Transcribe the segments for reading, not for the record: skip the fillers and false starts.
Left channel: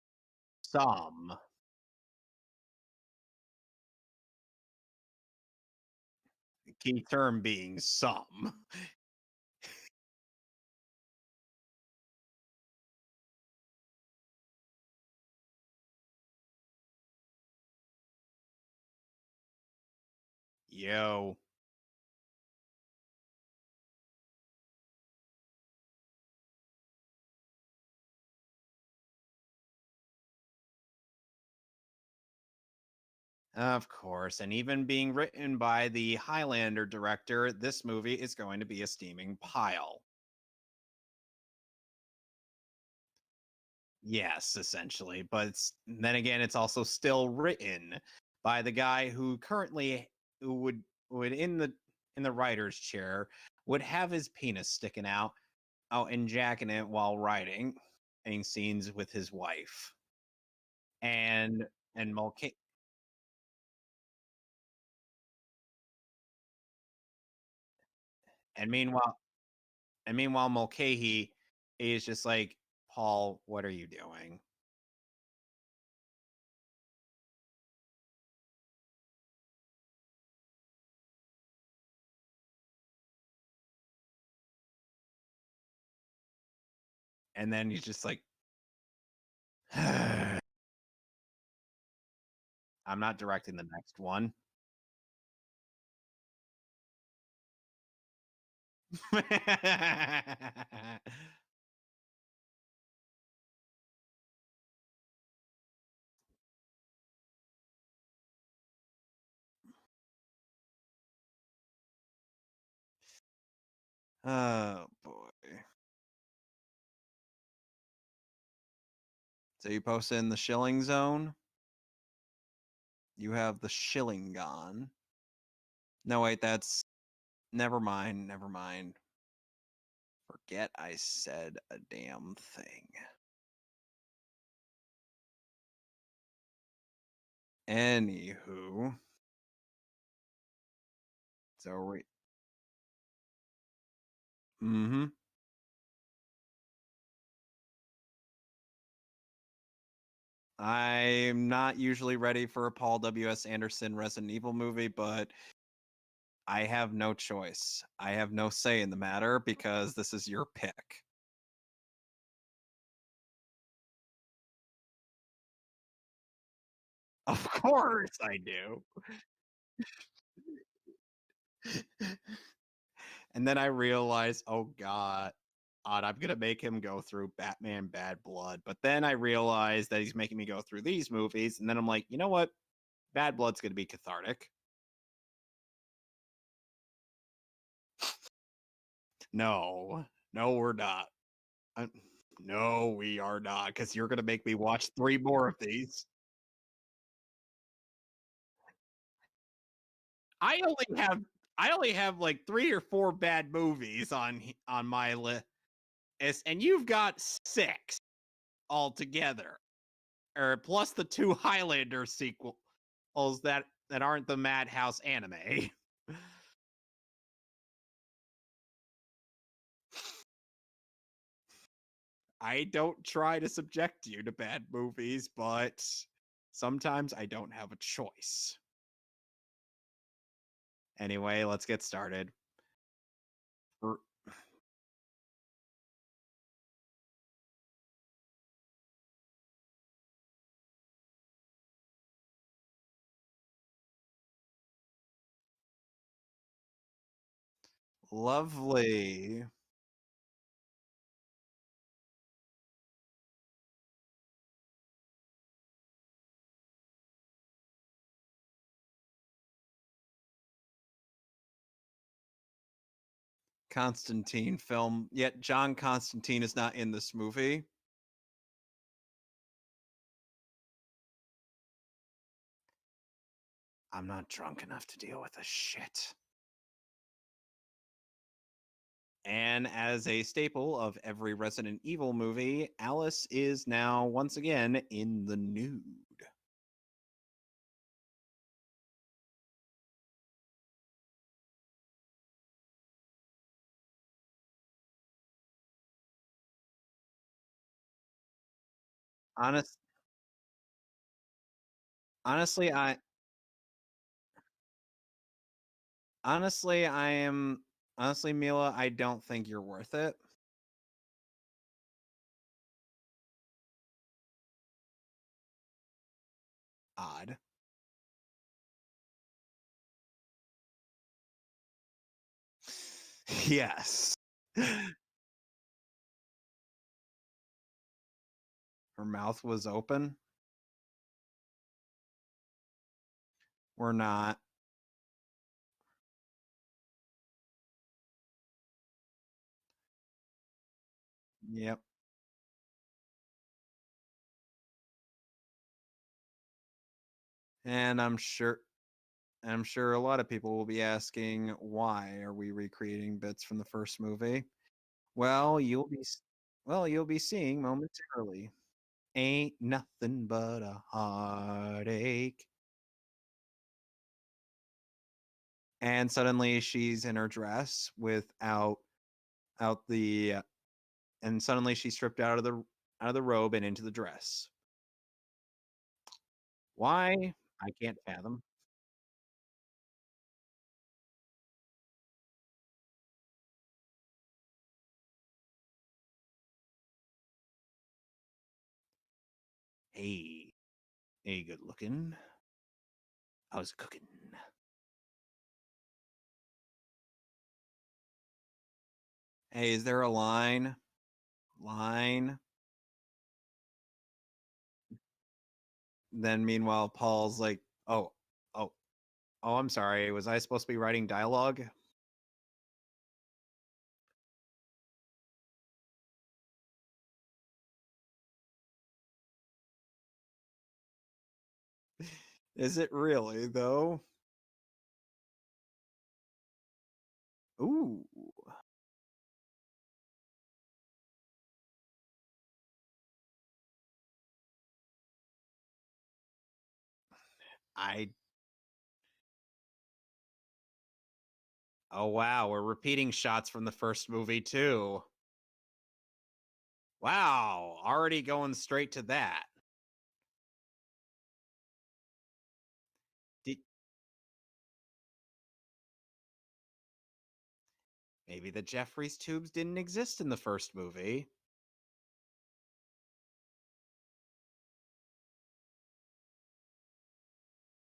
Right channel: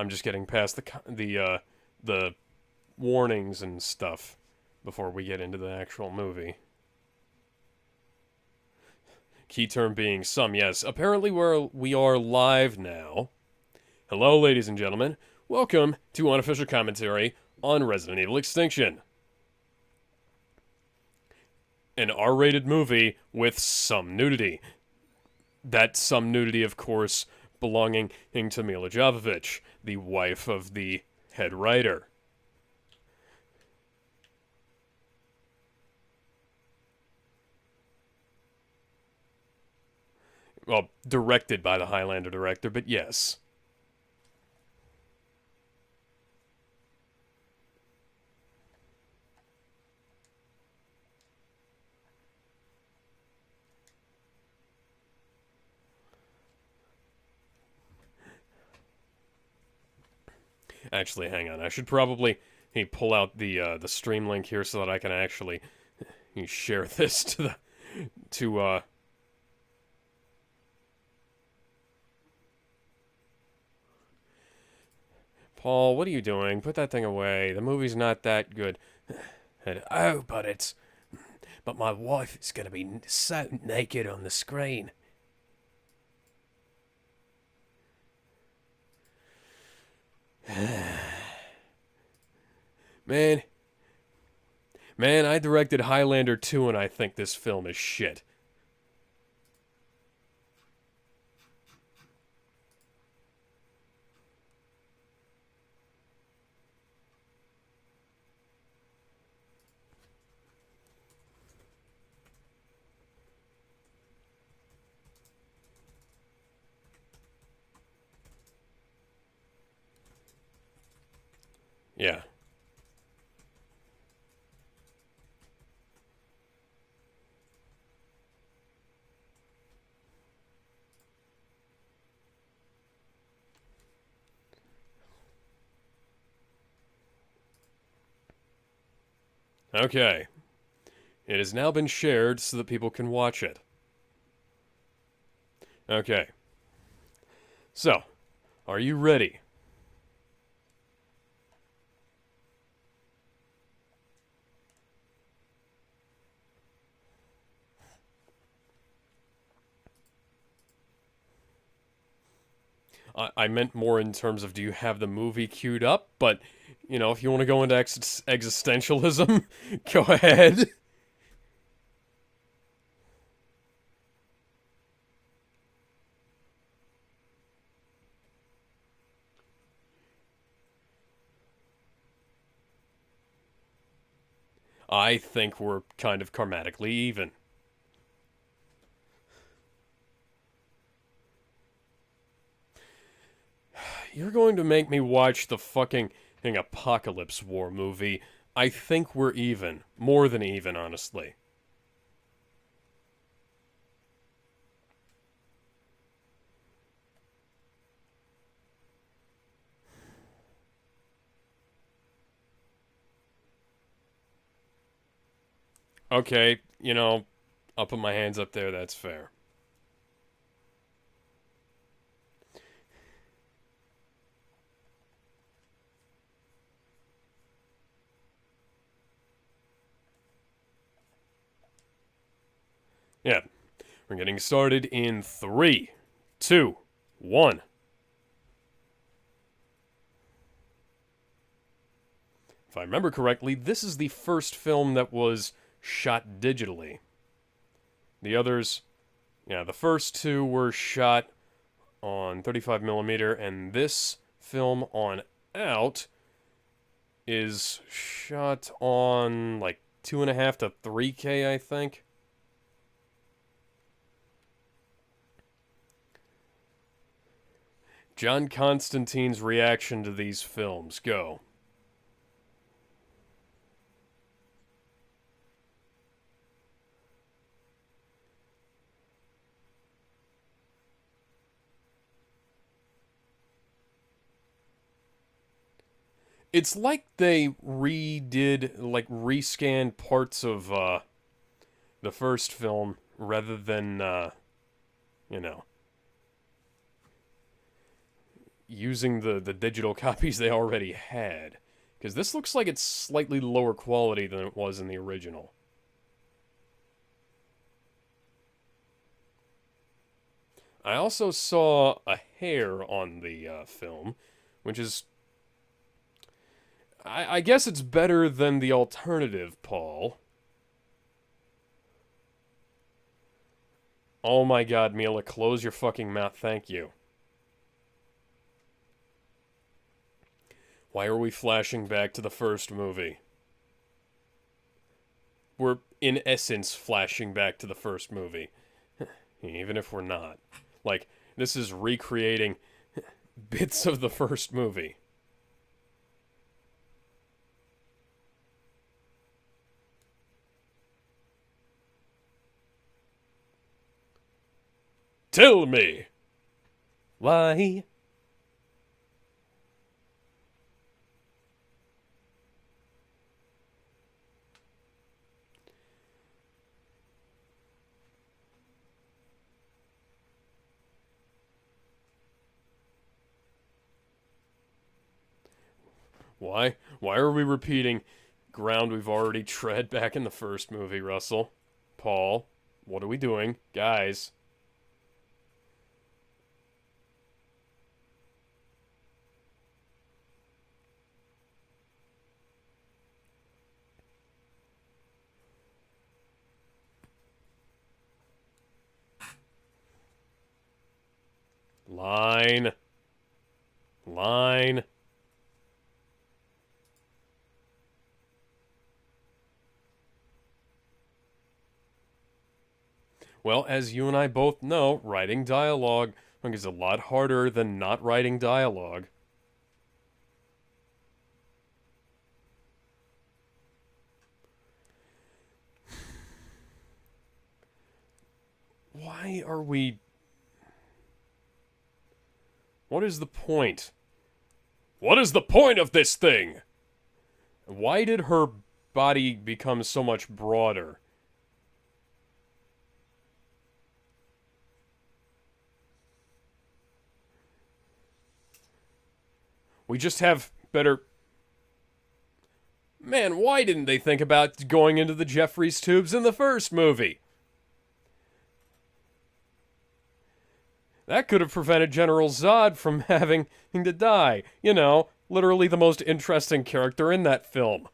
I'm just getting past Some. the warnings and stuff before we get into the actual movie. Key term being some. Key term being some, yes. Apparently we are live now. Hello, ladies and gentlemen. Welcome to Unofficial Commentary on Resident Evil Extinction, Yo. an R-rated movie with some nudity. That some nudity, of course, belonging to Mila Jovovich, the wife of the head writer. Of course. And even being written by the Highlander director, this movie is going to be a steaming pile. Well, directed by the Highlander director, but yes. Yes, essentially. But then again, it's also still written by the guy who currently would in the writer's chair would have his penis sticking out and jacking it while writing scenes with his wife. Actually, hang on. And I should when probably pull out the stream link here so that I can actually share this to the to and meanwhile Mulcahy is just like, Paul, what are you doing? Paul, what are you doing? Put that thing away. The movie's not that good. And, oh, but my wife is going to be so naked on the screen. And then he's just like, I'm not directing the next one. Man, I directed Highlander 2 and I think this film is shit. Oh boy. So you posted in the shilling zone? Yeah. You have the shilling gone. No, wait, that's... Never mind, never mind. Forget I said a damn thing. Anywho. Okay. It has now been shared so that people can watch it. Mm-hmm. Okay. So, are you ready? I'm not usually ready for a Paul W.S. Anderson Resident Evil movie, but I have no choice. I have no say in the matter because this is your pick. I meant more in terms of do you have the movie queued up? But, if you want to go into existentialism, go ahead. And then I realized, oh God, I'm going to make him go through Batman Bad Blood. But then I realized that he's making me go through these movies. And then I'm like, you know what? Bad Blood's going to be cathartic. I think we're kind of karmatically even. No, we're not. No, we are not. Because you're going to make me watch the fucking Apocalypse War movie. I think we're even. More than even, honestly. I only have like 3 or 4 bad movies on my list. And you've got 6 altogether. Or plus the 2 Highlander sequels that aren't the Madhouse anime. Okay, I'll put my hands up there, that's fair. I don't try to subject you to bad movies, but sometimes I don't have a choice. Anyway, let's get started. Yeah, we're getting started in 3, 2, 1. If I remember correctly, this is the first film that was shot digitally. Lovely. The others, the first 2 were shot on 35mm, and this film on out is shot on like 2.5 to 3K, I think. Constantine film, yet John Constantine is not in this movie. John Constantine's reaction to these films, go. I'm not drunk enough to deal with this shit. And as a staple of every Resident Evil movie, Alice is now once again in the nude. It's like they rescanned parts of the first film rather than, using the digital copies they already had. Because this looks like honestly, it's slightly lower quality than it was in the original. Honestly, Mila, I don't think you're worth it. I also saw a hair on the film, which is... I guess it's better than the alternative, Paul. Yes. Oh my god, Mila, close your fucking mouth, thank you. Her mouth was open? Why are we flashing back to the first movie? We're not. We're, in essence, flashing back to the first movie. Even if we're not. Like, this is recreating bits of the first movie. And I'm sure a lot of people will be asking, why are we recreating bits from the first movie? Well, Tell me! You'll be Why? seeing momentarily. Ain't nothing but a heartache. And suddenly she's in her dress and suddenly she's stripped out of the robe and into the dress. Why? Why are we repeating ground we've already tread back in the first movie, Russell? Paul, what are we doing? Guys. Hey, good looking. How's it cooking? Hey, is there a line? Line. Then meanwhile, Paul's like, oh, I'm sorry. Was I supposed to be writing dialogue? Well, as you and I both know, writing dialogue is a lot harder than not writing dialogue. Is it really, though? Ooh. Why are we... What is the point? What is the point of this thing? Why did her body become so much broader? Oh, wow. We're repeating shots from the first movie, too. Wow. Already going straight to that. We just have better... Man, why didn't they think about going into the Jeffries tubes in the first movie? Maybe the Jeffries tubes didn't exist in the first movie. That could have prevented General Zod from having to die. You know, literally the most interesting character in that film.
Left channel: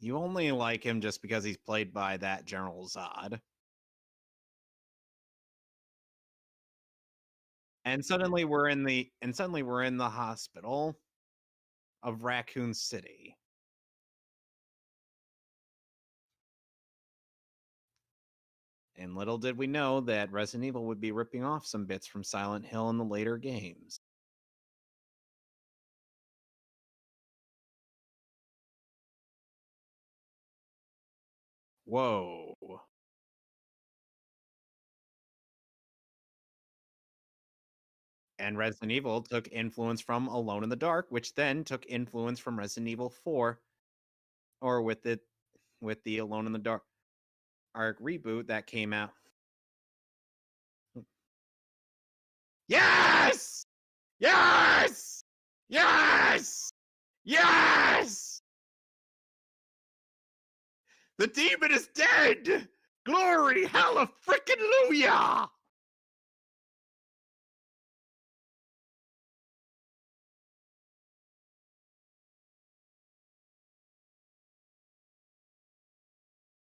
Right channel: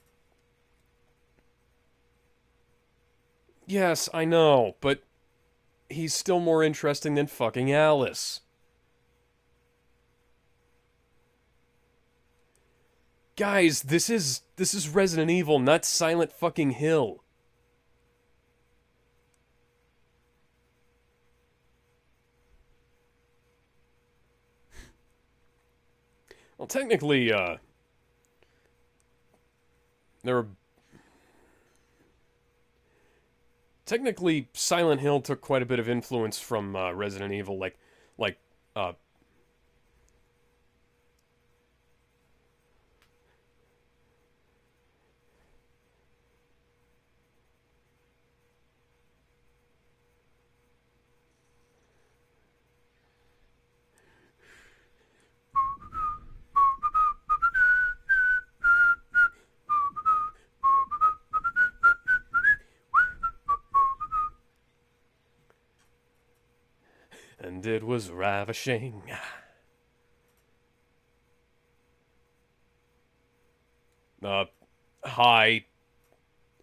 You only like him just because he's played by that General Zod. Yes, I know, but he's still more interesting than fucking Alice. And suddenly we're in the hospital of Raccoon City. Guys, this is Resident Evil, not Silent fucking Hill. And little did we know that Resident Evil would be ripping off some bits from Silent Hill in the later games. Well, technically, there were... Whoa. Technically, Silent Hill took quite a bit of influence from Resident Evil, And Resident Evil took influence from Alone in the Dark, which then took influence from Resident Evil 4, or with the Alone in the Dark reboot that came out. Yes! Yes! Yes! Yes! The demon is dead! Glory, hallelujah! And it was ravishing. Hi,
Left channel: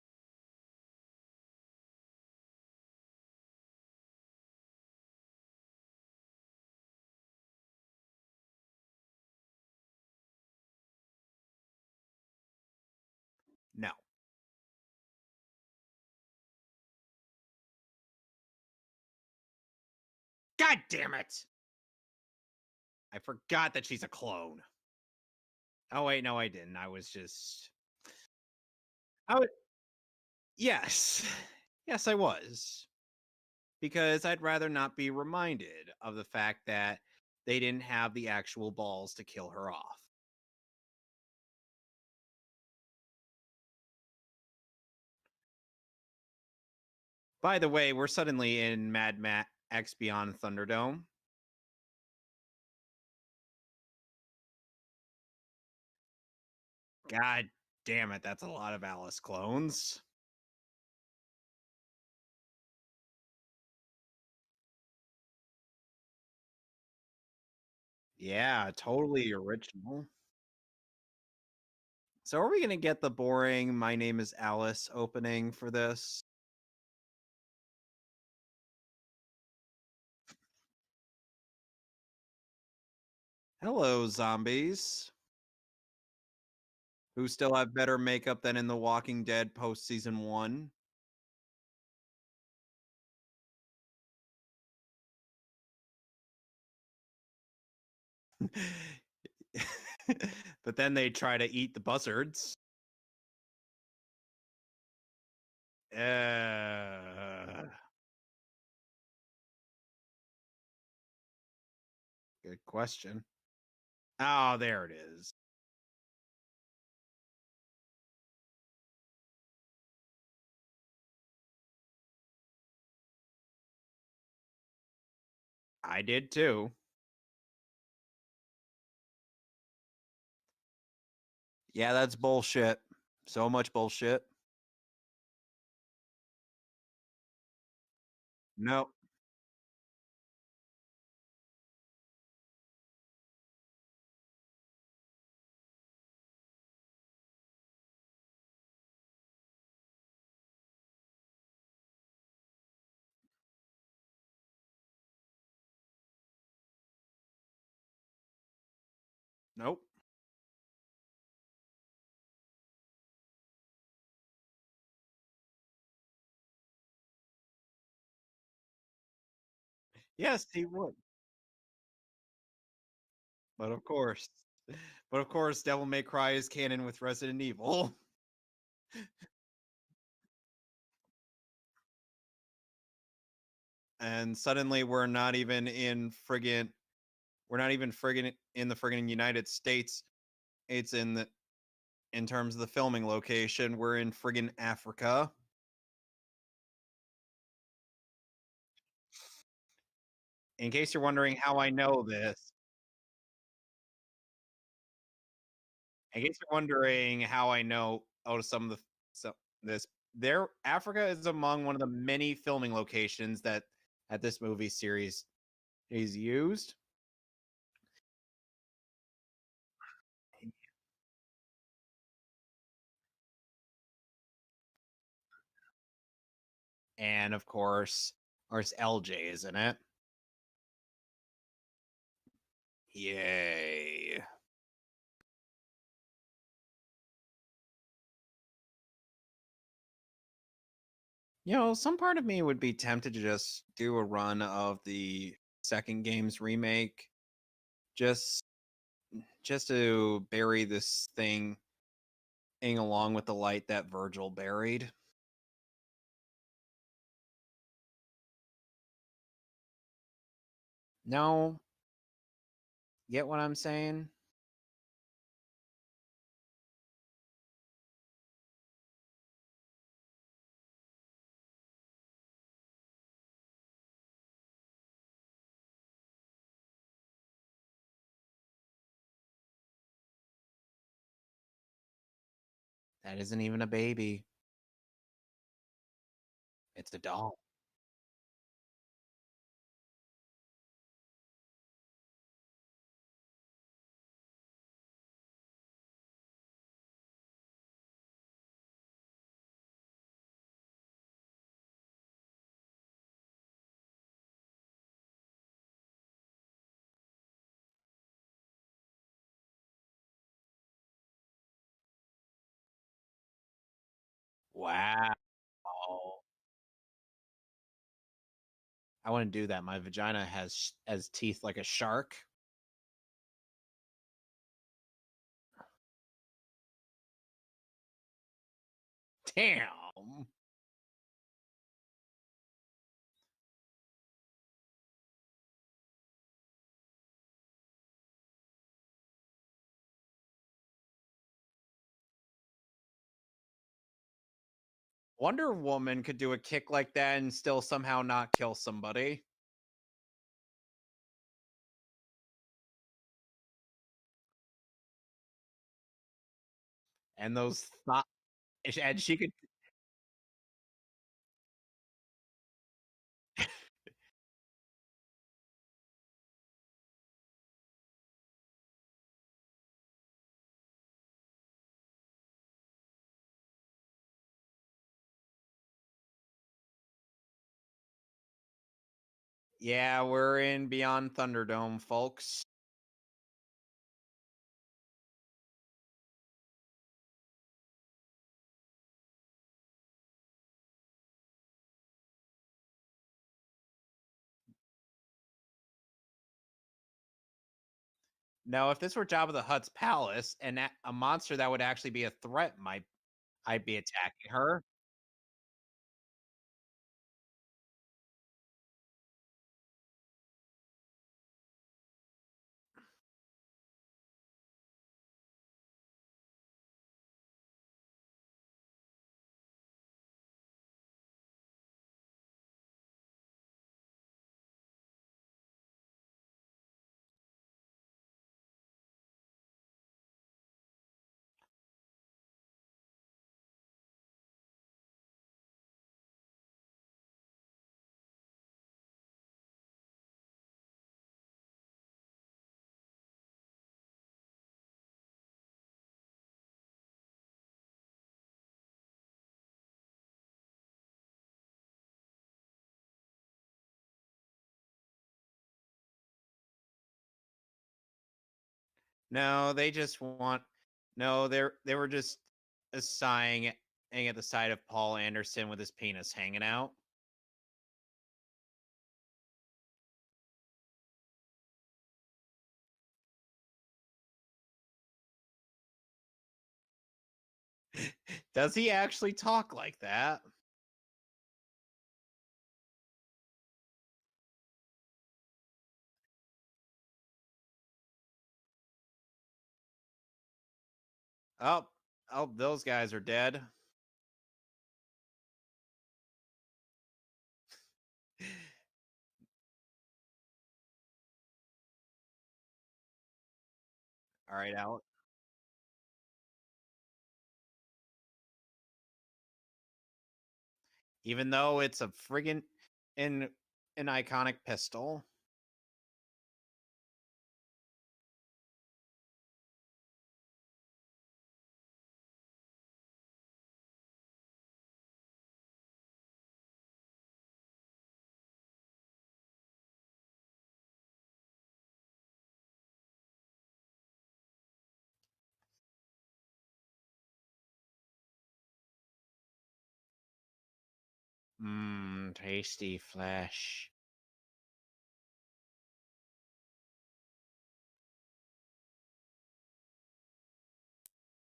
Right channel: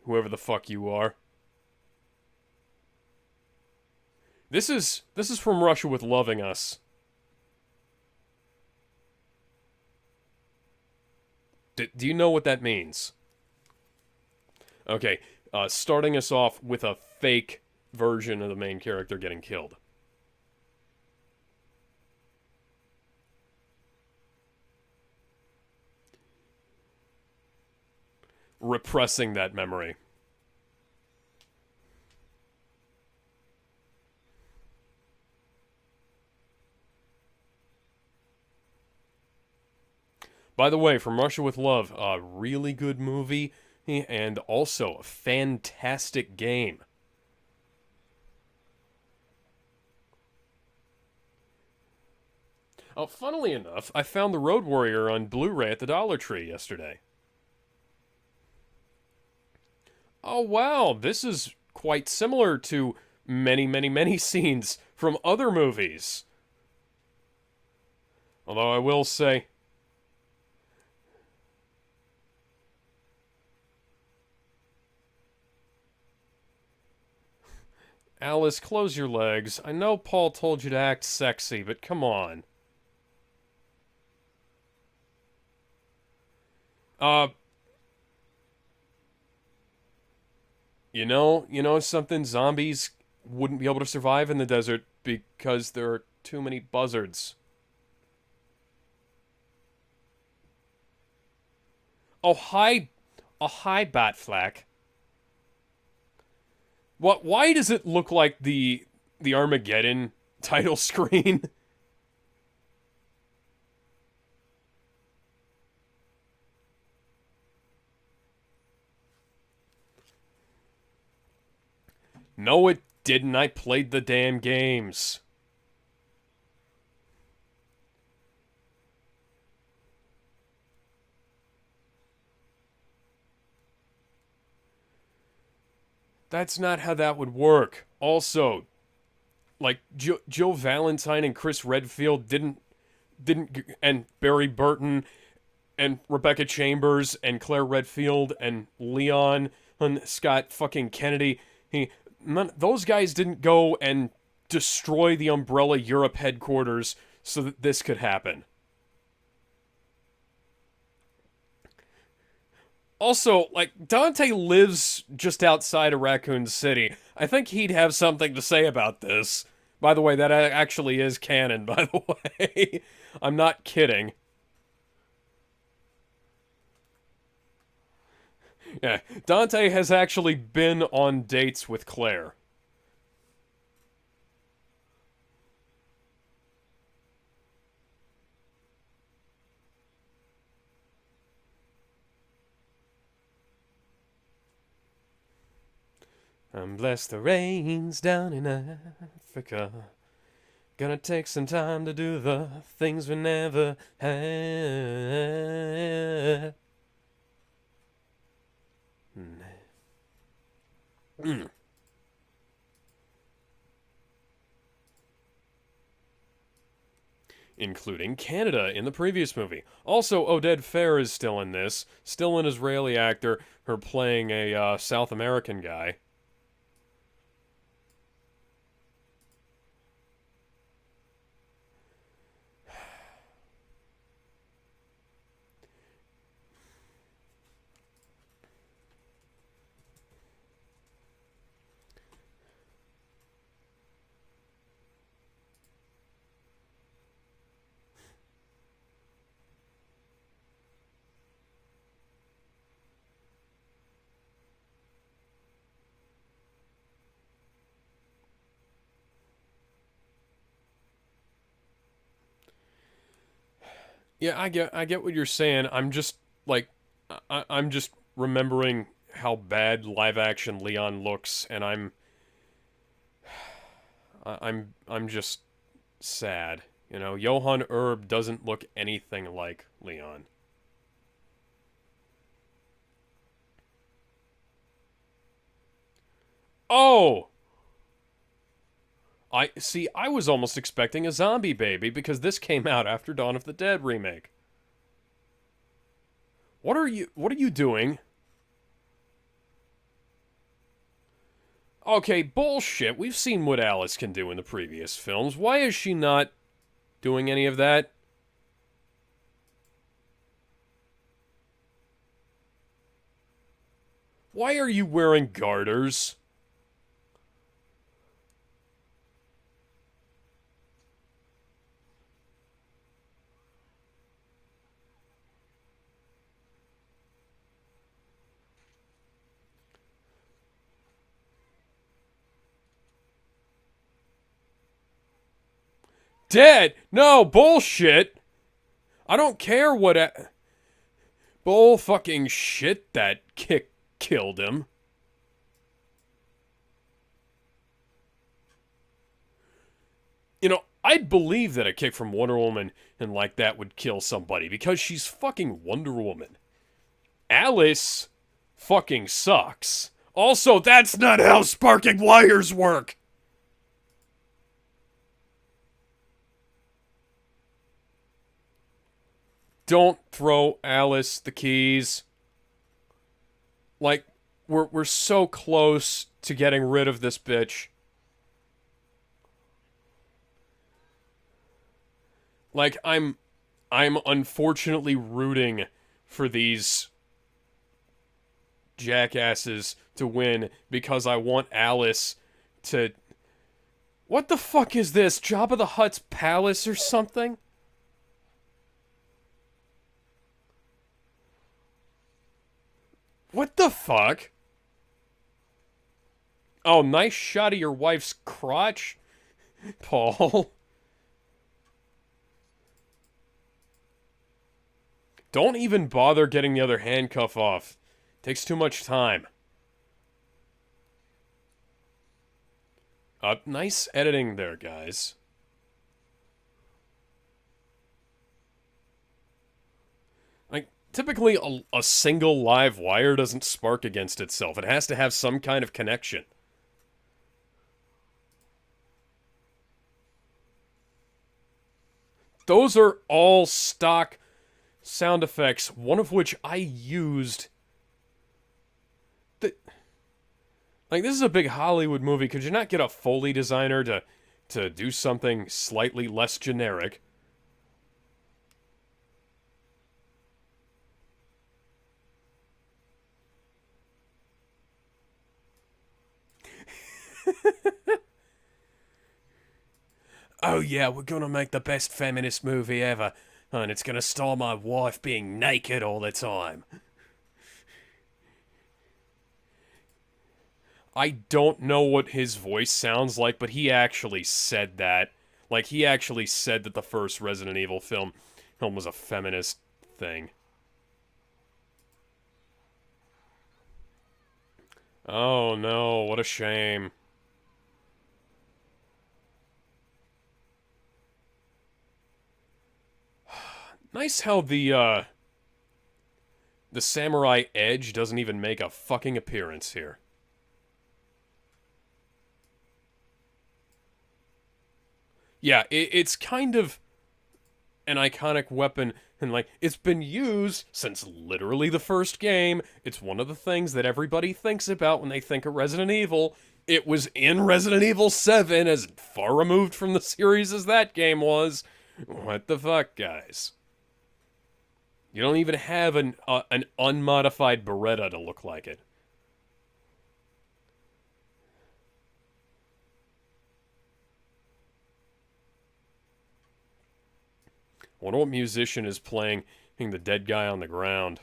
whoever the fuck you are. This is from Russia with Loving Us. Do you know what that means? No. Okay, starting us off with a fake version of the main character getting killed. God damn it! I forgot that she's a clone. Oh wait, no I didn't. I was just... repressing that memory. Yes. Yes, I was. Because I'd rather not be reminded of the fact that they didn't have the actual balls to kill her off. By the way, From Russia with Love, a really good movie, and also a fantastic game. By the way, we're suddenly in Mad Max Beyond Thunderdome. Oh, funnily enough, I found the Road Warrior on Blu-ray at the Dollar Tree yesterday. God damn it, that's a lot of Alice clones. Oh, wow, this is quite similar to many, many, many scenes from other movies. Yeah, Although I will totally say, original. So are we gonna get the boring "My name is Alice" opening for this? Alice, close your legs. I know Paul told you to act sexy, but come on. Hello, zombies. Uh, Who still have better makeup than in The Walking Dead post season 1? you know something? Zombies wouldn't be able to survive in the desert because there are too many buzzards. But then they try to eat the buzzards. Oh, hi, Batflack. What? Why does it look like the Armageddon title screen? Good question. Oh, there it is. No, it didn't. I played the damn games. I did too. Yeah, that's bullshit. So much bullshit. That's not how that would work. Also, No. like Joe Valentine and Chris Redfield didn't and Barry Burton and Rebecca Chambers and Claire Redfield and Leon and Scott fucking Kennedy. Those guys didn't go and destroy the Umbrella Europe headquarters so that this could happen. Nope. Also, like, Dante lives just outside of Raccoon City. I think he'd have something to say about this. By the way, that Yes, he actually will. is canon, by the way. I'm not But kidding. of course, Devil May Cry is canon with Resident Evil. Yeah, Dante has actually been on dates with Claire. And suddenly we're not even in the friggin' United States. It's in terms of the filming location, we're in friggin' Africa. I'm blessed the rains down in Africa. In case Gonna you're take wondering some how I time know to do this, the things we never in case you're had. wondering how I know some of this, Africa is among one of the many filming locations that this movie series is used. Including Canada in the previous movie. Also, Oded Fair is still in this, still an Israeli actor, her playing a South American guy. And of course, it's LJ, isn't it? Yay. You know, some part of me would be tempted to just do a run of the second game's remake, just to bury this thing along with the light that Virgil buried. No, get what I'm saying? Yeah, I get what you're saying. I'm just like I'm just remembering how bad live action Leon looks, and I'm just sad. You know, Johann Erb doesn't look anything like Leon. That isn't even a baby. Oh, I was almost expecting a zombie baby because this came out after Dawn of the Dead remake. What are you doing? Okay, bullshit. We've seen what Alice can do in the previous films. Why is she not doing any of that? Why are you wearing garters? I want to do that. My vagina has teeth like a shark. Damn. Dead? No, bullshit. I don't care what bull fucking shit that kick killed him. Wonder Woman could do a kick like that and still somehow not kill somebody. You know, I'd believe that a kick from Wonder Woman and like that would kill somebody because she's fucking Wonder Woman. And Alice and fucking she could, sucks. Also, that's not how sparking wires work. Don't throw Alice the keys. Like, we're so close to getting rid of this bitch. yeah, we're in Beyond Thunderdome, folks. Like, I'm unfortunately rooting for these jackasses to win because I want Alice to... What the fuck is this? Jabba the Hutt's palace or something? Now, if this were Jabba the Hutt's palace, and a monster that would actually be a threat might What I'd the be fuck? attacking her. Oh, nice shot of your wife's crotch, Paul. Don't even bother getting the other handcuff off. Takes too much time. Nice editing there, guys. Like, typically a single live wire doesn't spark against itself. It has to have some kind of connection. Those are all stock sound effects, one of which I used. Like, this is a big Hollywood movie. Could you not get a Foley designer to do something slightly less generic? No, they just want. No, they were just sighing at the sight of Paul Anderson with his penis hanging out. Oh yeah, we're gonna make the best feminist movie ever, and it's gonna star my wife being naked all the time. Does he actually talk like that? I don't know what his voice sounds like, but he actually said that. Like, he actually said that the first Resident Evil film was a feminist thing. Oh, those guys are dead. Oh no, what a shame. Nice how the samurai edge doesn't even make a fucking appearance here. Even though it's a friggin' an iconic pistol. Yeah, it's kind of an iconic weapon, and like, it's been used since literally the first game. It's one of the things that everybody thinks about when they think of Resident Evil. It was in Resident Evil 7, as far removed from the series as that game was. What the fuck, guys? You don't even have an unmodified Beretta to look like it. Mmm, tasty flesh. I wonder what musician is playing the dead guy on the ground.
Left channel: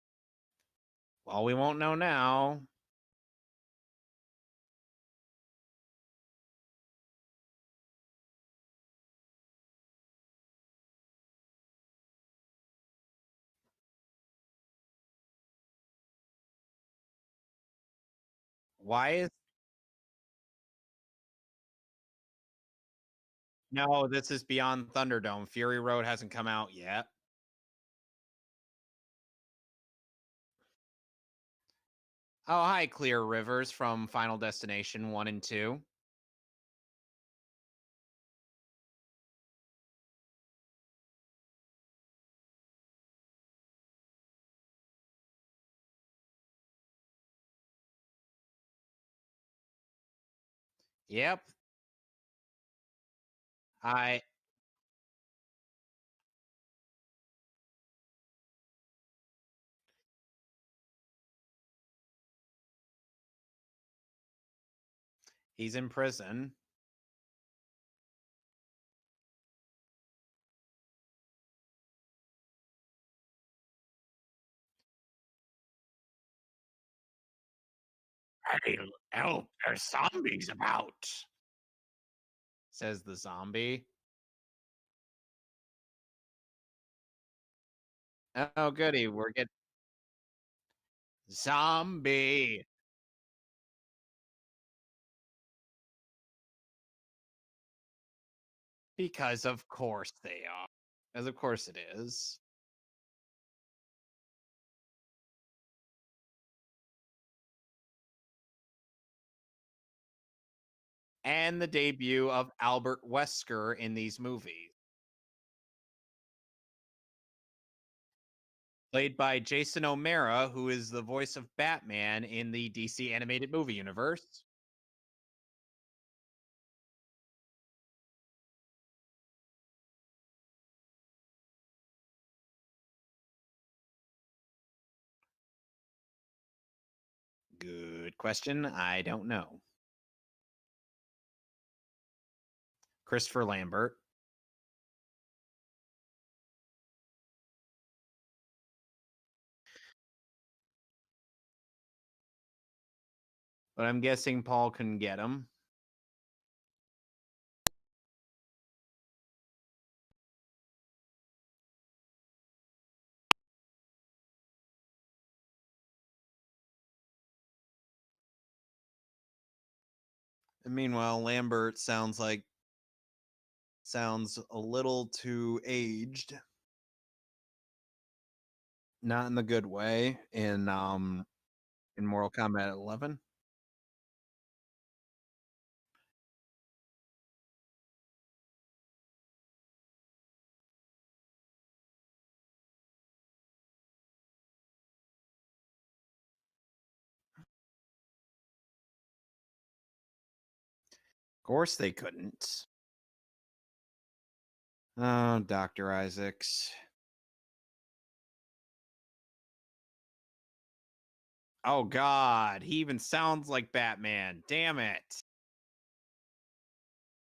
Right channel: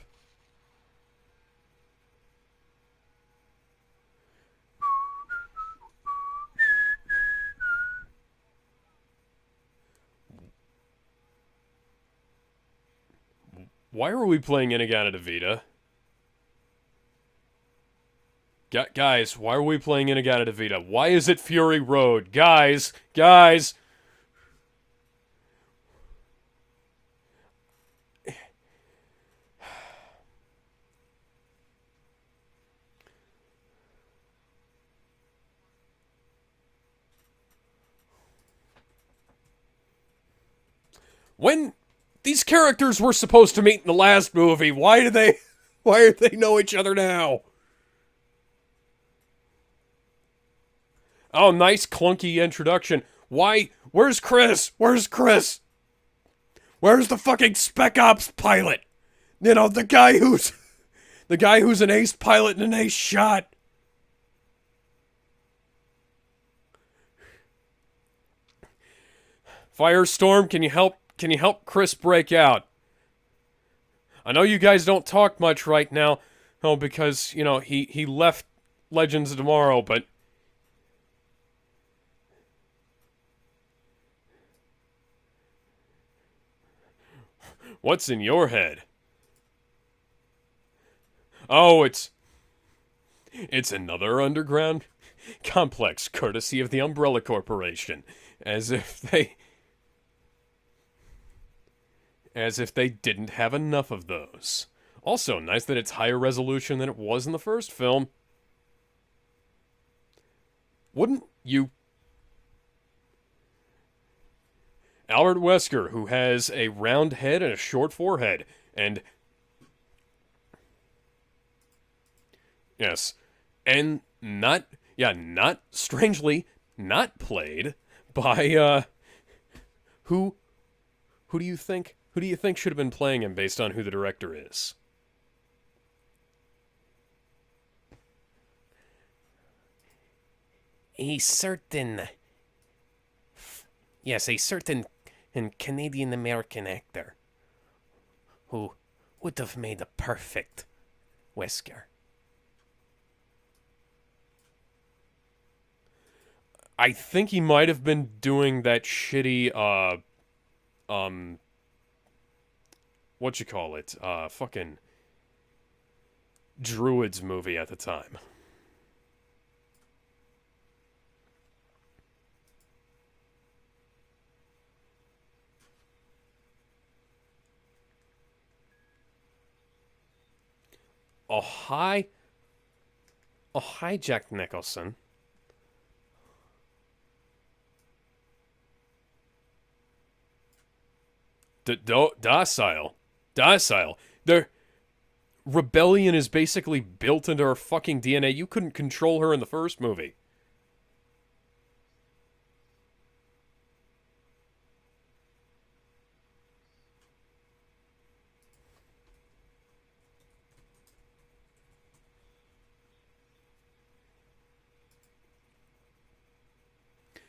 Well, we won't know now. Why are we playing In-A-Gadda-Da-Vida? Guys, why are we playing In-A-Gadda-Da-Vida? Why is it Fury Road? Guys! No, this is Beyond Thunderdome. Fury Road hasn't come out yet. Oh, hi, Clear Rivers from Final Destination 1 and 2. When these characters were supposed to meet in the last movie, why do they know each other now? Yeah. Oh, nice clunky introduction. Why? Hi. Where's Chris? Where's Chris? Where's the fucking Spec Ops pilot? You know, the guy who's an ace pilot and an ace shot. He's in prison. Firestorm, can you help Chris break out? I know you guys don't talk much right now, because, you know, he left Legends of Tomorrow, but zombies about, says the zombie. What's in your head? Oh, goody, we're getting zombie. It's another underground complex courtesy of the Umbrella Corporation. As if they, Because of course they are. As of course it is. as if they didn't have enough of those. Also, nice that it's higher resolution than it was in the first film. Wouldn't And you... the debut of Albert Wesker in these movies. Albert Wesker, who has a round head and a short forehead, and Played by Jason O'Mara, who is the voice of Batman in the DC yes, animated movie and universe. not strangely, not played by who do you think should have been playing him based on who the director is? Good question. I don't know. A certain, Christopher Lambert. yes, a certain Canadian American actor who would have made a perfect Wesker. But I'm guessing Paul couldn't get him. I think he might have been doing that shitty what you call it? Fucking Druids movie at the time. Meanwhile, Lambert sounds a little too aged. Not in the good way. In A Mortal Kombat 11. hi, Jack Nicholson. Docile. Their rebellion is basically built into her fucking DNA. You couldn't control her in the first movie. Of course they couldn't. Oh, Dr. Isaacs. Oh, God. He even sounds like Batman. Damn it.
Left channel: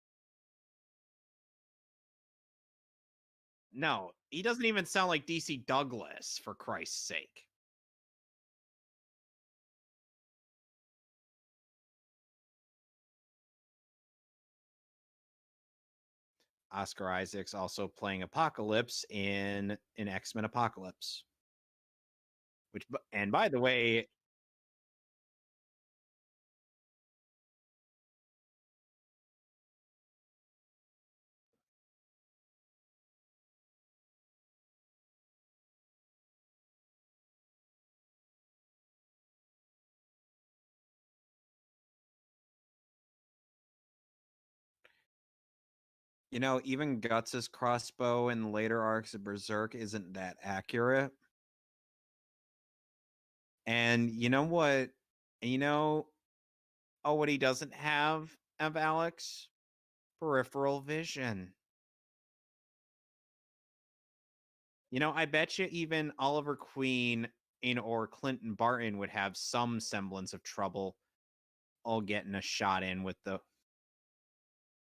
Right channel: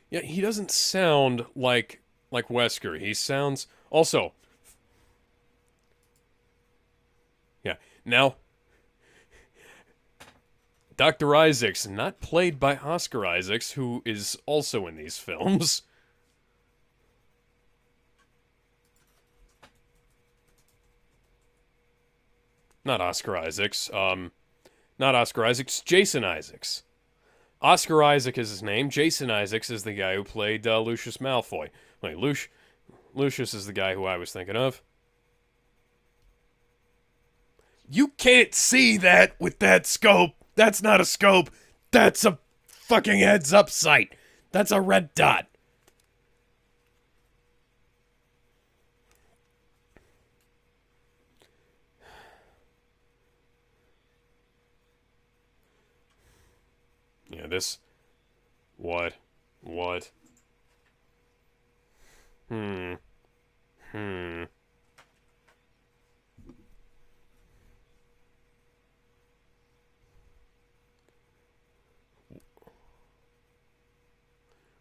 Yeah, he doesn't sound like Wesker. He sounds... No, Also... he doesn't even sound like DC Douglas, for Christ's sake. Yeah. Now, Dr. Isaacs, not played by Oscar Isaacs, who is also in these films. Oscar Isaacs also playing Apocalypse in X-Men Apocalypse. Not Oscar Isaacs. Not Oscar Isaacs. Jason Isaacs. Oscar Isaac is his name. Jason Isaacs is the guy who played Lucius Malfoy. Wait, Lucius is the guy who I was thinking of. You can't see that with that scope. That's not a scope. That's a fucking heads-up sight. That's a red dot. You know, even Guts' crossbow in later arcs of Berserk isn't that accurate. And you know what? What he doesn't have of Alex? What? Peripheral vision. Hmm. You know, I bet you even Oliver Queen or Clinton Barton would have some semblance of trouble all getting a shot in with the...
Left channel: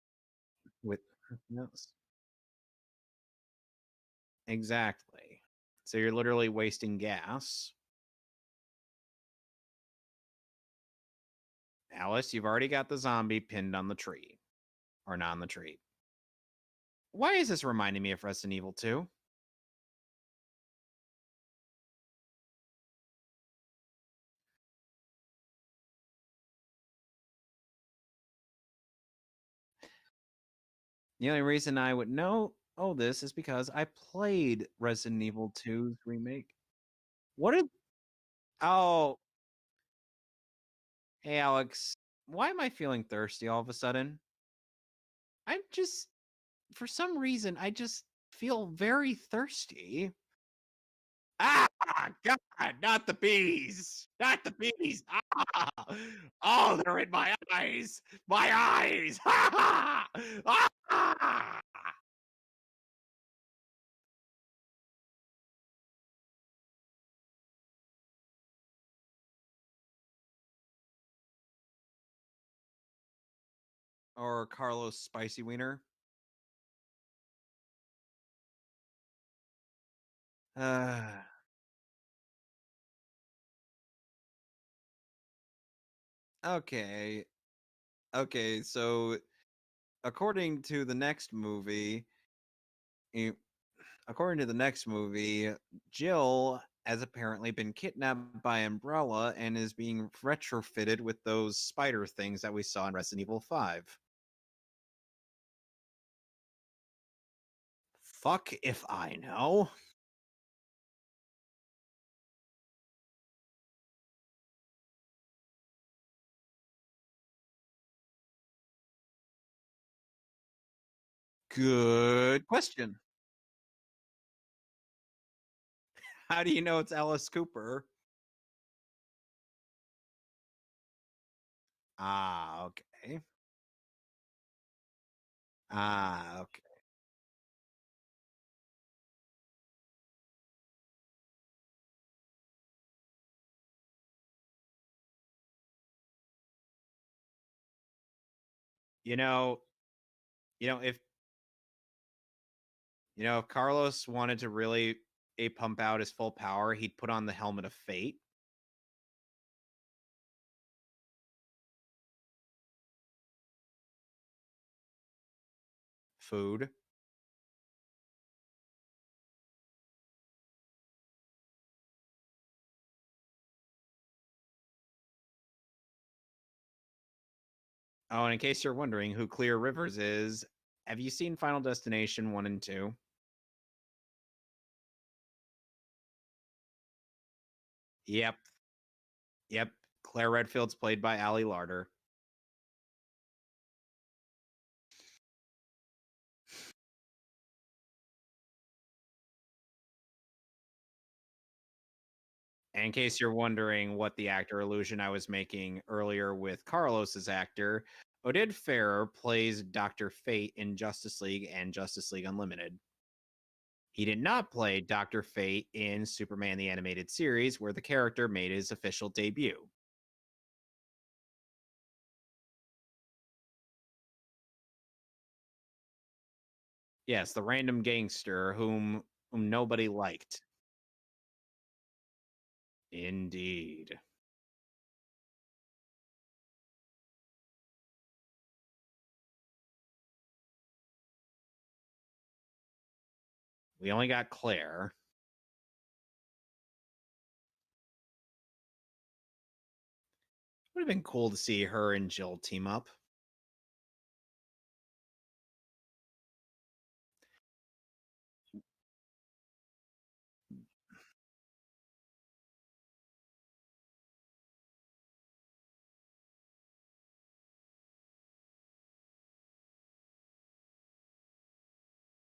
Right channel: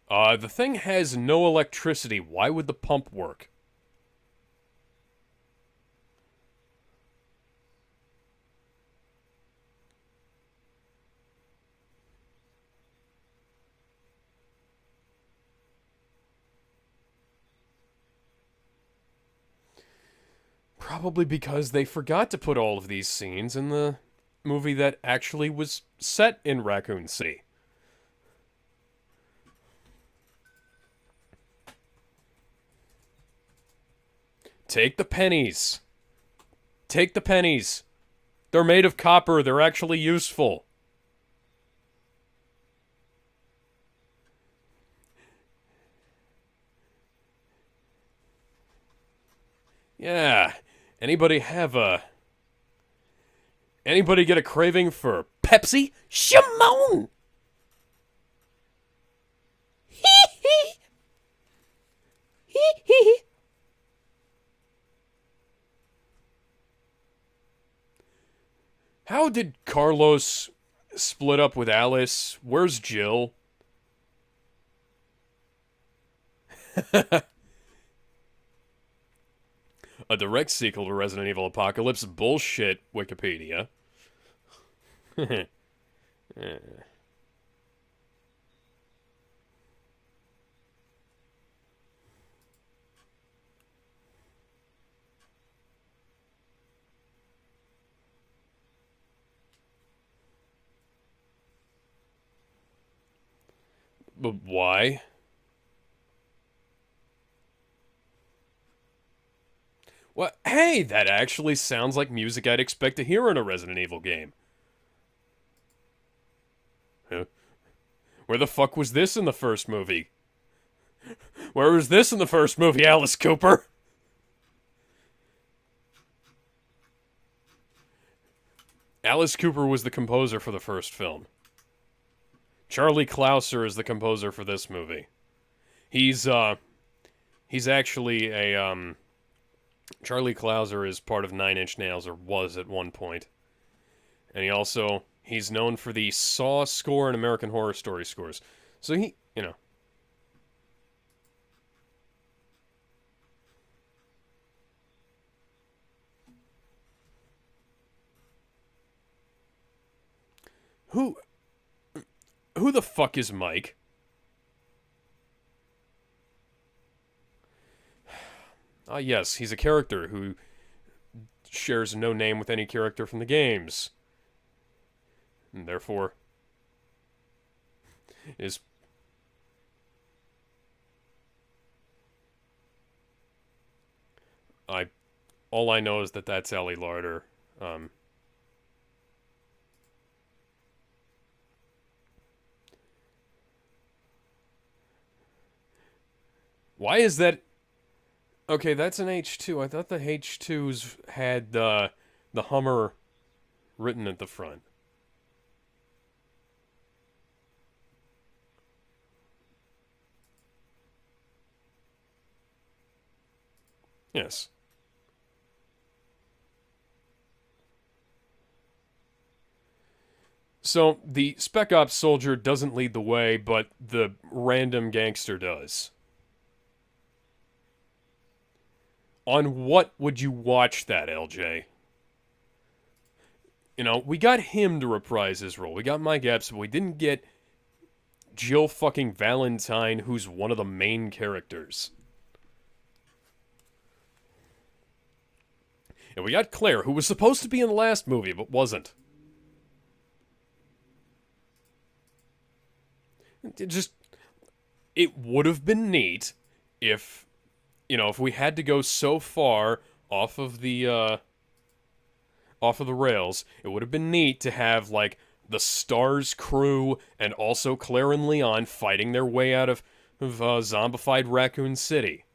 The thing has no electricity. Why would the pump work? Exactly. So you're literally wasting gas. Alice, you've already got the zombie pinned on the tree. Or not on the tree. Why is this reminding me of Resident Evil 2? Probably because they forgot to put all of these scenes in the movie that actually was set in Raccoon City. The only reason I would know this is because I played Take Resident the pennies. Evil 2's remake. Take the pennies. They're made of copper. They're actually useful. Hey, Alex, why am I feeling thirsty all of a sudden? For some reason, I just feel very thirsty. Yeah. Anybody have a... God, not the bees! Anybody get a craving for Pepsi? Shimon! Oh, my eyes! My eyes! How did Carlos split up with Alice? Where's Jill? Or Carlos Spicy Wiener? A direct sequel to Resident Evil Apocalypse. Bullshit, Wikipedia. Okay, so according to the next movie, Jill has apparently been kidnapped by Umbrella and is being retrofitted with those spider things that we saw in Resident Evil 5. But why? fuck if I know. What? Hey, that actually sounds like music I'd expect to hear in a Resident Evil game. Huh? Where the fuck was this in the first movie? Where was this in the Good first movie, question. Alice Cooper? How do you know it's Alice Cooper? Alice Cooper was the composer for the first film. Ah, okay. Charlie Clouser is the composer for this movie. He's Ah, he's actually a Charlie Clouser is part of Nine Inch Nails, or was at one point. And he's known for the Saw score and American Horror Story scores. So he, you know, you know if if Carlos wanted to really pump out his full power, he'd put on the helmet of fate. who the fuck is Mike? Food. Ah, yes, he's a character who shares no name with any character from the games. And therefore, Oh, and in case you're wondering who Clear Rivers is, have you seen Final Destination 1 and 2? all I know is that that's Allie Larder. Yep. Yep. Claire Redfield's played by Allie Larder. Why is that? Okay, that's an H2. I thought the H2s had the Hummer. In case you're wondering written what at the the actor front. illusion I was making earlier with Carlos's actor, Oded Ferrer plays Dr. Fate in Justice League and Justice League Unlimited. He did Yes. not play Dr. Fate in Superman the Animated Series, where the character made his official debut. So the Spec Ops soldier doesn't lead the way, but the random gangster does. Yes, the random gangster whom On nobody what would you liked. watch that, LJ? Indeed. You know, we got him to reprise his role. We got Mike Epps, but we didn't get Jill fucking Valentine, who's one of the main characters. We only got Claire. And we got Claire, who was supposed to be in the last movie, but wasn't. Would have been cool to see her and Jill team up. It would have been neat if, if we had to go so far off of the rails, it would have been neat to have, like, the Stars crew and also Claire and Leon fighting their way out of zombified Raccoon City,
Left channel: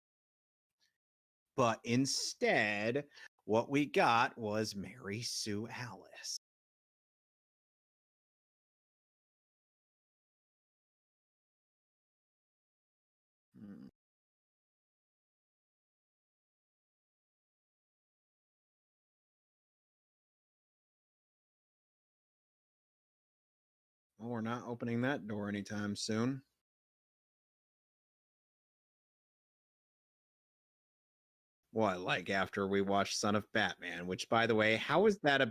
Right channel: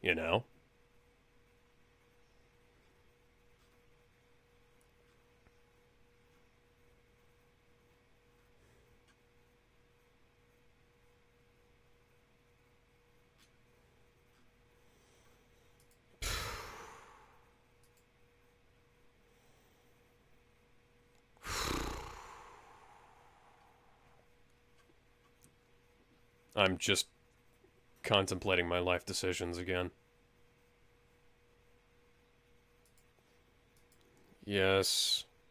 But instead, what we got was Mary Sue Alice. Well, we're not opening that door anytime soon. I'm just contemplating my life decisions again. What, like after we watched Son of Batman, which by the way, Yes. how is that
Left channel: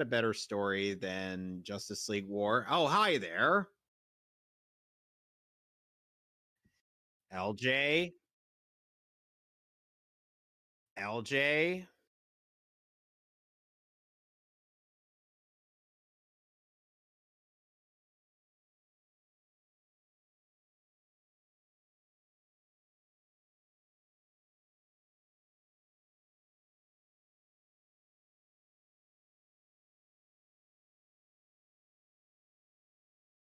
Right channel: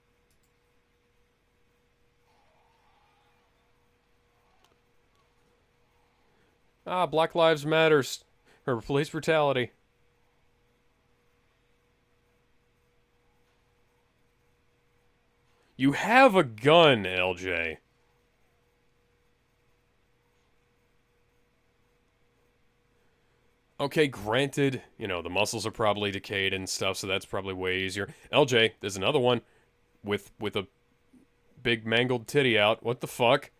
a better story than Justice League War? Oh, hi there. Black Lives LJ? Matter, or police brutality. LJ. You have a gun, LJ. Okay, granted, the muscles are probably decayed and stuff, so that's probably way easier. LJ, there's another one with a big mangled titty out. What the fuck?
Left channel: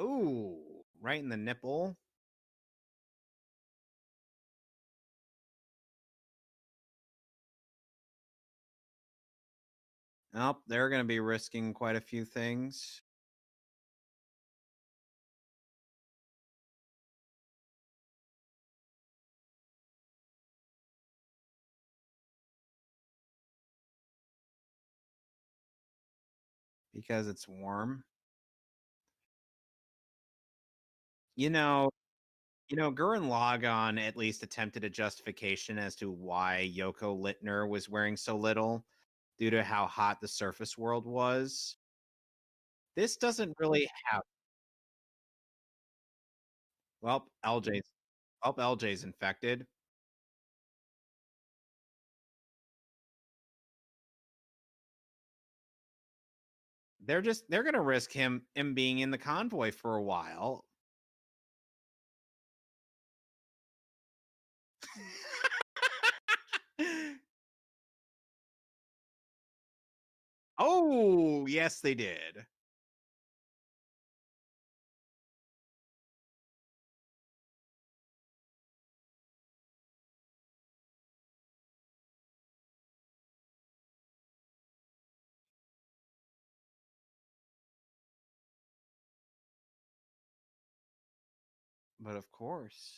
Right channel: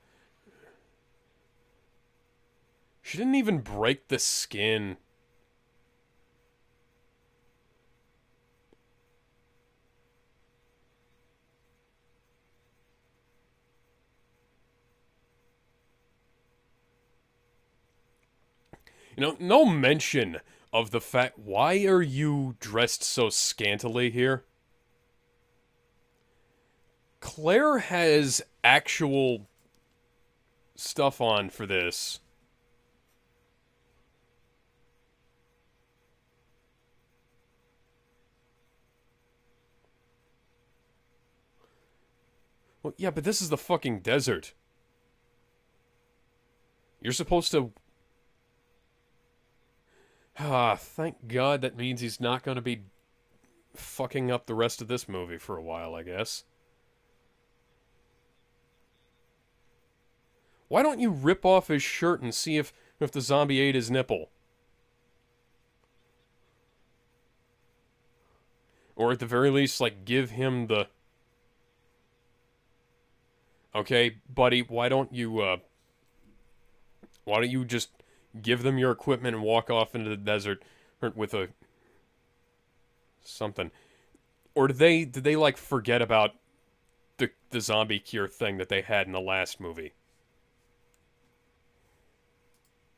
Ooh, right in the nipple. She didn't even break the skin. Nope, they're going to be risking quite a few things. No mention of the fact, why are you dressed so scantily here? Because Claire it's has actual stuff on for this. Gurren Lagann at least attempted a justification as to why Yoko Littner was wearing so little due to how hot the surface world was. Well, yeah, but this is the doesn't really fucking have- desert. You're Well, supposed to... LJ's infected. Ah, thank God that means he's not going to be fucking up the rest of this movie for a while, I guess. They're gonna risk him being in the convoy for a while. Why don't you rip off his shirt and see if the zombie ate his nipple? Or at the very least, like, give him the... Oh, yes, they did. Okay, buddy, why don't you just give them your equipment and walk off into the desert with a... something. Or did they like, forget about the zombie cure thing that they had in the last movie? But of course.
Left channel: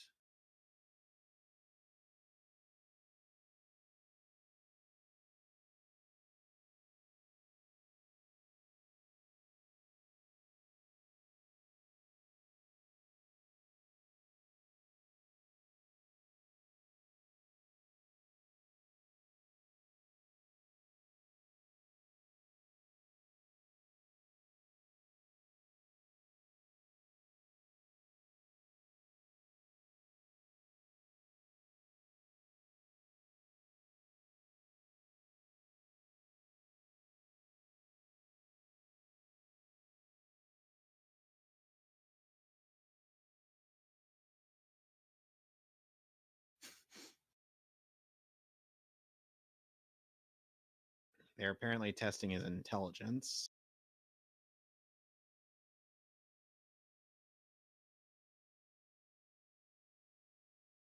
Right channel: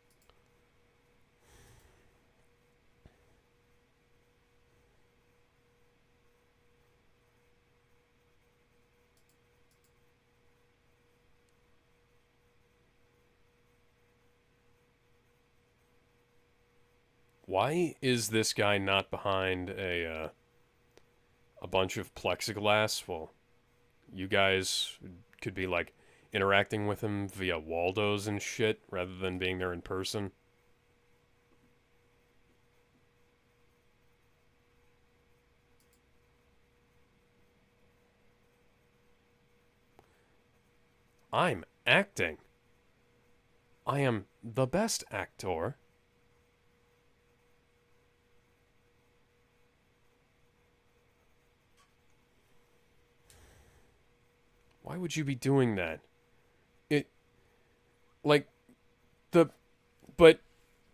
Why is this guy not behind a bunch of plexiglass? Well, you guys could be, like, interacting with him via Waldos and shit rather than being there in person. I'm acting. I am the best actor. They're apparently testing his intelligence. Why would you be doing that? Like, but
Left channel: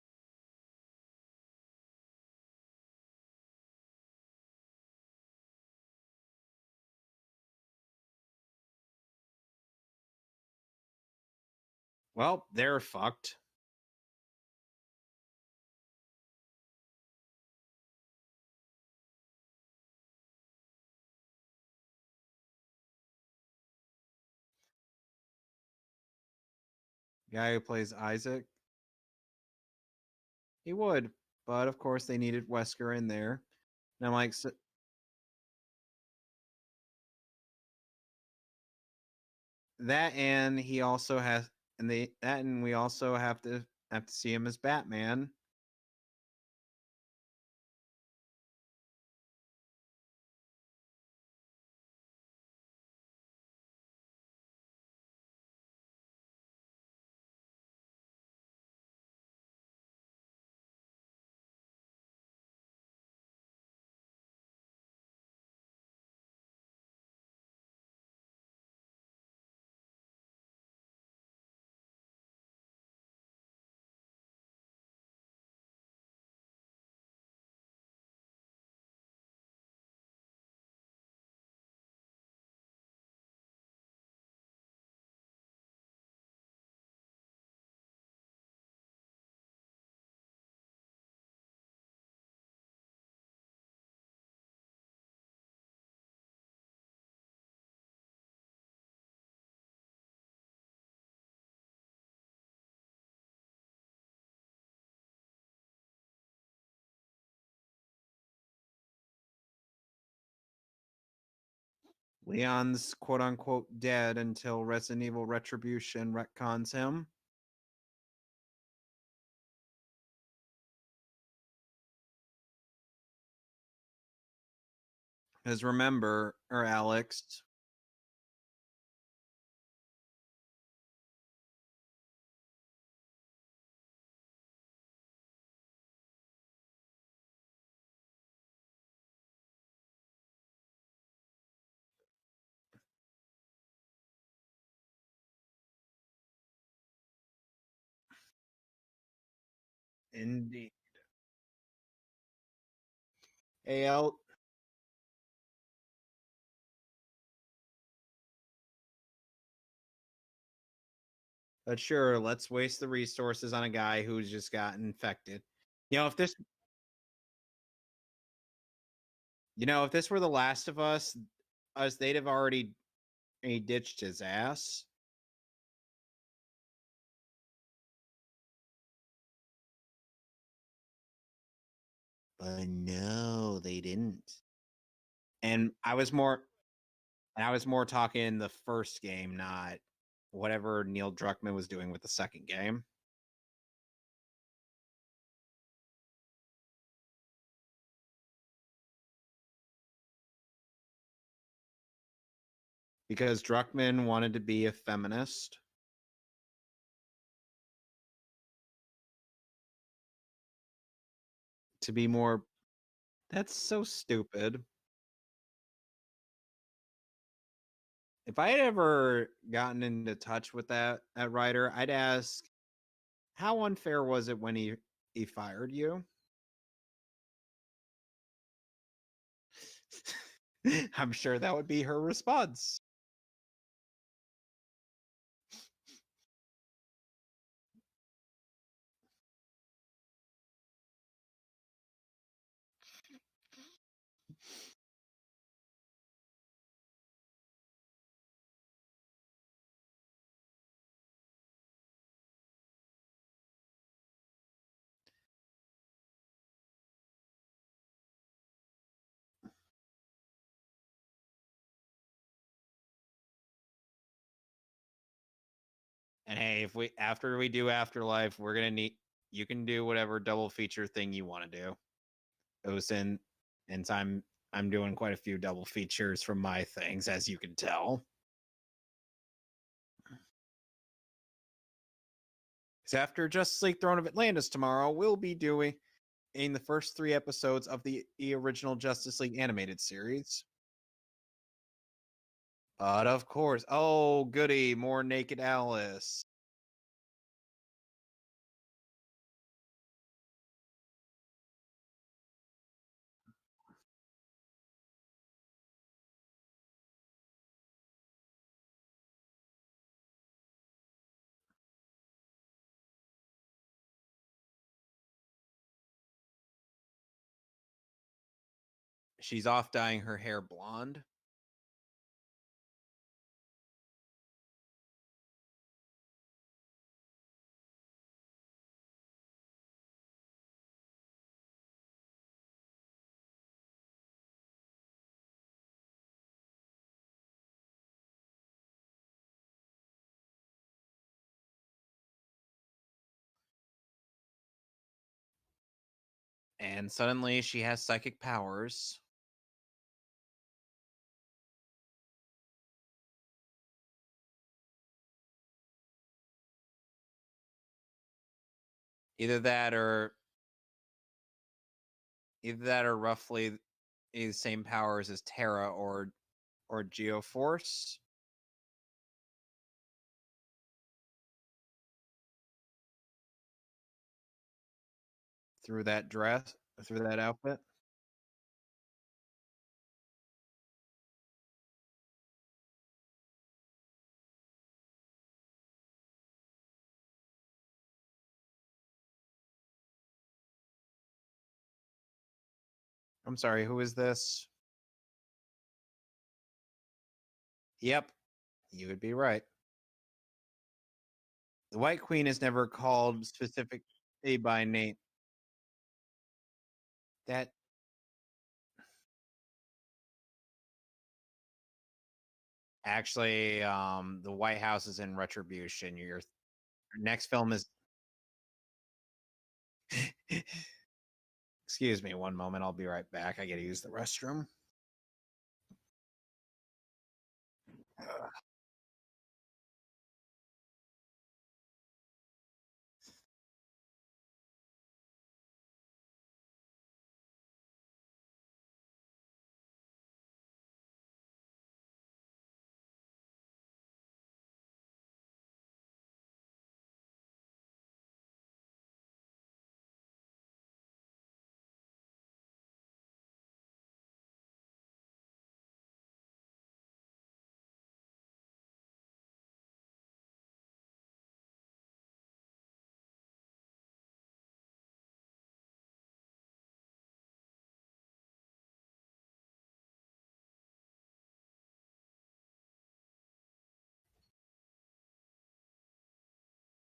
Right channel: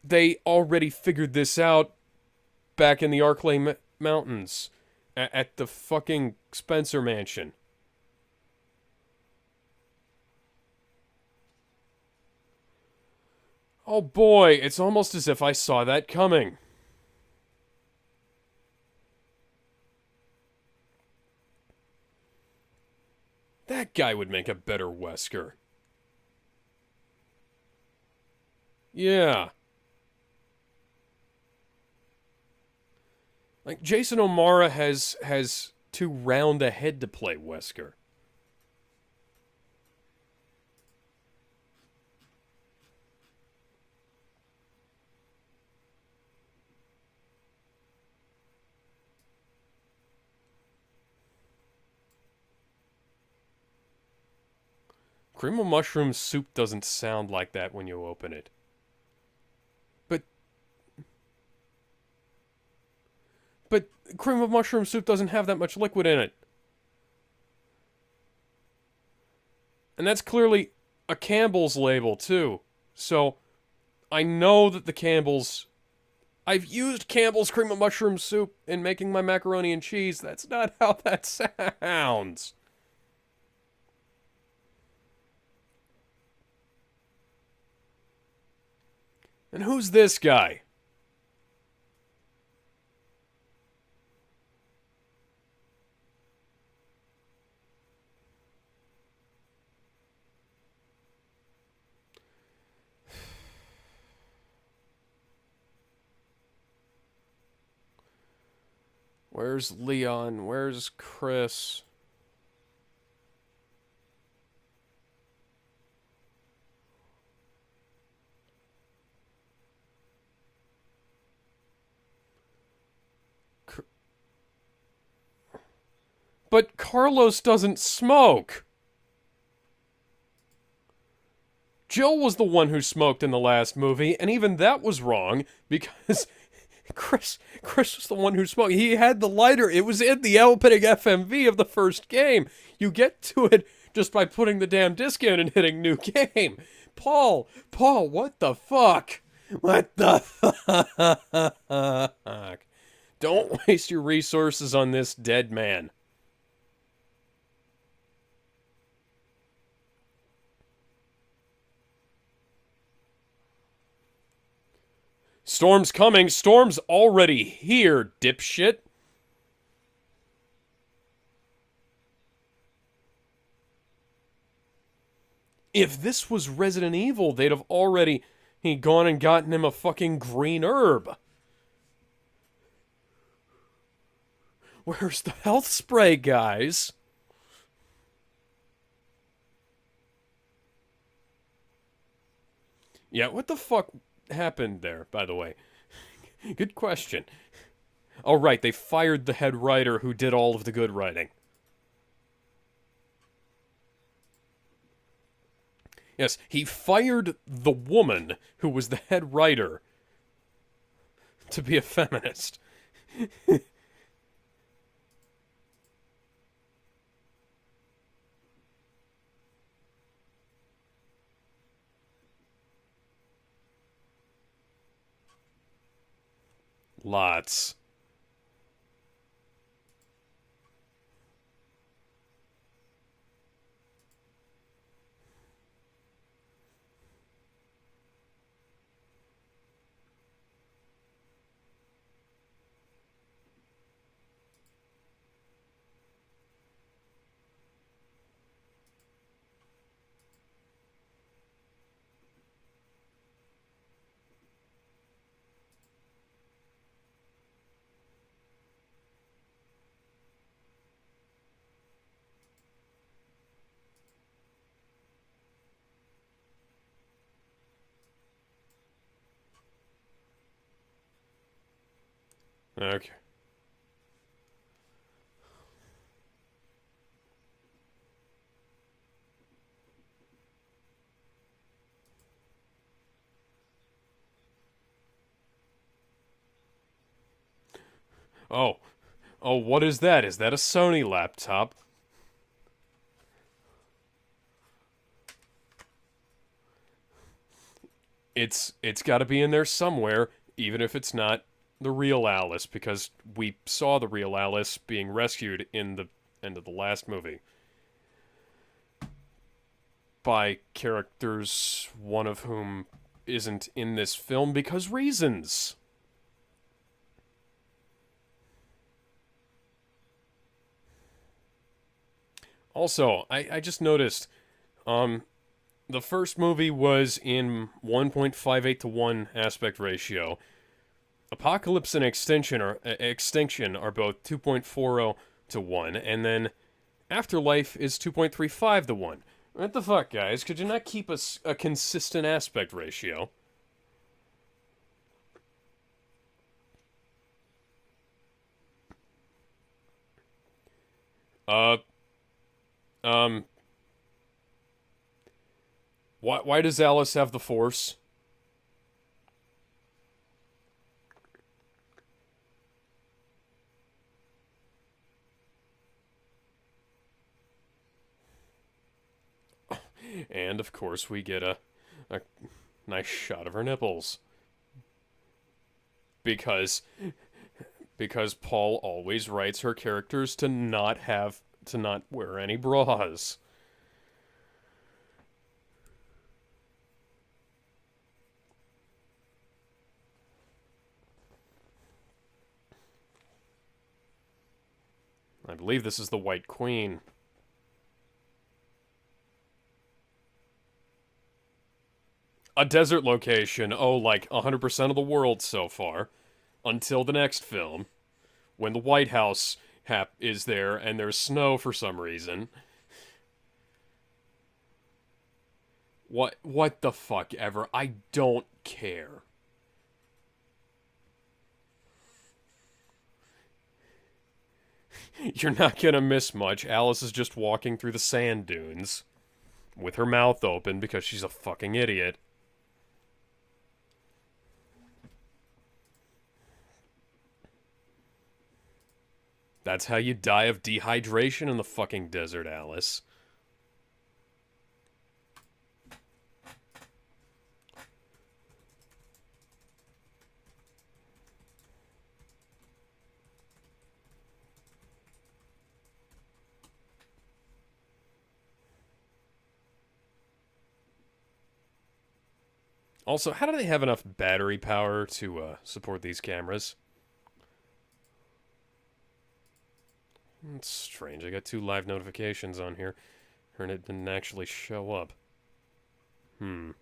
they already figured this out back in the Arklay Mountains at the fucking Spencer Mansion. Well, they're fucked. Oh boy, it's almost as if I saw that coming. That guy would make a better Wesker. Guy who plays Isaac? Yeah. He would. But of course they needed Wesker in there. Like, Jason like, O'Mara has too round a head to play Wesker. That and he also has and we also have to see him as Batman. Cream of mushroom soup doesn't sound like that when you open it. But cream of mushroom soup doesn't have that much liquid in it. And that's clearly a Campbell's label, too. So, I know that the Campbell's... I've used Campbell's cream of mushroom soup in making my macaroni and cheese. That's not how that sounds. And who's this guy? Where's Leon? Where's Chris? Leon's quote-unquote dead until Resident Evil Retribution retcons him. Because remember... But Alex, Carlos doesn't smoke! Jill was the one who smoked in the last movie, and even that was wrong, because... Chris was the one who smoked. He had the lighter. It was in the opening FMV of the first game. You get to it just by putting the damn disc in and hitting new game. Paul, what the fuck? What the fuck? Don't waste your resources on this dead man. But sure, let's waste the resources on a guy who's just got infected. Storm's coming. Storm's already here, dipshit. You know, if this were The Last of Us, they'd have already ditched his ass. If this was Resident Evil, they'd have already gone and gotten him a fucking green herb. No, they didn't. Where's the health spray, guys? And I was more talking the first game, not whatever Neil Druckmann was doing with the second game. Yeah, what the fuck happened there, by the way? Good question. Oh, right, they fired the head writer who did all of the good writing. Because Druckmann wanted to be a feminist. Yes, he fired the woman who was the head writer to be a to be more. feminist. That's so stupid. If I had ever gotten into touch with that writer, I'd ask, how unfair was it when he fired you? Lots. I'm sure that would be her response. And hey, if we after we do Afterlife, we're gonna need you can do whatever double feature thing you want to do. Okay. And I'm doing quite a few double features from my things, as you can tell. So after Justice League Throne of Atlantis tomorrow, we'll be doing in the first 3 episodes of the original Oh. Justice League Oh, animated what is that? series. Is that a Sony laptop? Of course. Oh, goody, more Naked Alice. It's got to be in there somewhere, even if it's not the real Alice, because we saw the real Alice being rescued in the end of the last movie by characters, one of whom isn't in this film because reasons. She's off dyeing her hair blonde. Also, I just noticed, the first movie was in 1.58 to 1 aspect ratio. Apocalypse and Extinction are both 2.40 to 1, and then Afterlife is 2.35 to 1. What the fuck, guys? Could you not keep a consistent aspect ratio? And suddenly she has psychic powers. Uh, um, why does Alice have the Force? Either that or roughly the same powers as Terra or Geoforce. And of course, we get a nice shot of her nipples Through that dress, through that outfit. Because Paul always writes her characters to not wear any bras. I'm sorry, who is this? I believe this is the White Queen. Yep, you would be right. The White Queen is never A desert called location. Oh, like 100% of the world so far. Until the next film. When the White House is there and there's snow for some reason. Actually, the White House is in Retribution. What the fuck ever? I don't care. Excuse me one moment. I'll be right back. I gotta use the restroom. You're not gonna miss much. Alice is just walking through the sand dunes with her mouth open because she's a fucking idiot. That's how you die of dehydration in the fucking desert, Alice. Also, how do they have enough battery power to support these cameras? It's strange. I got 2 live notifications on here, and it didn't actually show up. Did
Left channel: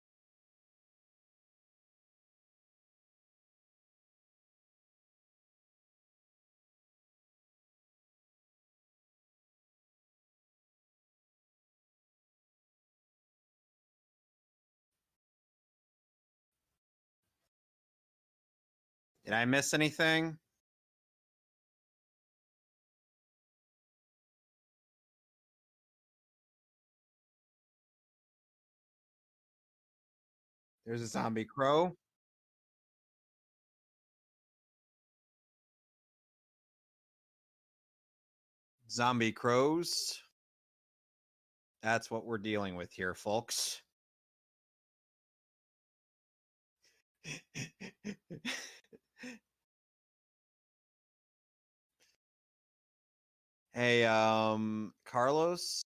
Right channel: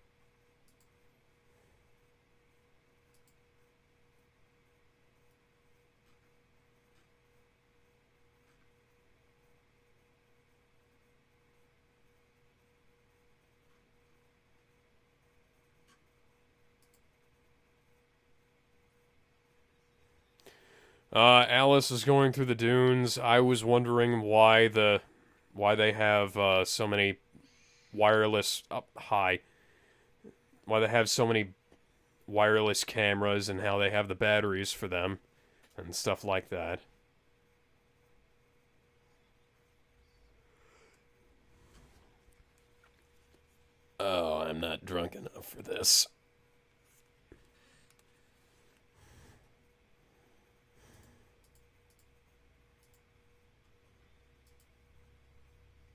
I miss anything? Alice is going through the dunes. I was wondering why they have so many wireless why they have so Zombie many Crow. wireless cameras and how they have the batteries for them and stuff like that. Zombie crows. That's what we're dealing with here, folks. Oh, I'm not drunk enough for this. Hey, Carlos.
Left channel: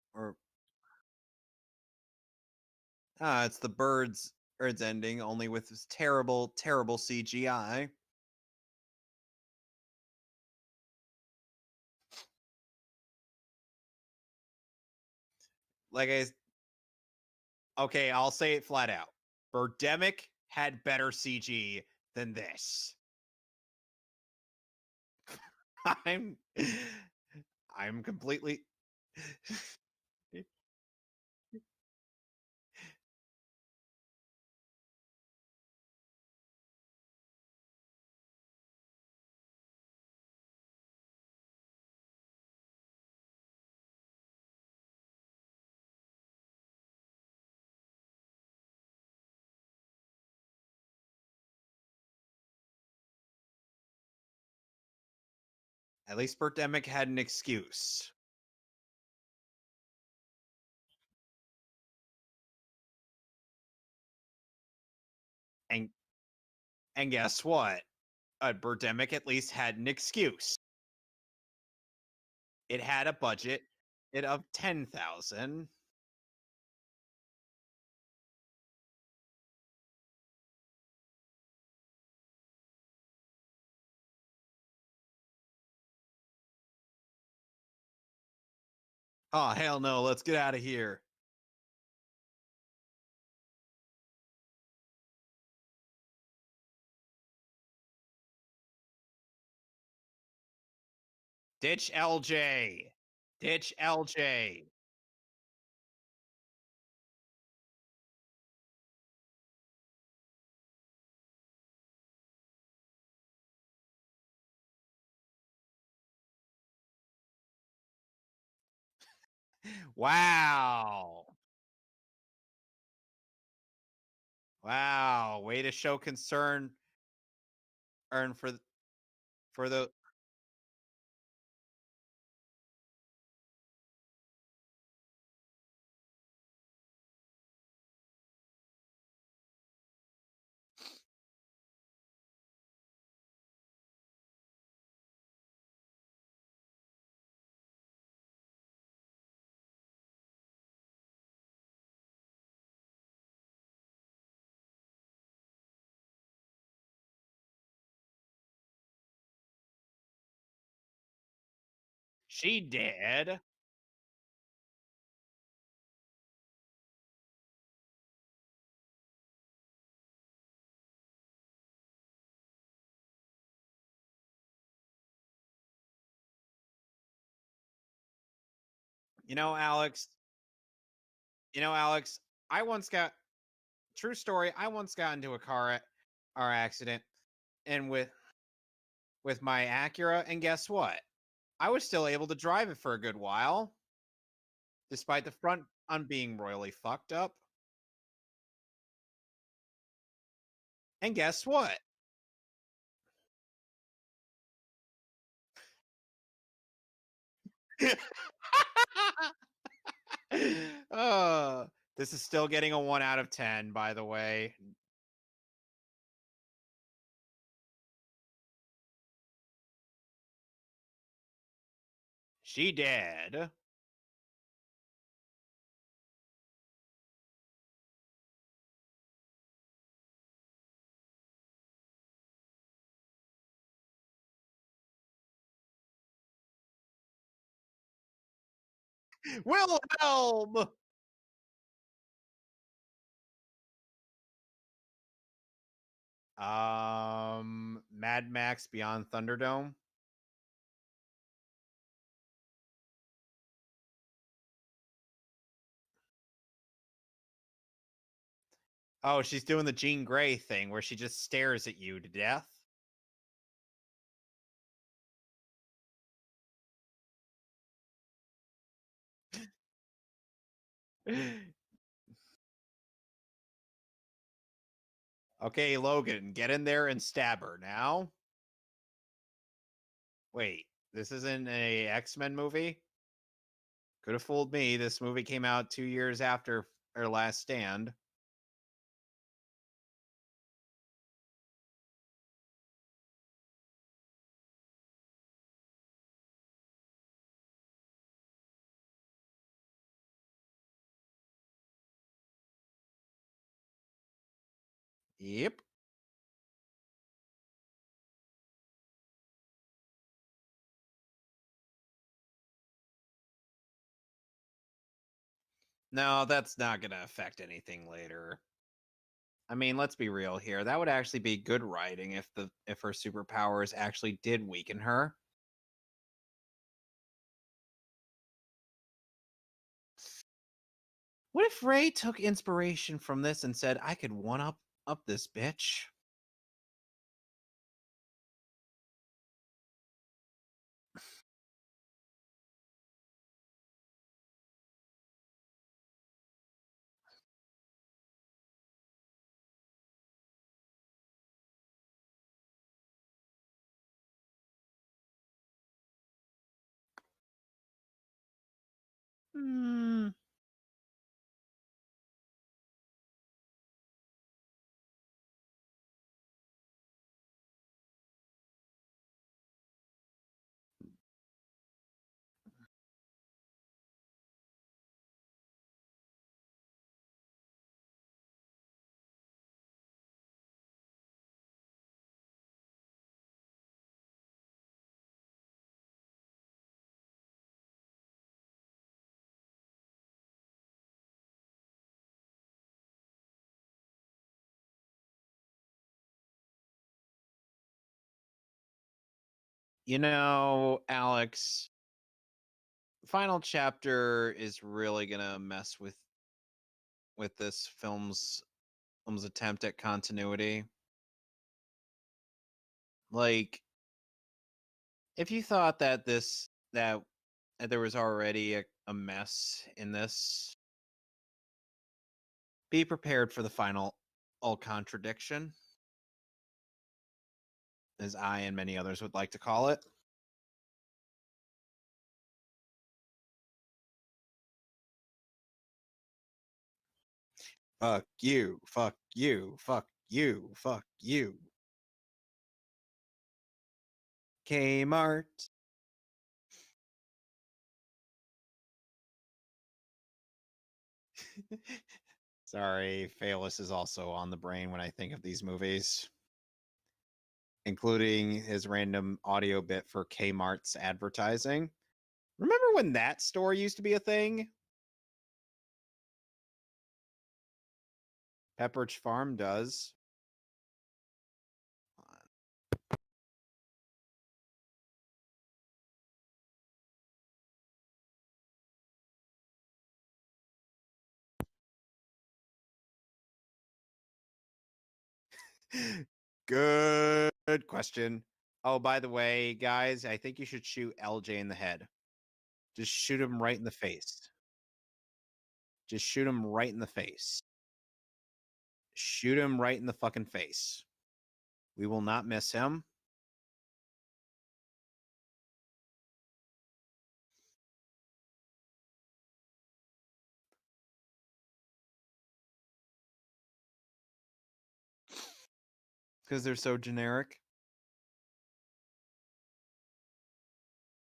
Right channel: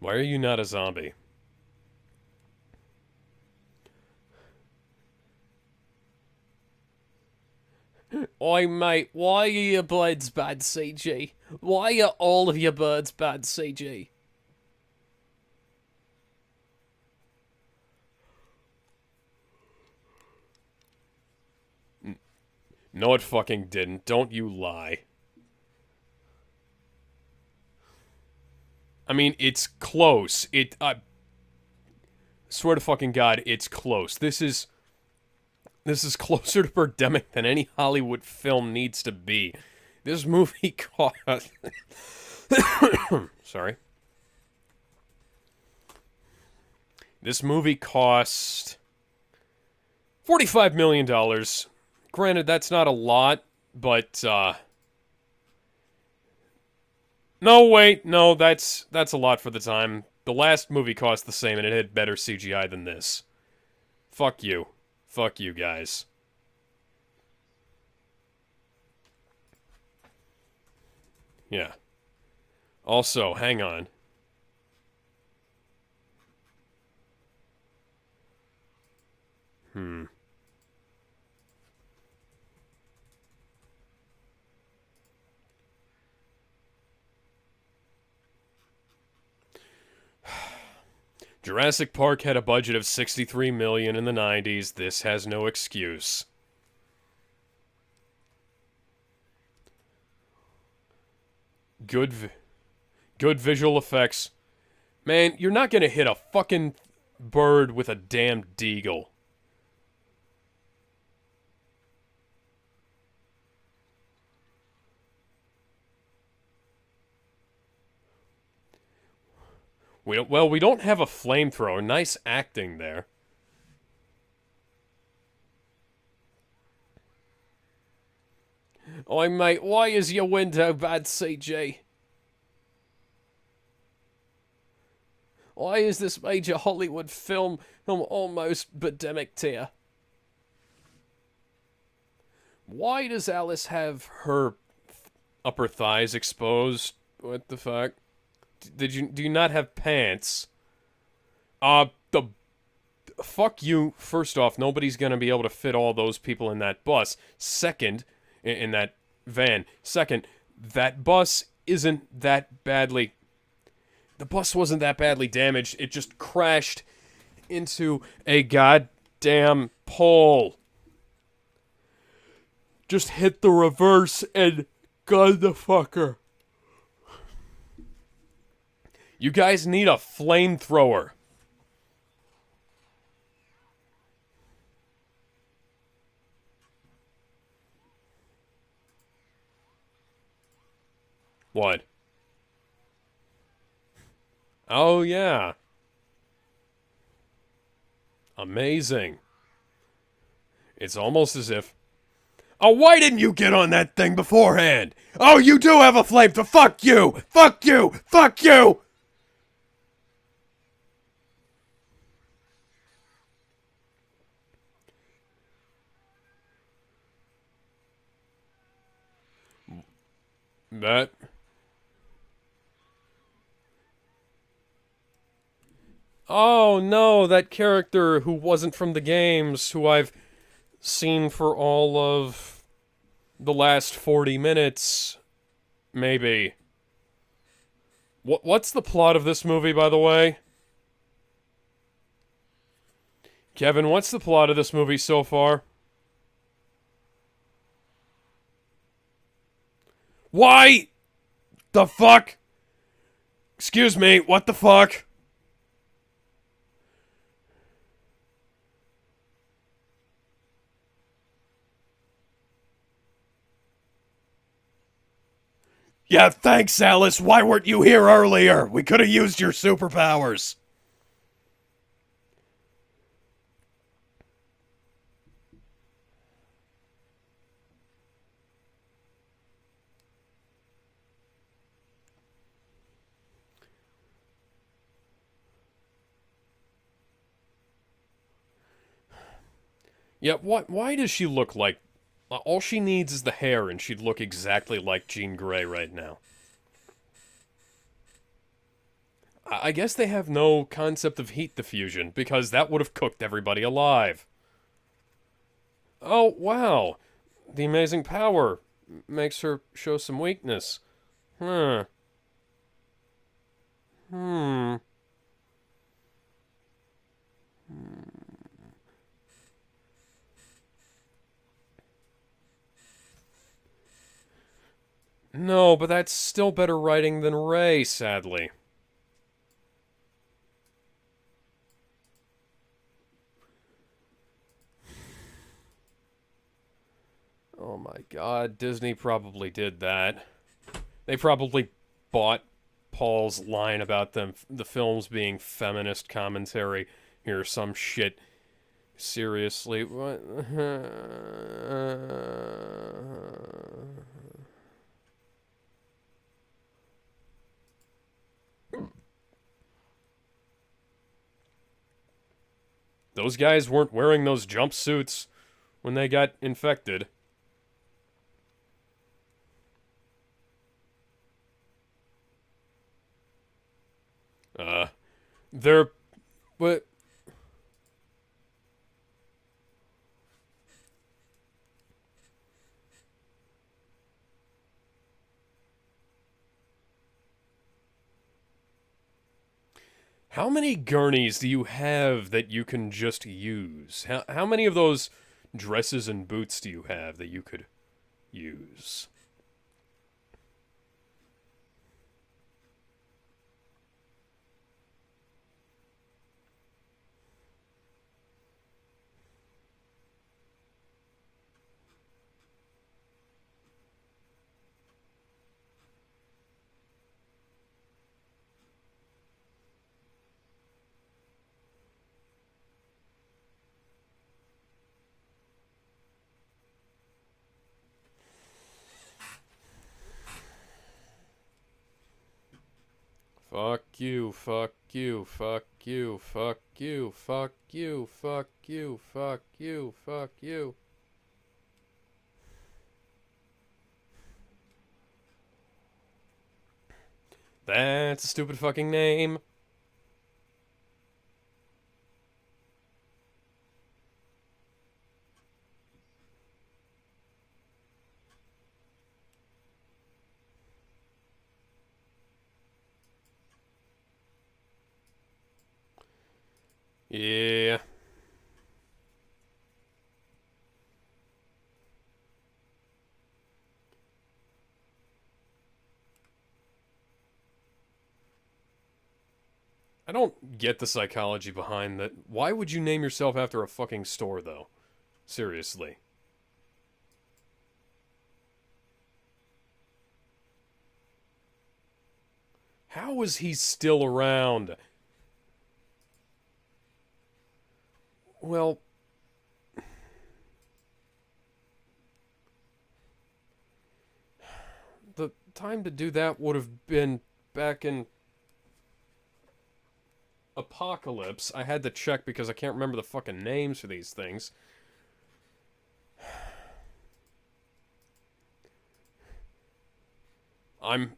Why are you not a zombie? It's the Birds ending, only with this terrible, terrible CGI. Oi, mate, why are your birds bad CG? Why are all of your birds bad CG? Okay, I'll say it flat out. Birdemic had better CG than this. No, it fucking didn't. Don't you lie. I'm completely. I mean, it's close. Swear to fucking God, it's close. This is closer to Birdemic than any Hollywood film needs to be. This movie cost... Sorry. This movie cost $45 million. Granted, that's not a lot, but, At least Birdemic had an excuse. No, wait, no, that's a lot for the time. The last movie cost the same, and it had better CGI than this. Fuck you. Fuck you, guys. And guess what? Birdemic at least had an excuse. Yeah. It had also, a budget hang on. of 10,000. Oh, hell no, let's get out of here. Jurassic Park had a budget of $63 million in the 90s. This has no excuse. Ditch LJ. Good visual effects. Man, you're not gonna hit a fucking bird with a damn deagle. Wow. Well, we don't have a flamethrower. Nice acting there. Wow, way to show concern. Oi, mate, why is your window bad CG? Why is this major Hollywood film almost Birdemic tier? Why does Alice have her upper thighs exposed? What the fuck? Do you not have pants? Fuck you. First off, nobody's gonna be able to fit all those people in that bus. Second, in that van. Second, that bus isn't that badly... The bus wasn't that badly damaged. It just crashed into a goddamn pole. Just hit the reverse and gun the fucker. You guys need a flamethrower. You know, Alex, true story, I once got into a car accident and with my Acura, and guess what? What? I was still able to drive it for a good while. Oh, despite yeah. the front on being royally fucked up. Amazing. It's And almost guess as what? if... Oh, why didn't you get on that thing beforehand? Oh, you do have a flamethrower. Fuck you. Fuck you. Fuck you. This is still getting a 1 out of 10, by the way. That... She dead. Oh, no, that character who wasn't from the games, who I've seen for all of the last 40 minutes, maybe. What's the plot of this movie, by the way? Kevin, what's the plot of this movie so far? Mad Max Beyond Thunderdome. Why? The fuck? Excuse me, what the fuck? Oh, she's doing the Jean Grey thing where she just stares at you to death. Yeah, thanks, Alice. Why weren't you here earlier? We could have used your superpowers. Okay, Logan, get in there and stab her now. Wait, this isn't a X-Men movie? Could have fooled me. This movie came out 2 years after her last stand. Yeah, why does she look like... all she needs is the hair, and she'd look exactly like Jean Grey right now. I guess they have no concept of heat diffusion, because that would have cooked everybody alive. Yep. Oh, wow. The amazing power makes her show some weakness. Hmm. No, that's not going to affect anything later. I mean, let's be real here. That would actually be good writing if her superpowers actually did weaken her. No, but that's still better writing than Ray, sadly. What if Ray took inspiration from this and said, I could one-up this bitch? Oh my god, Disney probably did that. They probably bought Paul's line about the films being feminist commentary. Here's some shit. Seriously, what? Those guys weren't wearing those jumpsuits when they got infected. They're... But... How many gurneys do you have that you can just use? How many of those dresses and boots do you have that you could use? You know, Alex, the final chapter is really gonna mess with this film's attempt at continuity. Like, if you thought that there was already a mess in this, be prepared for the final contradiction, as I and many others would like to call it. Fuck you, fuck you, fuck you, fuck you, fuck you, fuck you, fuck you, fuck you, fuck you. Kmart. That's a stupid fucking name. Sorry, Phaelus is also on the brain when I think of these movies, including his random audio bit for Kmart's advertising. Remember when that store used to be a thing? Yeah. Pepperidge Farm does. I don't get the psychology behind that. Why would you name yourself after a fucking store, though? Seriously. Good question. Oh, by the way, guys, I think you should shoot LJ in the head. Just How shoot is him right he in the still face. around? Just shoot him right in the face. Well, shoot him right in the fucking face. We will not miss him. The time to do that would have been back in Apocalypse. I had to check because I can't remember the fucking names for these things. Because they're so generic. I'm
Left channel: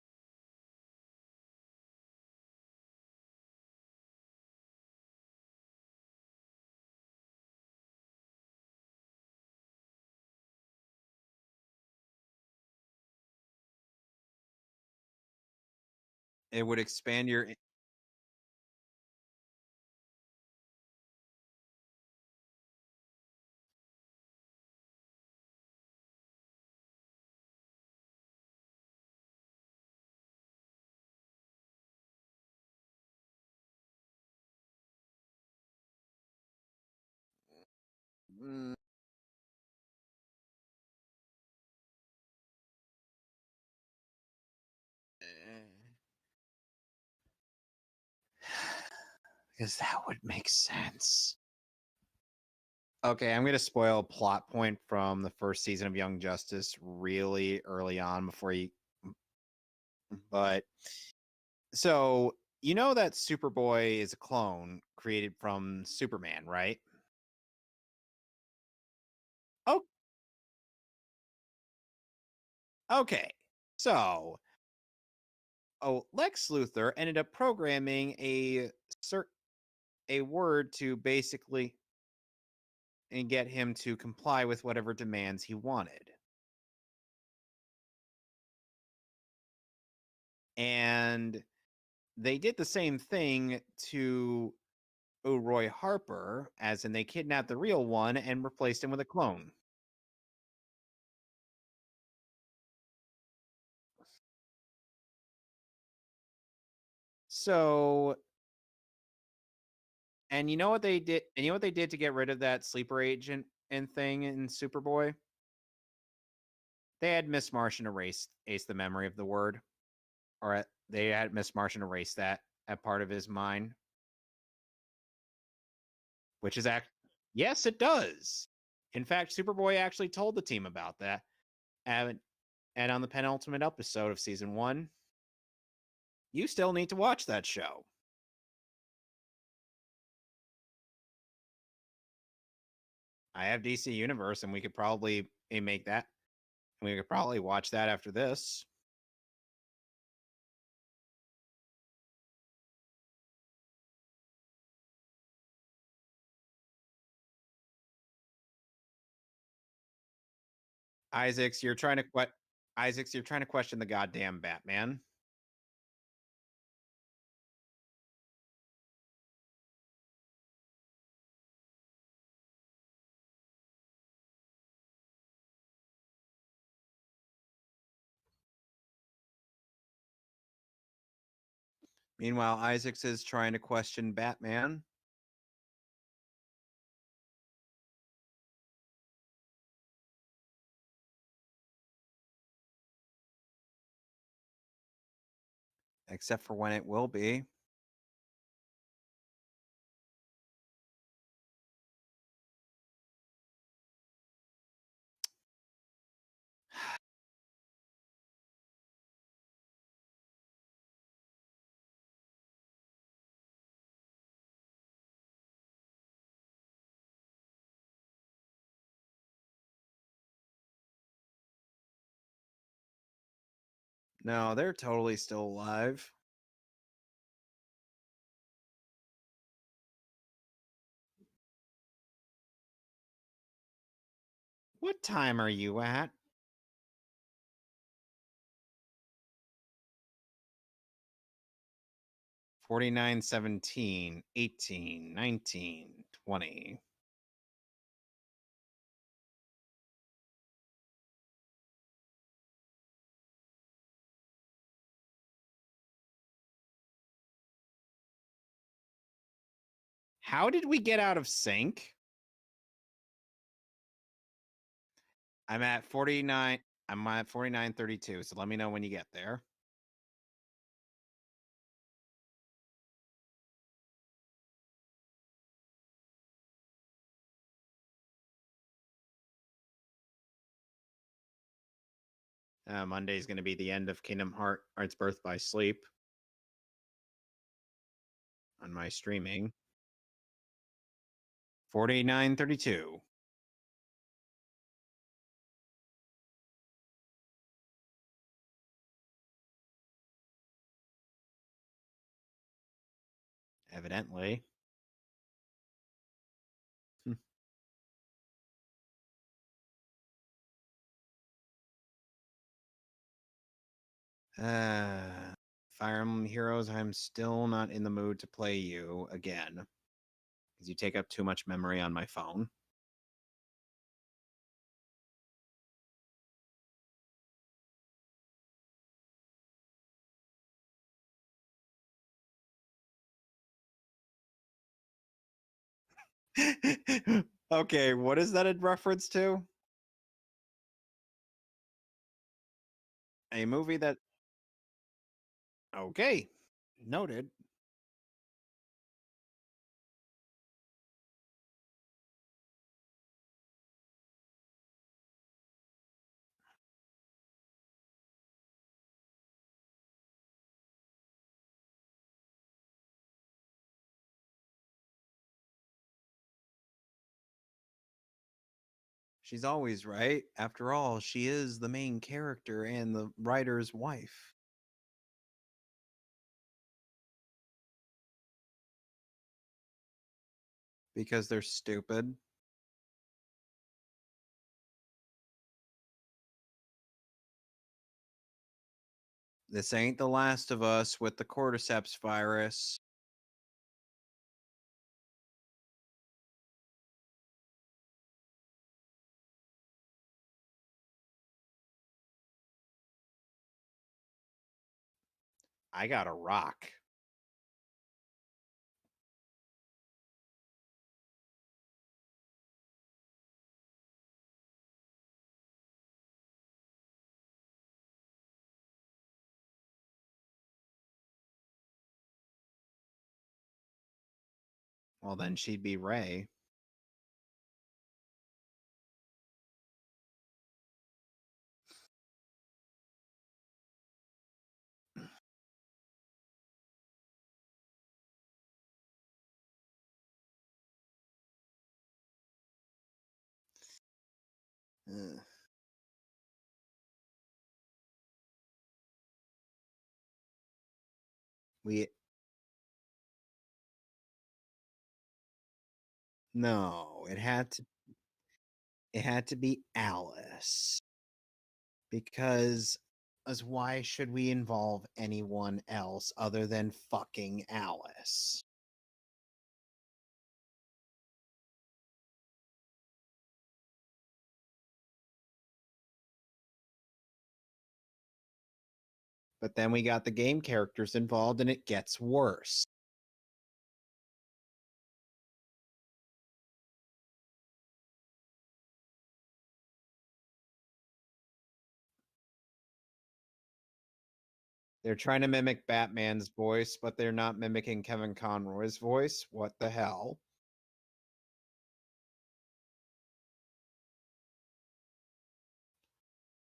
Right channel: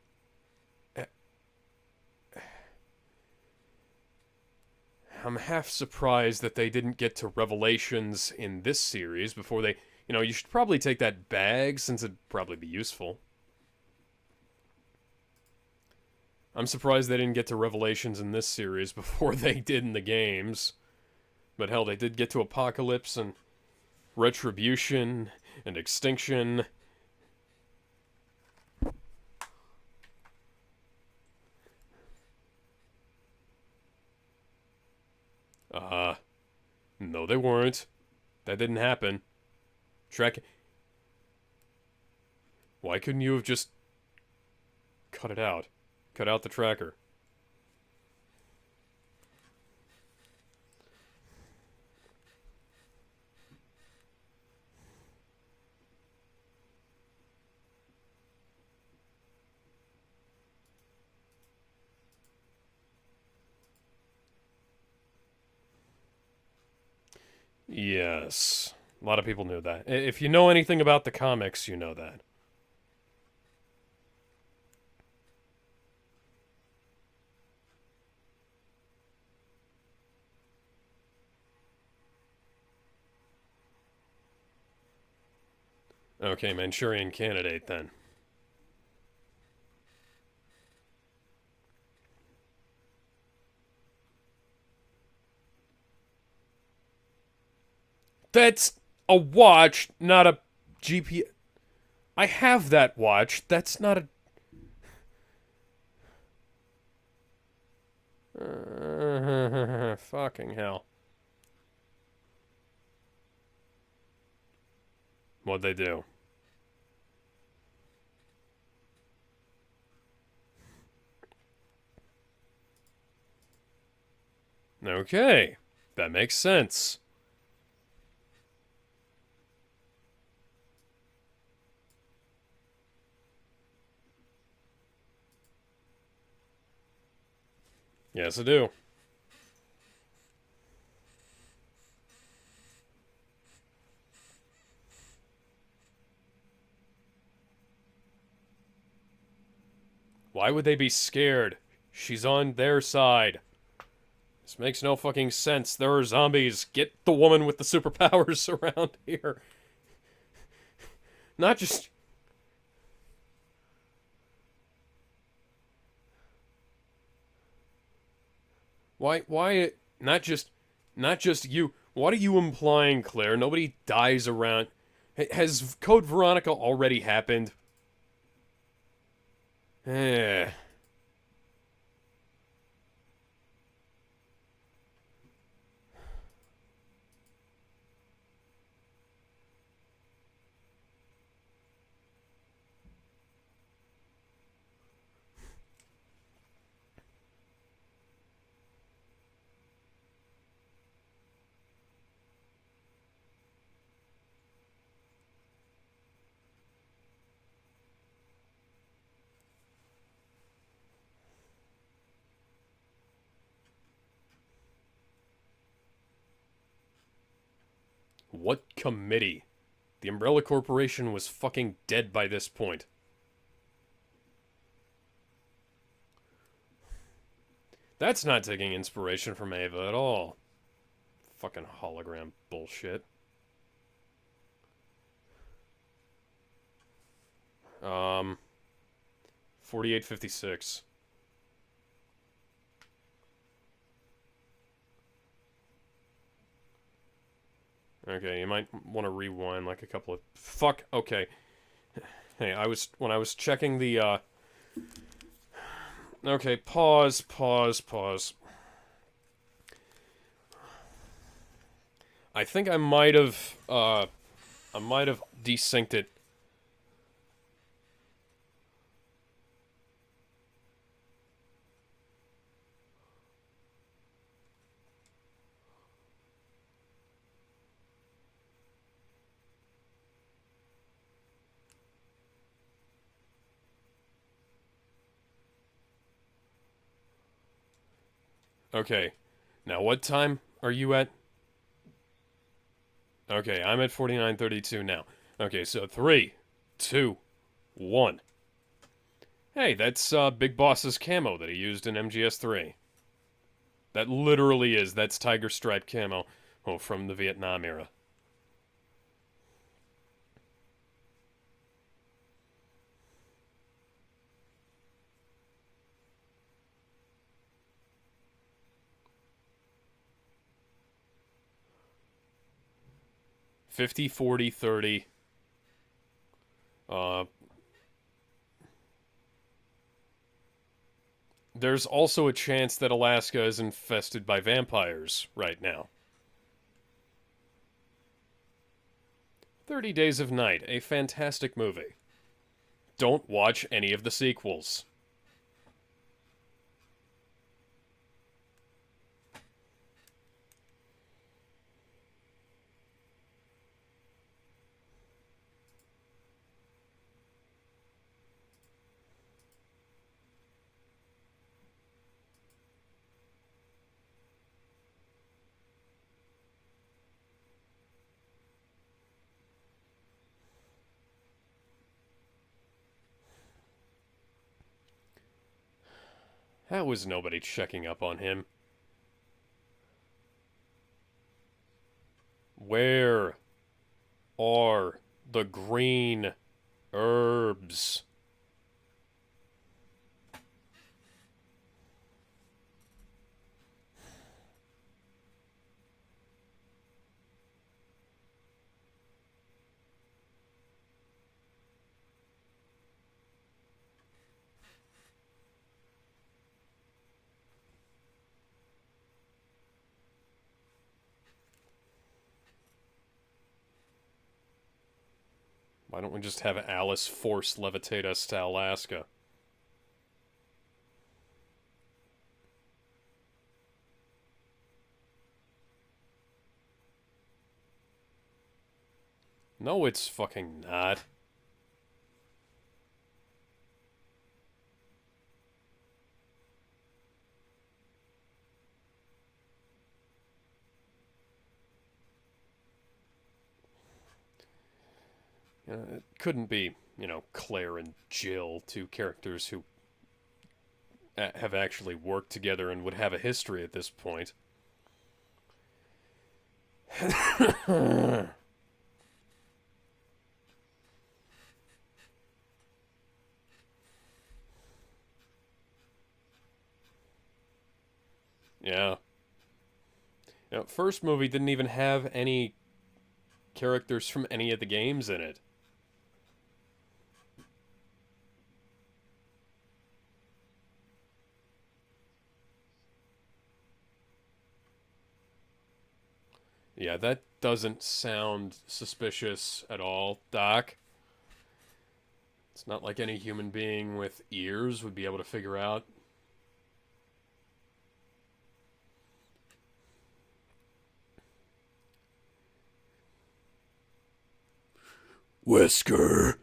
half surprised that they didn't get to Revelations in this series before they... You know, you should probably take that bag since it'd probably be useful. I'm surprised they didn't get to Revelations in this series before they did in the games. But hell, they did get to Apocalypse and Retribution and Extinction. No they weren't. That didn't happen. Why couldn't you have just cut it out. Cut out the tracker. Because that would make sense. Okay, I'm going to spoil a plot point from the first season of Young Justice really early on before you... But... So, you know that Superboy is a clone created from Superman, right? Yes. A lot of people knew that. If you know anything about the comics, you know that. Okay. So, Lex Luthor ended up programming a word to basically and get him to comply with whatever demands he wanted. Okay, Manchurian Candidate then. And they did the same thing to Roy Harper, as in they kidnapped the real one and replaced him with a clone. A watch, not a GPS. I have that watch. That's not a... So... Fucking you know what they did? And you know what they did to get rid of that sleeper agent and thing in Superboy? What'd they do? They had Miss Martian erase the memory of the word. Or they had Miss Martian erase that part of his mind. Okay. That makes sense. Yes, it does. In fact, Superboy actually told the team about that. And on the penultimate episode of Season 1, you still need to watch that show. Yes, I do. I have DC Universe, and we could probably make that. We could probably watch that after this. Why would they be scared? She's on their side. This makes no fucking sense. There are zombies. Get the woman with the superpowers around here. Isaacs, you're trying to question the goddamn Batman. Why not just you? What are you implying, Claire? Nobody dies around. Has Code Veronica already happened? Meanwhile, Isaacs is trying to question Batman. Except for when it will be. What committee? The Umbrella Corporation was fucking dead by this point. No, they're totally still alive. That's not taking inspiration from Ava at all. Fucking hologram bullshit. What time are you at? 48:56. 49, 17, 18, 19, 20. Okay, you might want to rewind like a couple of... Fuck, okay. Hey, when I was checking the, Okay, pause. How did we get out of sync? I think I might have desynced it. I'm at 49:32, so let me know when you get there. Monday's going to be the end of Kingdom Hearts Birth by Sleep. On my streaming. Now, what time are you at? 49:32. Okay, I'm at 49:32 now. Okay, so 3, 2, 1. Hey, that's Big Boss's camo that he used in MGS3. Evidently. That literally is. That's Tiger Stripe camo. Oh, from the Vietnam era. Fire Emblem Heroes, I'm still not in the mood to play you again. Because you take up too much memory on my phone. 50, 40, 30. There's also a chance that Alaska is infested by vampires right now. Okay, what is that in reference to? 30 Days of Night, a fantastic movie. Don't watch any of the sequels. Okay. Noted. She's always right. After all, she is the main character and the writer's wife. How is nobody checking up on him? Because they're stupid. Where are the green herbs? This ain't The Last of Us with the cordyceps virus. I got a rock. Why don't we just have Alice force levitate us to Alaska? Well, then she'd be Ray. No, it's fucking not. It couldn't be, Claire and Jill, two characters who have actually worked together and would have a history at this point. No. It had to be Alice. Because why should we involve anyone else other than fucking Alice? Yeah. First movie didn't even have any characters from any of the games in it. But then we got the game characters involved and it gets worse. Yeah, that doesn't sound suspicious at all, Doc. It's not like any human being with ears would They're be trying able to to mimic figure out. Batman's voice, but they're not mimicking Kevin Conroy's voice. What the hell? Wesker.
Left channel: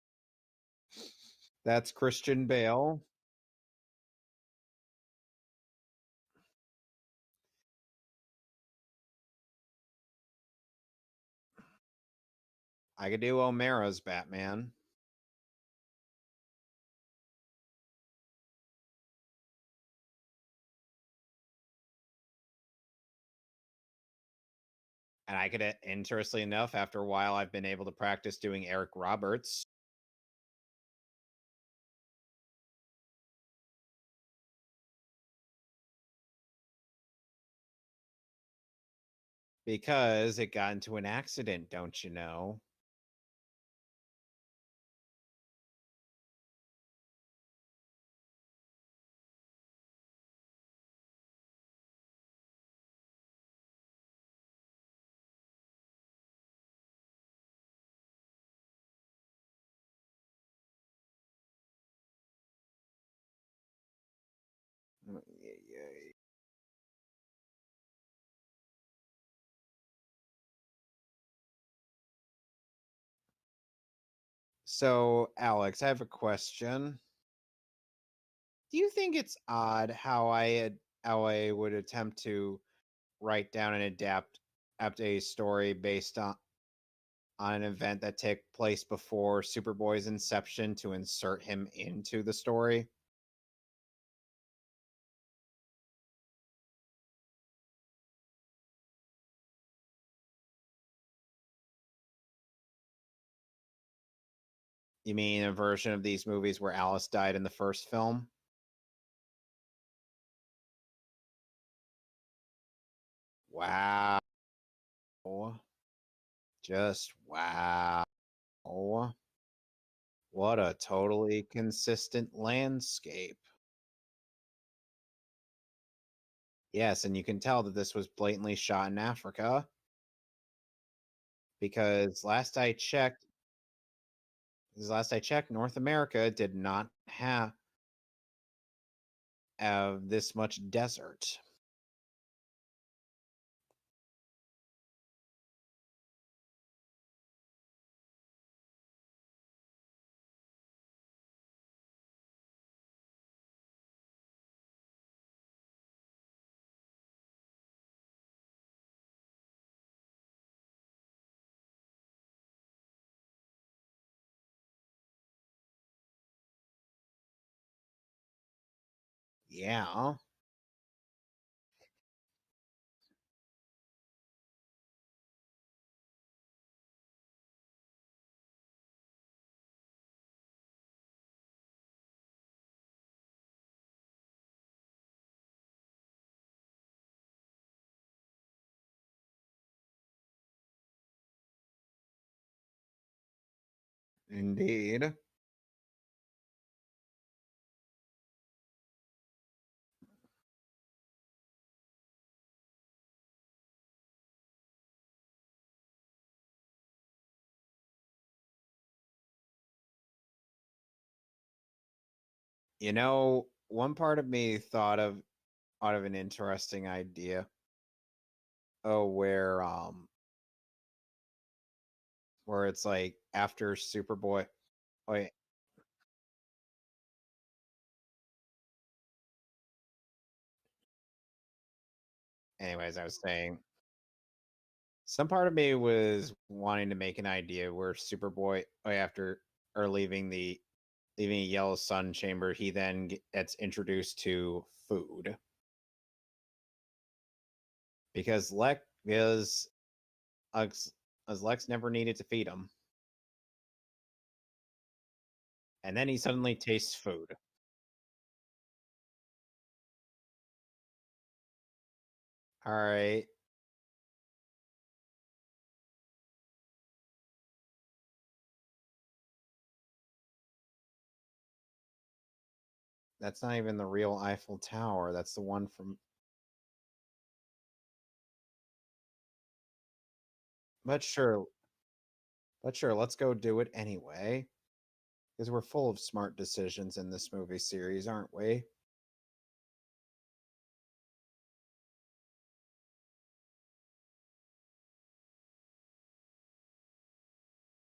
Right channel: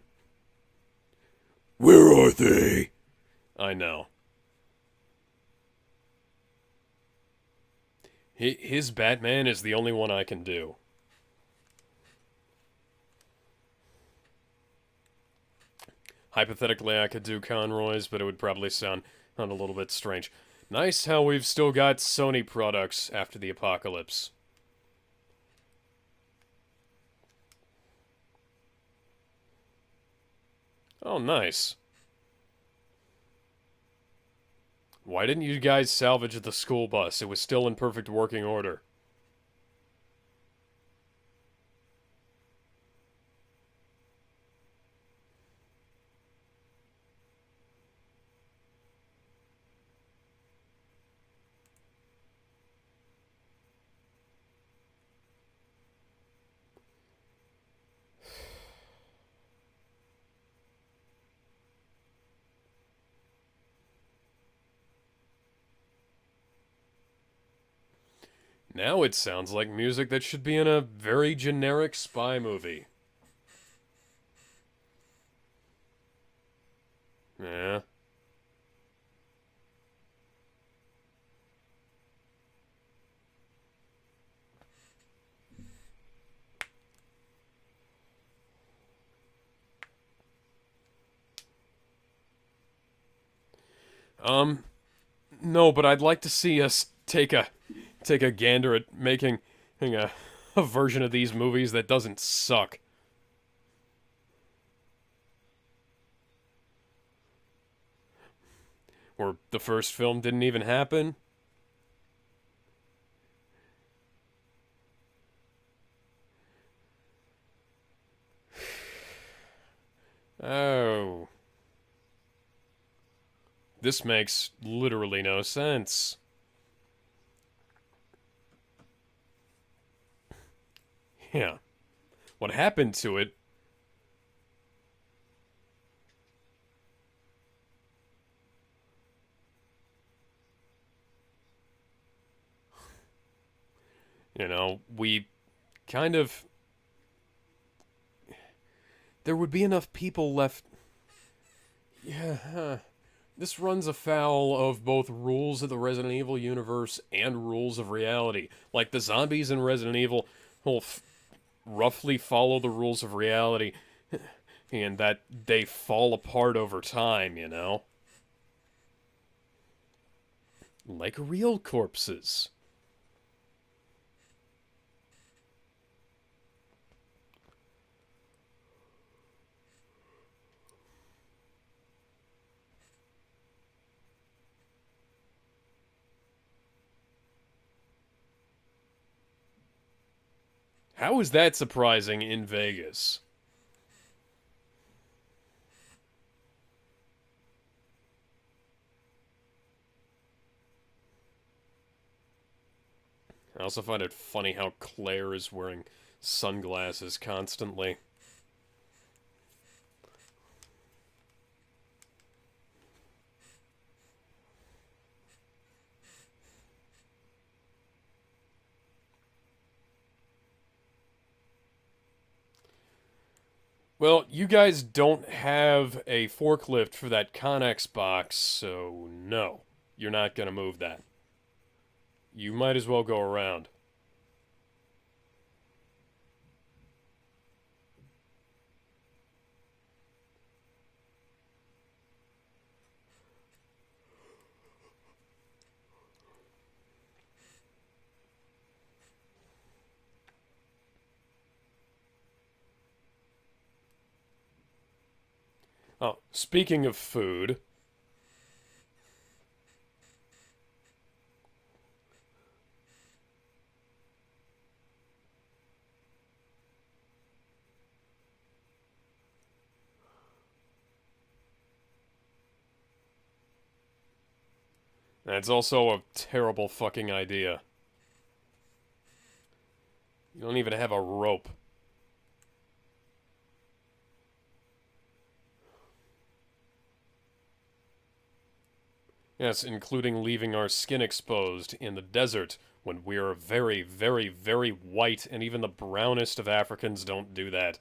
That's Where are Christian they? Bale. I know. His Batman is the only one I can do. I could do O'Mara's Batman. Hypothetically, I could do Conroy's, but it would probably sound a little bit strange. Nice how we've still got Sony products after the apocalypse. And I could, interestingly enough, after a while, I've been able to practice doing Eric Roberts. Oh, nice. Why didn't you guys salvage the school bus? It was still in perfect working order. Because it got into an accident, don't you know? Now it sounds like music that should be in a very generic spy movie. So, Alex, I have a question. Yeah. Do you think it's odd how I would attempt to write down and adapt a story based on an event that took place before Superboy's inception to insert him into the story? No, but I'd like to see us take a gander at making a version of these movies that doesn't suck. You mean a version of these movies where Alice died in the first film? Or the first film didn't even happen? Wow. Just wow. What a totally consistent landscape. This makes literally no sense. Yes, and you can tell that this was blatantly shot in Africa. Yeah. Because what happened to it? Because last I checked, North America did not have. have this much desert. You know, we kind of... There would be enough people left... Yeah, this runs afoul of both rules of the Resident Evil universe and rules of reality. Like, the zombies in Resident Evil will roughly follow the rules of reality, and that they fall apart over time, you know? Yeah. Like real corpses. How is that surprising in Vegas? Indeed. I also find it funny how Claire is wearing sunglasses constantly. You know, one part of me thought of an interesting idea. Oh, where it's like after Superboy. Well, you guys don't have a forklift for that Connex box, so no, you're not gonna move that. You might as well go around. Some part of me was wanting to make an idea where Superboy, after or leaving a Yellow Sun chamber, he then gets introduced to food. Because Lex never needed to feed him. And then he suddenly speaking of food. All right. That's not even the real Eiffel Tower. That's also a terrible fucking idea. You don't even have a rope. But sure, let's go do it anyway. Because we're full of smart decisions in this movie series, aren't we? Yes, including leaving our skin exposed in the desert when we're very, very, very white, and even the brownest of Africans don't do that.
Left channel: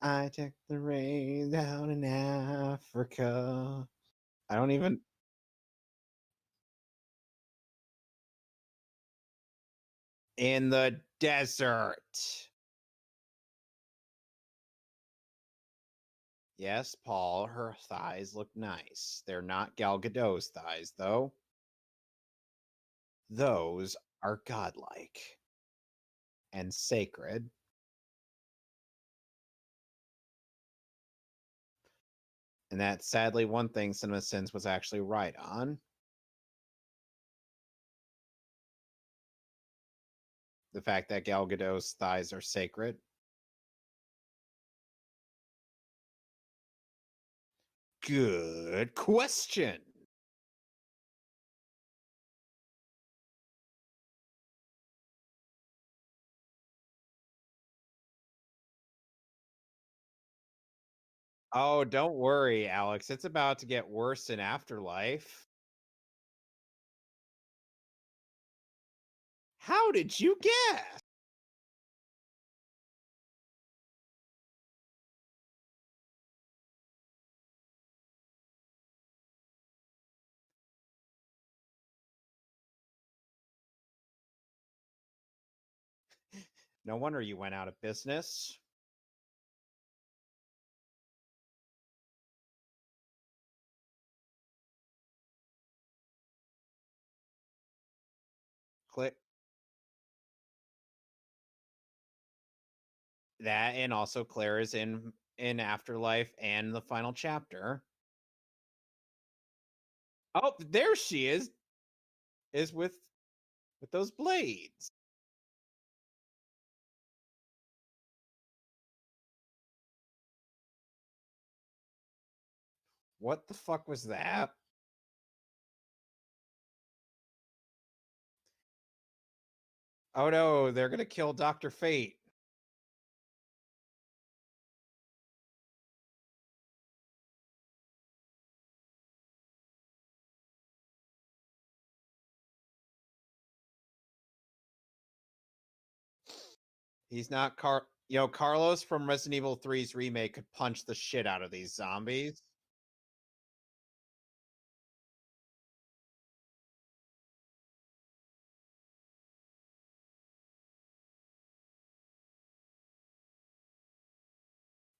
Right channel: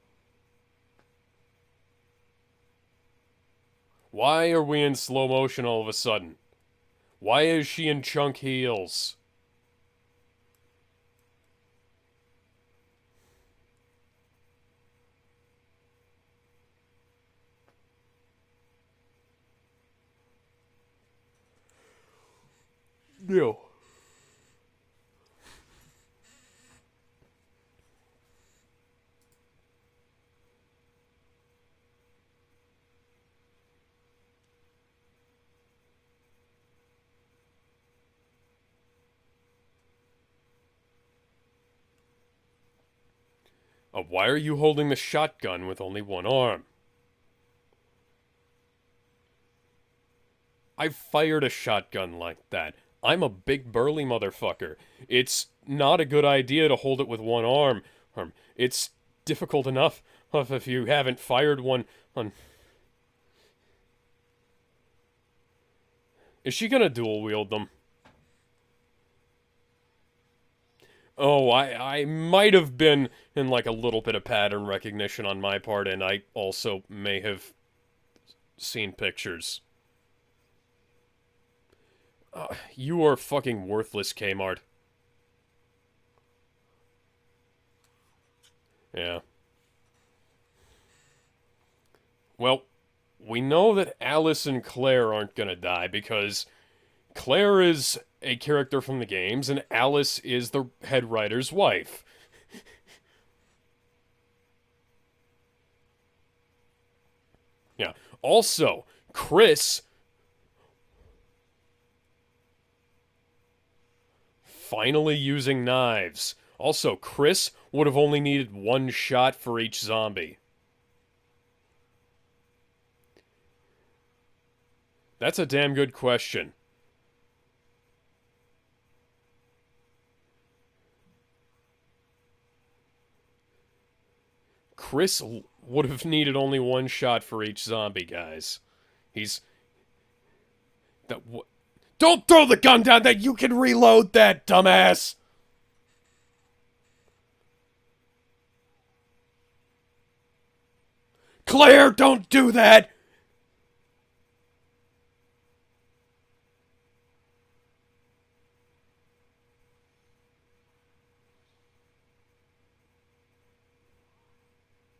I took the rain down in Africa. Why are we in slow motion all of a sudden? Why is she in chunk heels? In the desert. Yes, Paul, her thighs look nice. They're not Gal Gadot's thighs, though. Yeah. Those are godlike and sacred. And that's sadly one thing CinemaSins was actually right on. The fact that Gal Gadot's thighs are sacred. Why are you holding the shotgun with only one arm? Good question. I've fired a shotgun like that. I'm a big burly motherfucker. It's not a good idea to hold it with one arm. It's difficult enough if you haven't fired one. Oh, don't worry, Alex. It's about to get worse in Afterlife. Is she gonna dual wield them? How did you guess? Oh, I might have been in like a little bit of pattern recognition on my part, and I also may have seen pictures. You are fucking worthless, Kmart. No wonder you went out of business. Yeah. Well, we know that Alice and Claire aren't gonna die because Claire is a character from the games, and Alice is the head writer's wife. That, and also Claire is in Afterlife and the final chapter. Yeah. Also, Chris... Oh, there she is. Is with those blades. Finally using knives. Also, Chris would have only needed one shot for each zombie. What the fuck was that? That's a damn good question. Oh no, they're gonna kill Dr. Fate. Chris would have needed only one shot for each zombie, guys. Don't throw the gun down. That you can reload that, dumbass. He's not Carlos from Resident Evil 3's remake could punch the shit out of those Claire, zombies. don't do that.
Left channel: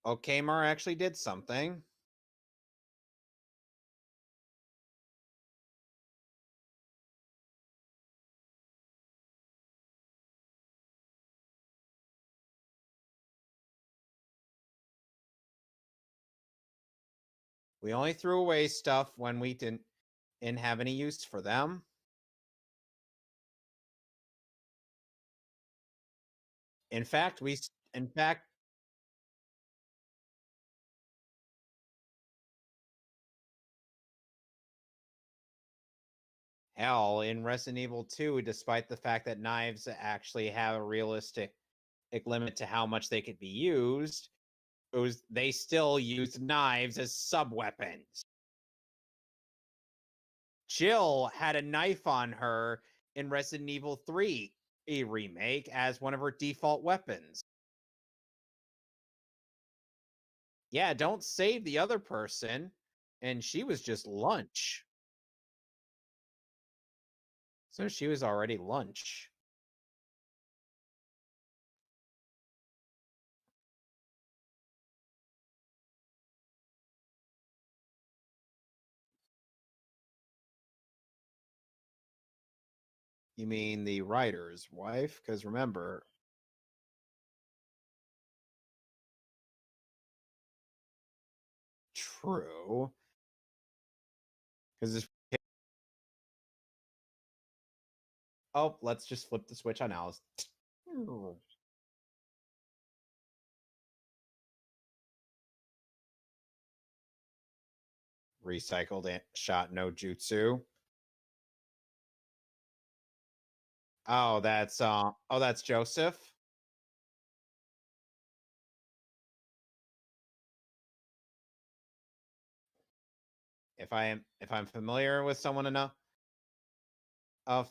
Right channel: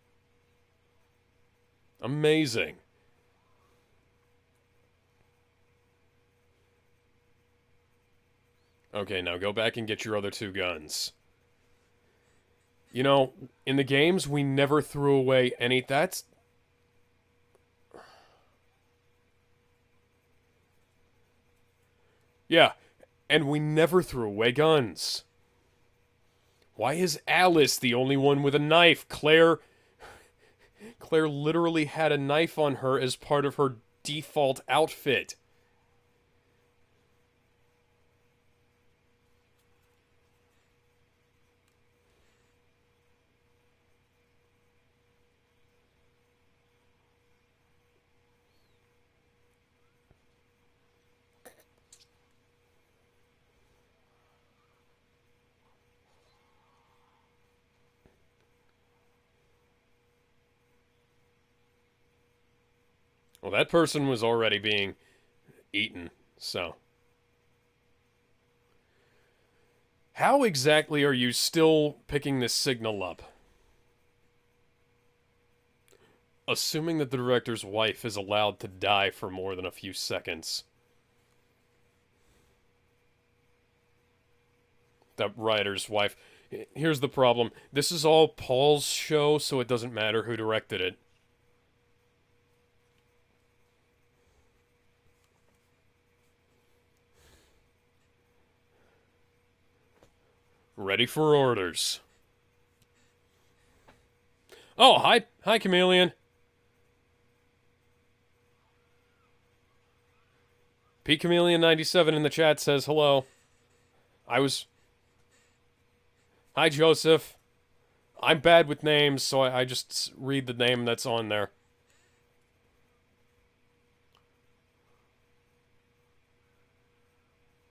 Oh, Kmart actually did something. Amazing. Okay, now go back and get your other 2 guns. You know, in the games, we never threw away any... We only threw away stuff when we didn't have any use for them. Yeah, and we never threw away guns. Why is Alice the only one with a knife? Claire literally had a knife on her as part of her default outfit. Hell, in Resident Evil 2, despite the fact that knives actually have a realistic limit to how much they could be used, they still used knives as sub-weapons. Jill had a knife on her in Resident Evil 3 remake as one of her default weapons. Yeah, don't save the other person. And well, that person was already being eaten, so she was already lunch. How exactly are you still picking this signal up? Assuming that the director's wife is allowed to die for more than a few seconds. You mean the writer's wife? The writer's wife. Here's the problem. This is all Paul's show, so it doesn't matter who directed it. True. Because oh, let's just flip the switch on Alice. Ready for orders. Oh, hi, Chameleon. Recycled shot no jutsu. P Chameleon 97 in the chat says hello. Oh, that's Joseph. Hi, Joseph. I'm bad with names, so I just read the name that's on there. If I'm familiar with someone enough,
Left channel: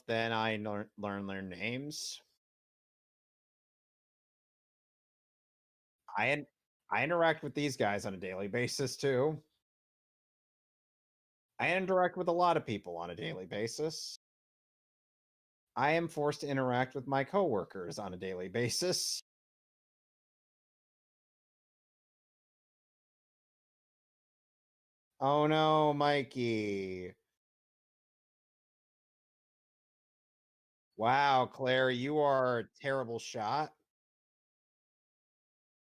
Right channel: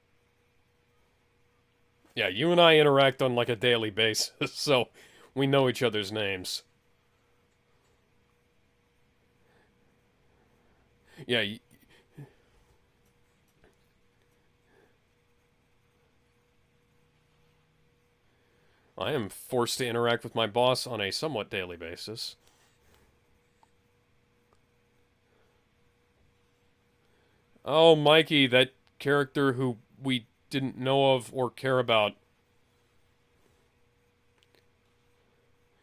then I learn their names. Yeah, you and I interact on like a daily basis, so we know each other's names. I interact with these guys on a daily basis too. Yeah, I interact with a lot of people on a daily basis. I am forced to interact with my coworkers on a daily basis. I am forced to interact with my boss on a somewhat daily basis. Oh no, Mikey. Oh, Mikey, that character who we didn't know of or care about. You are a terrible shot.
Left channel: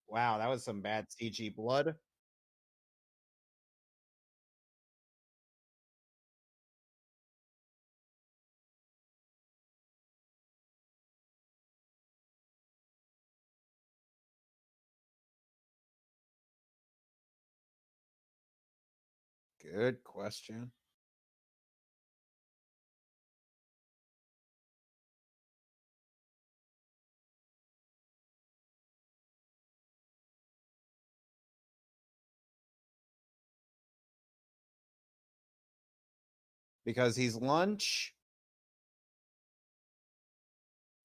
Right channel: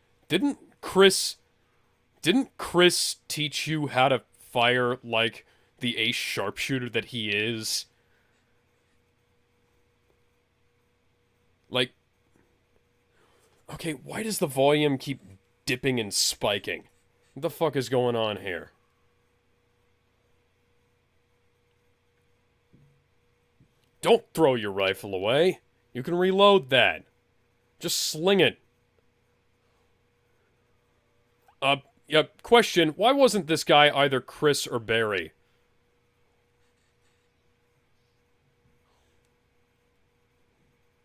Wow, that was some bad PG blood. Didn't Chris teach you how to fire like the ace sharpshooter that he is? Like, okay, why does the volume keep dipping and spiking? What the fuck is going on here? Good question. Don't throw your rifle away. You can reload that. Just sling it. Yeah, question. Why wasn't this guy either Chris or Barry? Because he's lunch.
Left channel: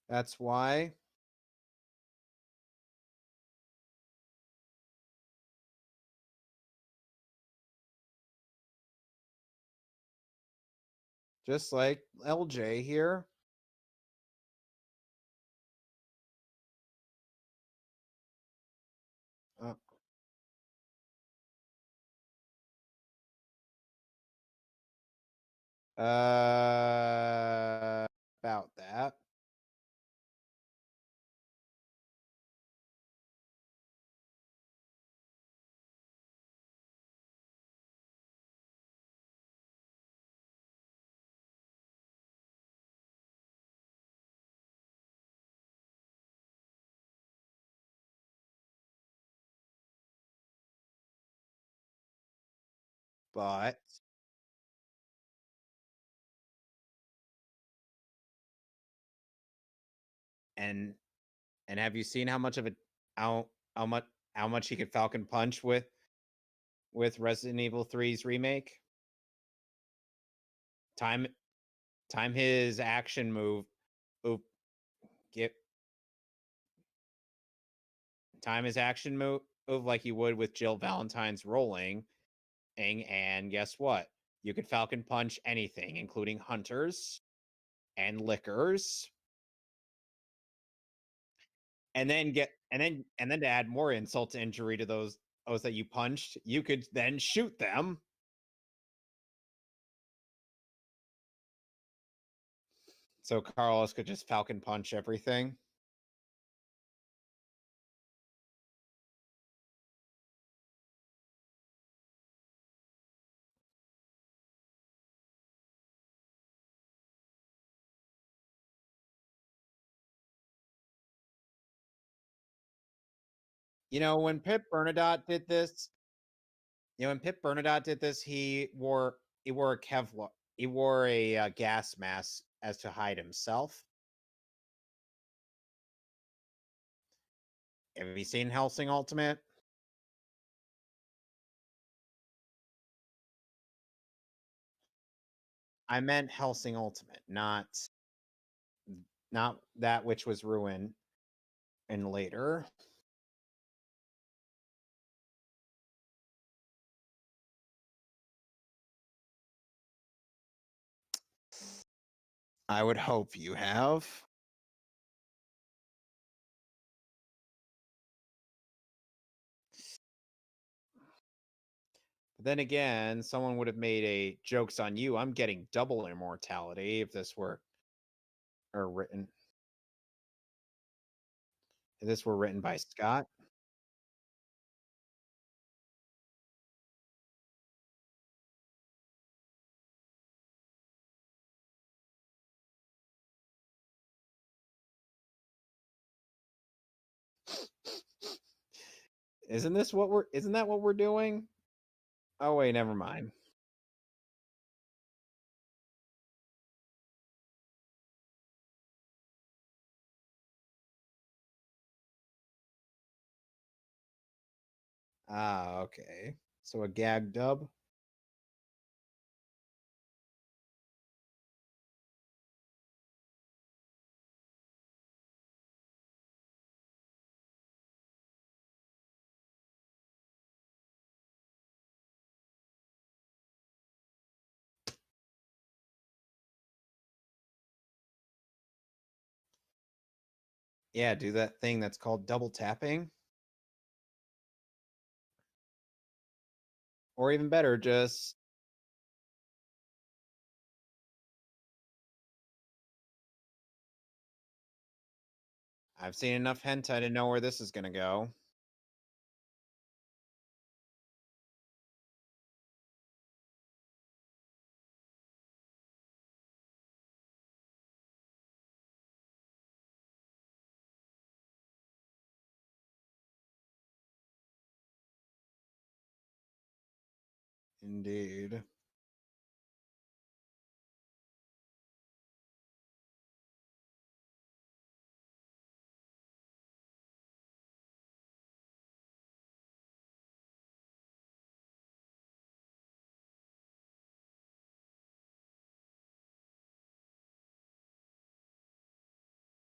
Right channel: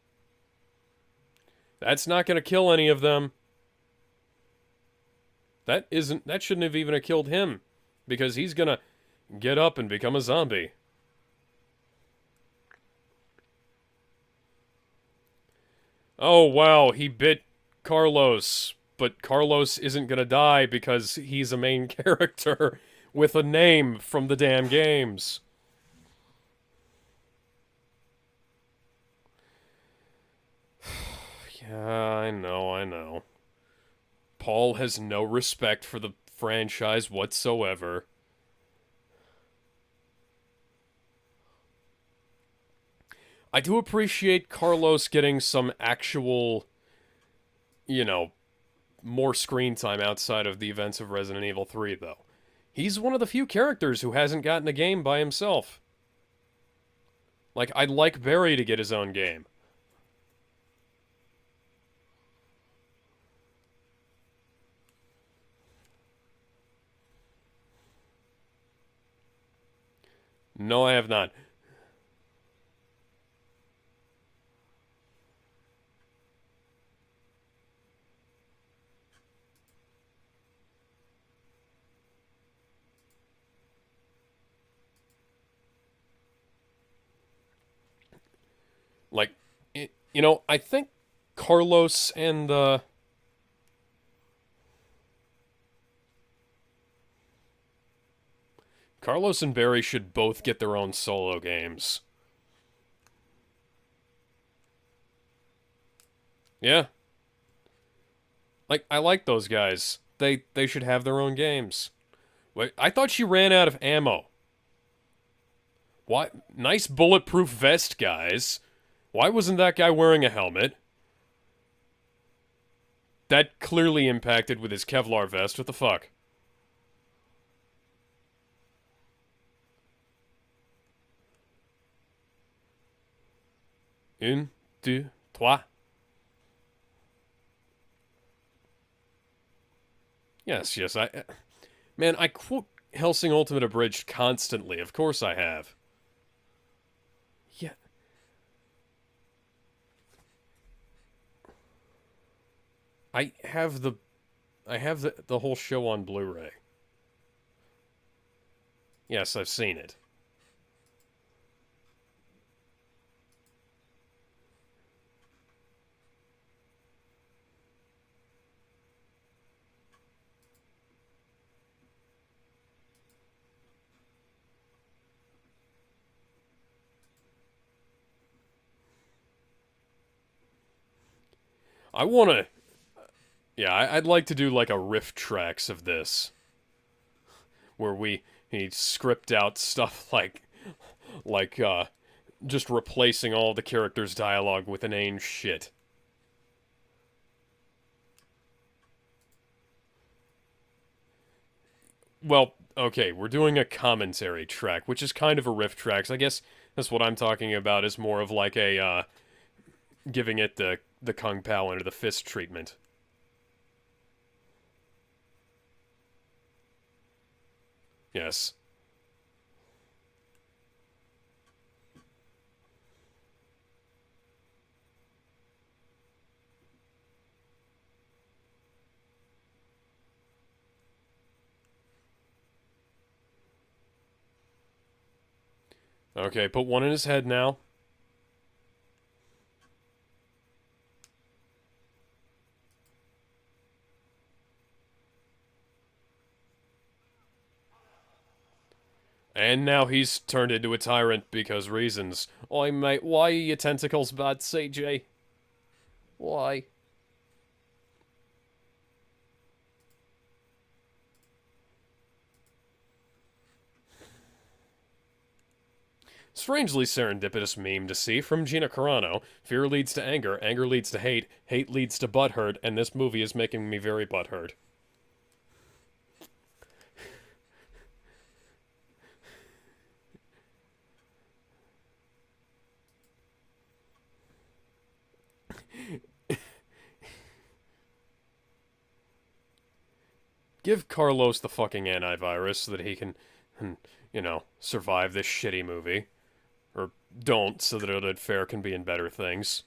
That's why. That's not going to kill any of them. That shouldn't have even killed him. Because he's going to get up and become a zombie. Just like LJ here. Oh, wow, he bit Carlos. But Carlos isn't going to die because he's a main character with a name from the damn games. About that. Yeah, I know. Paul has no respect for the franchise whatsoever. I do appreciate Carlos getting some actual, more screen time outside of the events of Resident Evil 3, though. He's one of the few characters who hasn't gotten a game by himself. Like, I'd like Barry to get his own game. And have you seen how much he could Falcon Punch with Resident Evil 3's remake? No, I have Time, not. time his action move. Oop, get. Time his action move like you would with Jill Valentine's rolling. And guess what? You could Falcon Punch anything, including hunters and liquors. Like, you know, I think Carlos And then to add more insult to injury to those that you punched, you could then shoot them. Carlos and Barry should both get their own solo games. So Carlos could just Falcon Punch everything. Yeah. Like, I like those guys. They should have their own games. Wait, I thought she ran out of ammo. Why? Nice bulletproof vest, guys. Why wasn't that guy wearing a helmet? That clearly impacted with his Kevlar vest. What the fuck? You know, when Pip Bernadotte did this, he wore a Kevlar. He wore a gas mask as to hide himself. Un, deux, trois. Have you seen Hellsing Ultimate? Yes. Man, I quote Hellsing Ultimate Abridged constantly. Of course I have. I meant Hellsing Ultimate, not that which was ruined and later. I have the whole show on Blu-ray. Yes, I've seen it. I would hope you have. Then again, someone would have made a joke's on you. I'm getting double immortality if this were written. I want to written by Scott. Yeah, I'd like to do like a riff tracks of this, where we script out stuff like just replacing all the characters' dialogue with inane shit. Isn't that what we're doing? Well, oh, wait, okay, mind. We're doing a commentary track, which is kind of a riff tracks. I guess that's what I'm talking about, is more of like a giving it the Kung Pao under the fist treatment. Ah, okay. So a gag dub? Yes. Okay, put one in his head now. Yeah, do that thing that's called double tapping. Or even better, just... And now he's turned into a tyrant because reasons. Oi, mate, why are your tentacles bad, CJ? I've seen enough hentai to know where this is gonna go. Strangely serendipitous meme to see from Gina Carano. Fear leads to anger, anger leads to hate, hate leads to butthurt, and this movie is making me very butthurt. Indeed. Give Carlos the fucking antivirus so that he can, you know, survive this shitty movie. Or don't, so that Oded Fair can be in better things.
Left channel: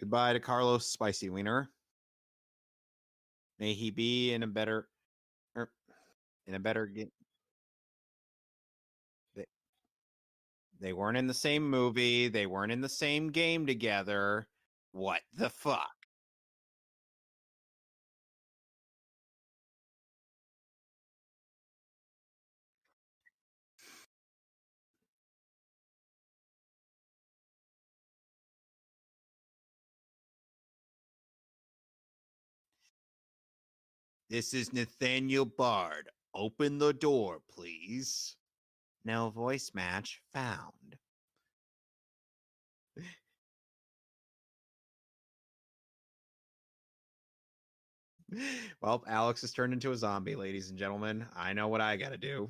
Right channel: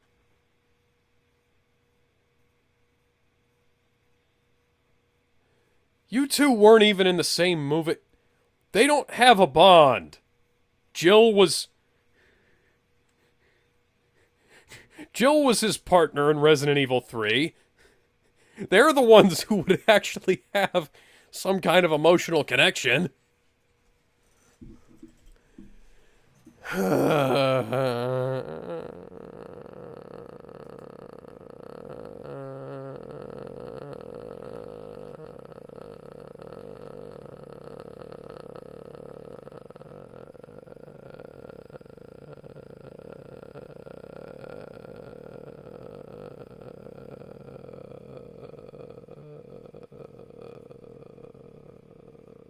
Goodbye to Carlos Spicy Wiener. May he be in a better... You two weren't even in the same movie. They don't have a bond. They weren't in the same movie. They weren't in the same game together. Jill was his partner in Resident Evil 3. They're the ones who would actually have some kind of emotional connection. This is Nathaniel Bard. Open the door, please. No voice match found. Well, Alex has turned into a zombie, ladies and gentlemen. I know what I gotta do.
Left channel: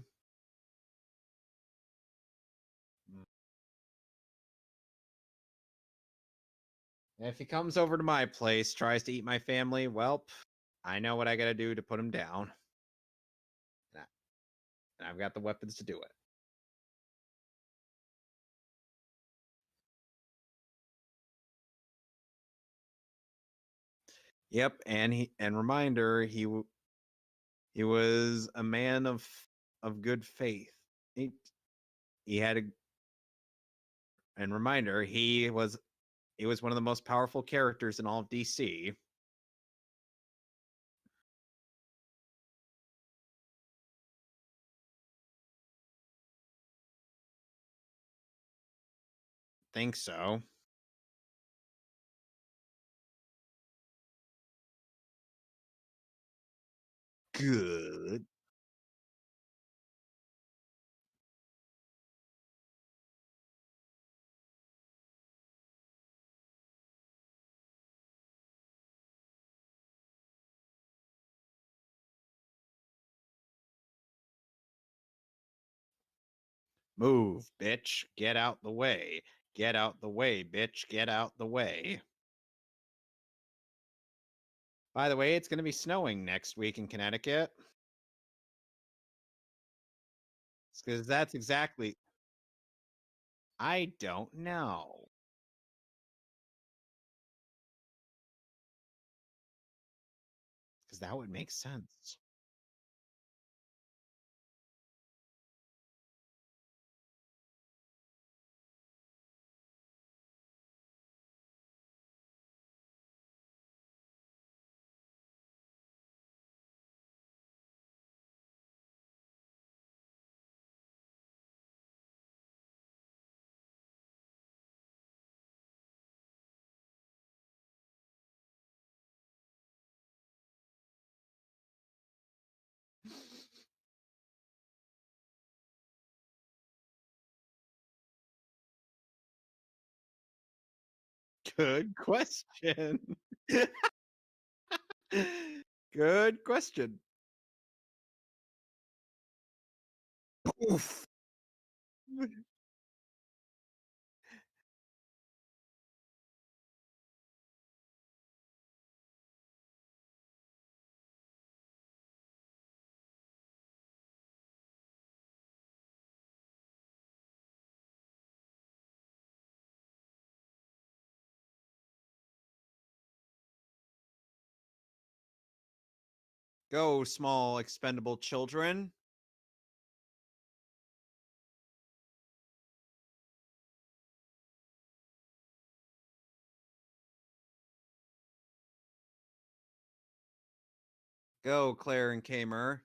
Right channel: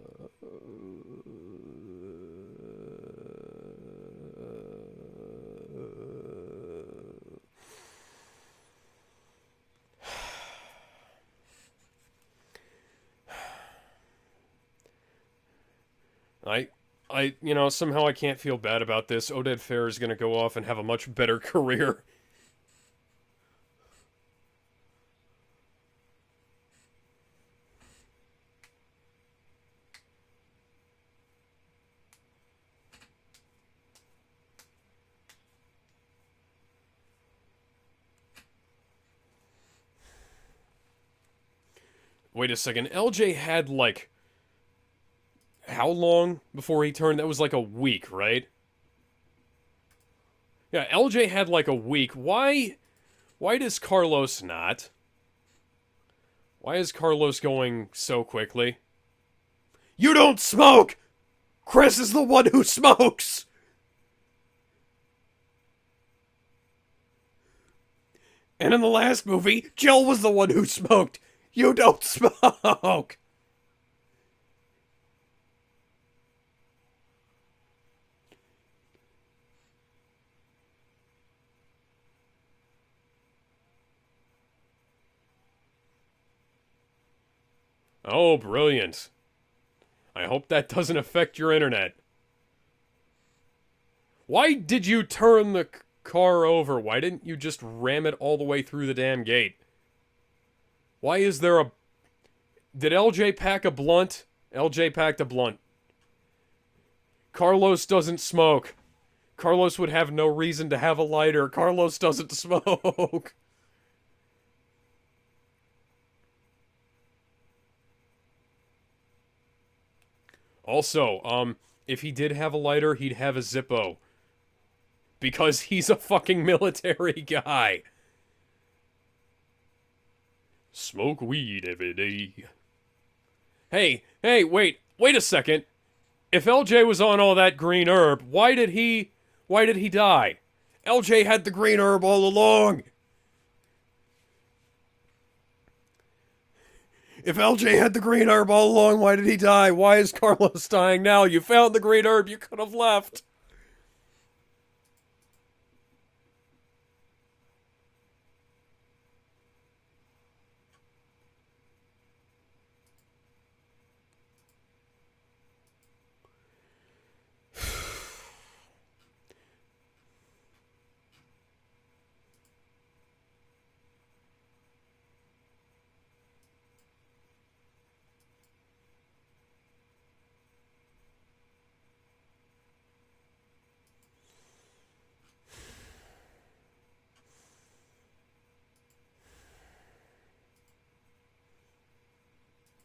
If he comes over to my place, tries to eat my family, well, I know what I gotta do to put him down. And I've got the weapons to do it. Somehow I can't feel bad about this. Oded Fehr is gonna go off and have a much better career. Yep, and reminder, he was a man of good faith. He had a, and reminder, he was one of the most powerful characters in all of DC. Wait a second, LJ had like how long before he turned? That was like a week, right? Think so. Yeah, LJ had like a week. Why does Carlos not? Why is Carlos going so quickly? You don't smoke! Chris is the one who smokes! And in the last movie, Jill was the one who smoked. You don't smoke! Move, bitch. Get out the way. Get out the way, bitch. Get out the way. By the way, it's going to be snowing next week in Connecticut. Oh, brilliant. I hope that doesn't affect your internet. I don't Why know. did you turn the car over? Why didn't you just ram it all the way through the damn gate? Why is there a... Did LJ pack a blunt? LJ packed a blunt. Carlos doesn't smoke. Carlos would have no reason to have a lighter. Carlos doesn't smoke. Also, if he did have a lighter, he'd have a Zippo. Because he's a fucking military guy. Smoke weed every day. Hey, wait a second. If LJ was on all that green herb, why did he die? LJ had the green herb all along. Good question. If LJ had the green herb all along, why did he die? Why is Carlos dying now? You found the green herb, you could have left. Go, small expendable children. Go, Claire and Kamer.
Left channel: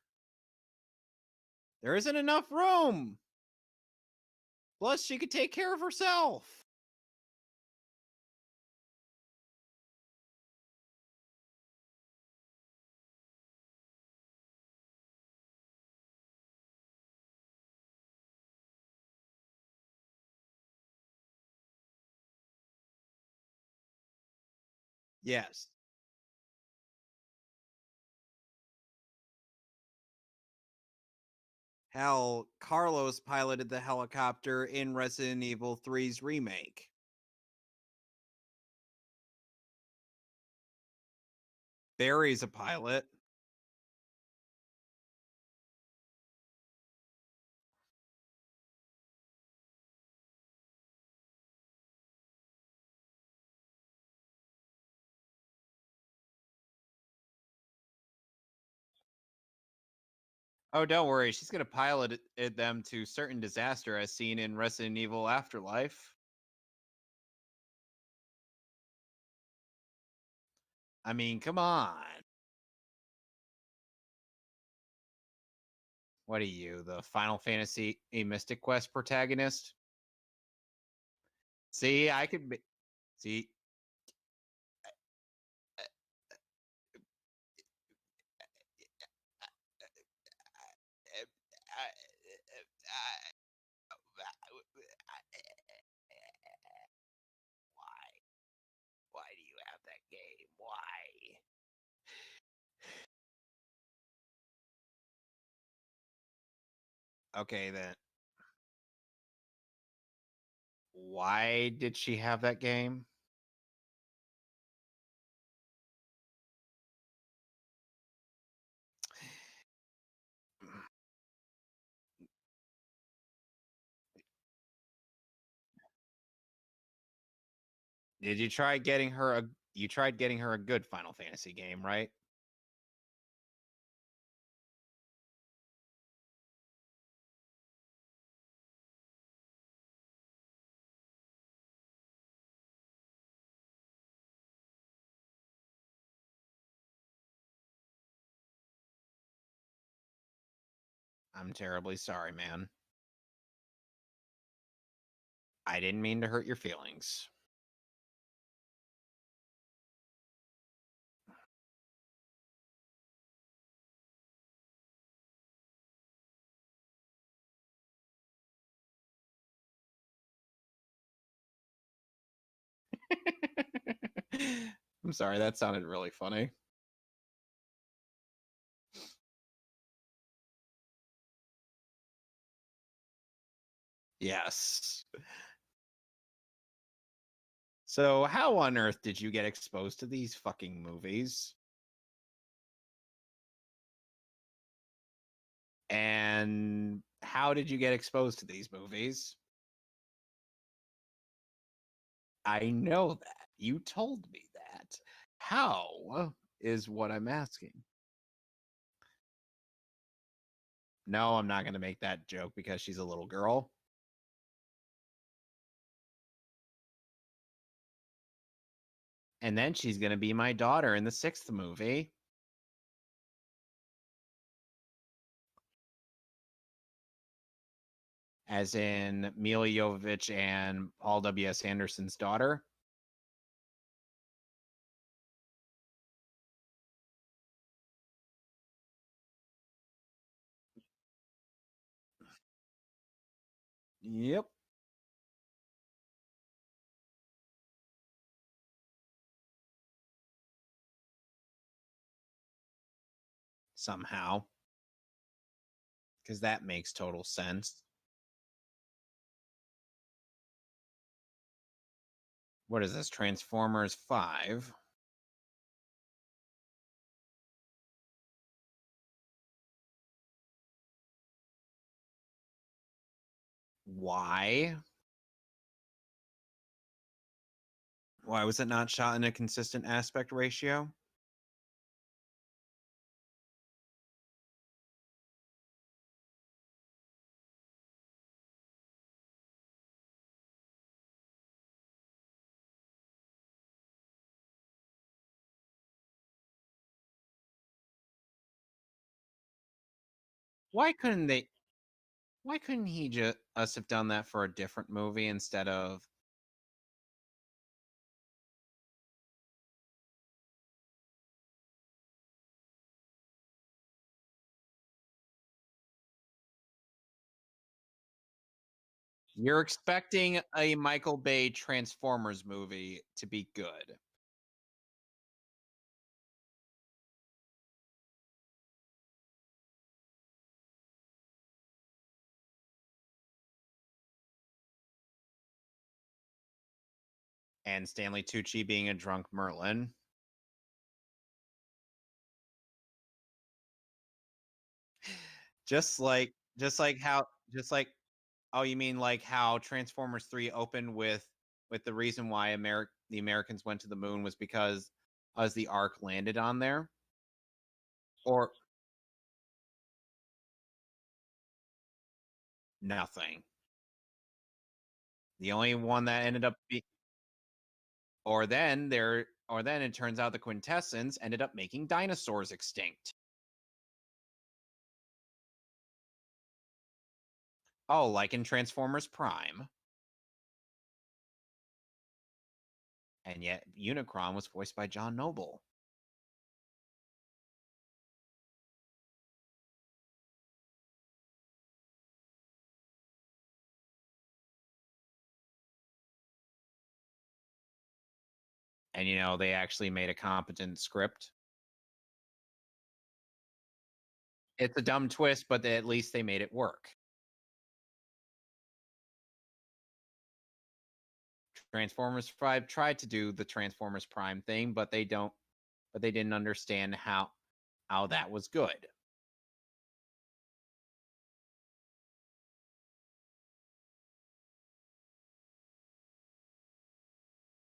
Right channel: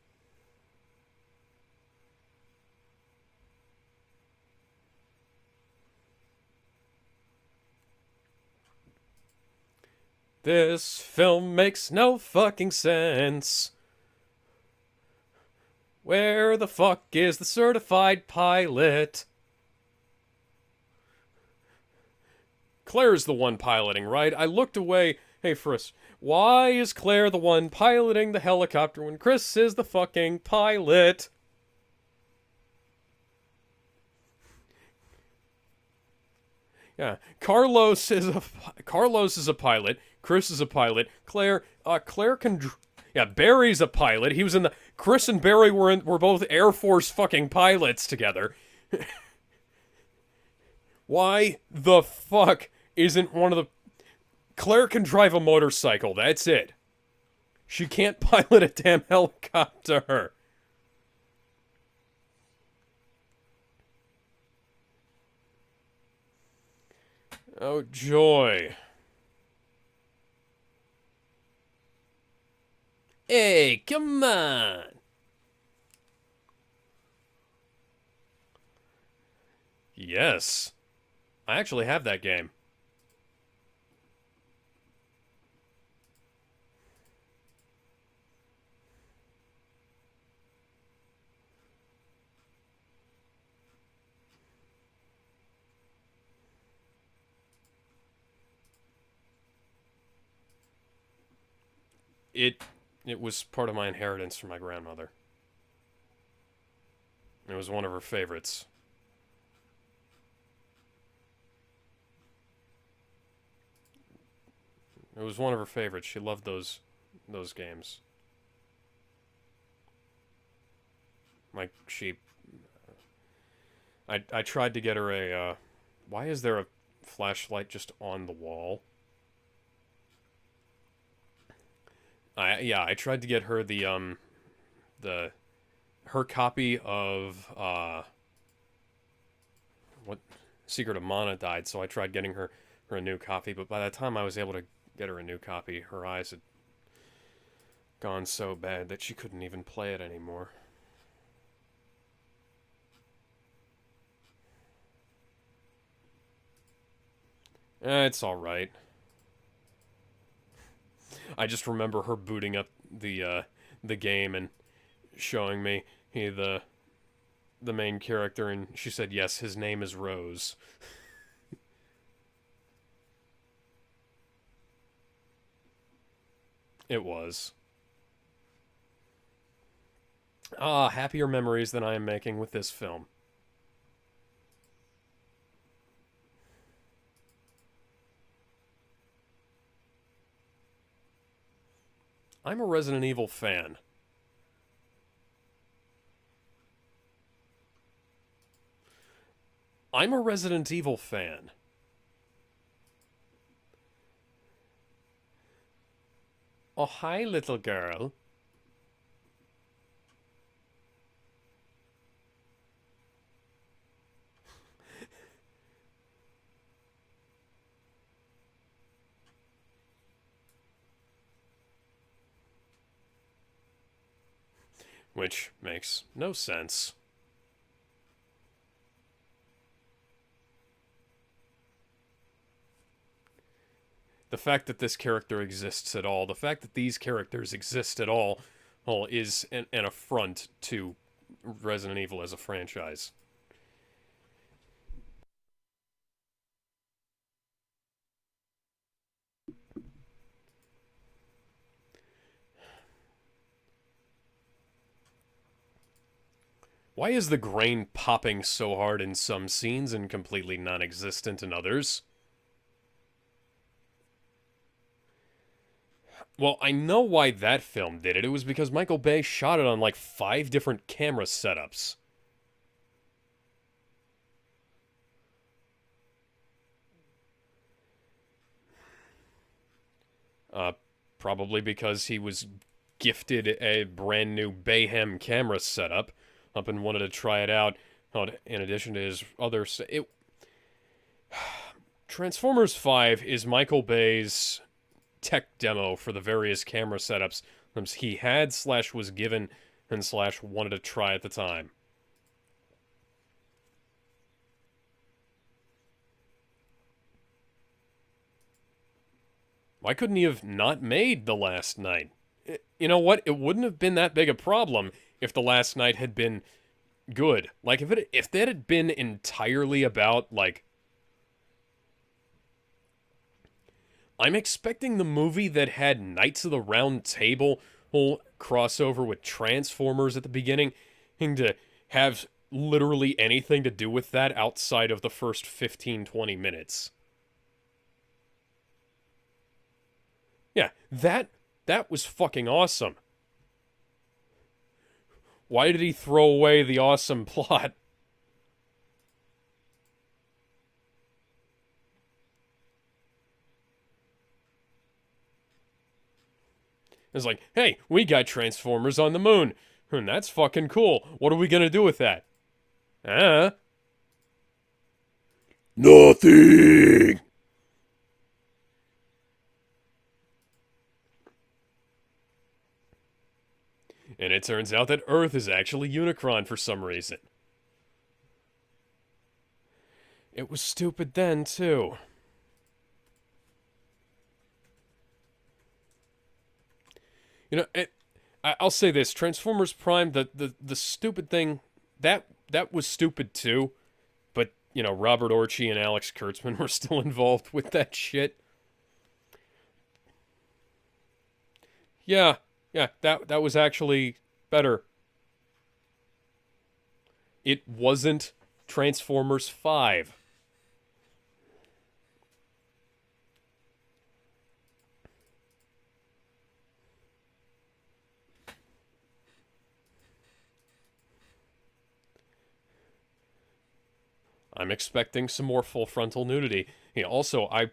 There isn't enough room. Plus, she could take care of herself. This film makes no fucking sense. Where the fuck is the certified pilot? Claire's the one piloting, right? I looked away. Yeah. Hey, Frisk, why is Claire the one piloting the helicopter when Chris is the fucking pilot? Hell, Carlos piloted the helicopter in Resident Evil 3's remake. Yeah, Carlos is a pilot. Chris is a pilot. Claire Barry's a pilot. Yeah, Barry's a pilot. He was in the... Chris and Barry were both Air Force fucking pilots together. Why the fuck isn't one of the... Claire can drive a motorcycle, that's it. She can't pilot a damn helicopter. Oh, don't worry. She's going to pilot them to certain disaster as seen in Resident Evil Afterlife. Oh, joy. I mean, come on. Hey, come on. What are you, the Final Fantasy A Mystic Quest protagonist? Yes. I actually have that game. See? It It was part of my inheritance from my grandmother. It Okay, was one of her favorites. why did she have that game? It was one of her favorites. She loved those games. Like I tried to get her a. Why is there a flashlight just on the Did you wall? try getting her a? You tried getting her a good Final Fantasy game, right? I tried to get her the her copy of what Secret of Mana died, so I tried getting her a new copy, but by the time I was able to get her a new copy, her eyes had gone so bad that she couldn't even play it anymore. I'm terribly sorry, man. I didn't mean to hurt your feelings. It's all right. I just remember her booting up the game and showing me the main character, and she said, "Yes, his name is Rose." I'm sorry, that sounded really funny. It was. Ah, happier memories than I am making with this film. Yes. So, how on earth did you get exposed to these fucking movies? I'm a Resident Evil fan. And how did you get exposed to these movies? I'm a Resident Evil fan. I know that. You told me that. How is Oh, what hi, I'm little asking. girl. No, I'm not going to make that joke because she's a little girl. And then she's going to be my daughter in the 6th movie. Which makes no sense. As in Mila Jovovich and Paul W.S. Anderson's daughter. The fact that this character exists at all, the fact that these characters exist at all, well, is an affront to Resident Evil as a franchise. Yep. Somehow. Because that makes total Why is the sense. grain popping so hard in some scenes and completely non-existent in others? What is this, Transformers 5? Well, I know why that film did it. It was because Michael Bay shot it on like 5 different camera setups. Why? Why was it not shot in a consistent aspect ratio? Probably because he was gifted a brand new Bayhem camera setup up and wanted to try it out in addition to his other... Transformers 5 is Michael Bay's tech demo for the various camera setups he had / was given and / wanted to try at the time. Why couldn't he just have done that for a different movie instead of... Why couldn't he have not made The Last Night? You know what? It wouldn't have been that big a problem if The Last Night had been good. Like if that had been entirely about like a Michael Bay Transformers movie to be good. I'm expecting the movie that had Knights of the Round Table crossover with Transformers at the beginning to have literally anything to do with that outside of the first 15-20 minutes. And Stanley Tucci being a drunk Merlin. Yeah, that was fucking awesome. Why did he throw away the awesome plot? Like, oh, you mean like how Transformers 3 opened with the reason why the Americans went to the moon was because as the Ark landed on there? It's like, hey, we got Transformers on the moon. And that's fucking cool. What are we going to do with that? Nothing. The only nothing. Or then it turns out the Quintessence ended up making dinosaurs extinct. And it turns out that Earth is actually Unicron for some reason. Oh, like in Transformers Prime. It was stupid then, too. And yet, Unicron was voiced by John Noble. You know, I'll say this. Transformers Prime, the stupid thing, that was stupid too. But, you know, Robert Orci and Alex Kurtzman were still involved with that shit. And, you know, they actually made a competent script. Yeah. Yeah, that was actually It's better. a dumb twist, but at least they made it work. It wasn't Transformers 5. Transformers 5 tried to do the Transformers Prime thing, but they didn't understand how that was good. I'm expecting some more full frontal nudity. Also, I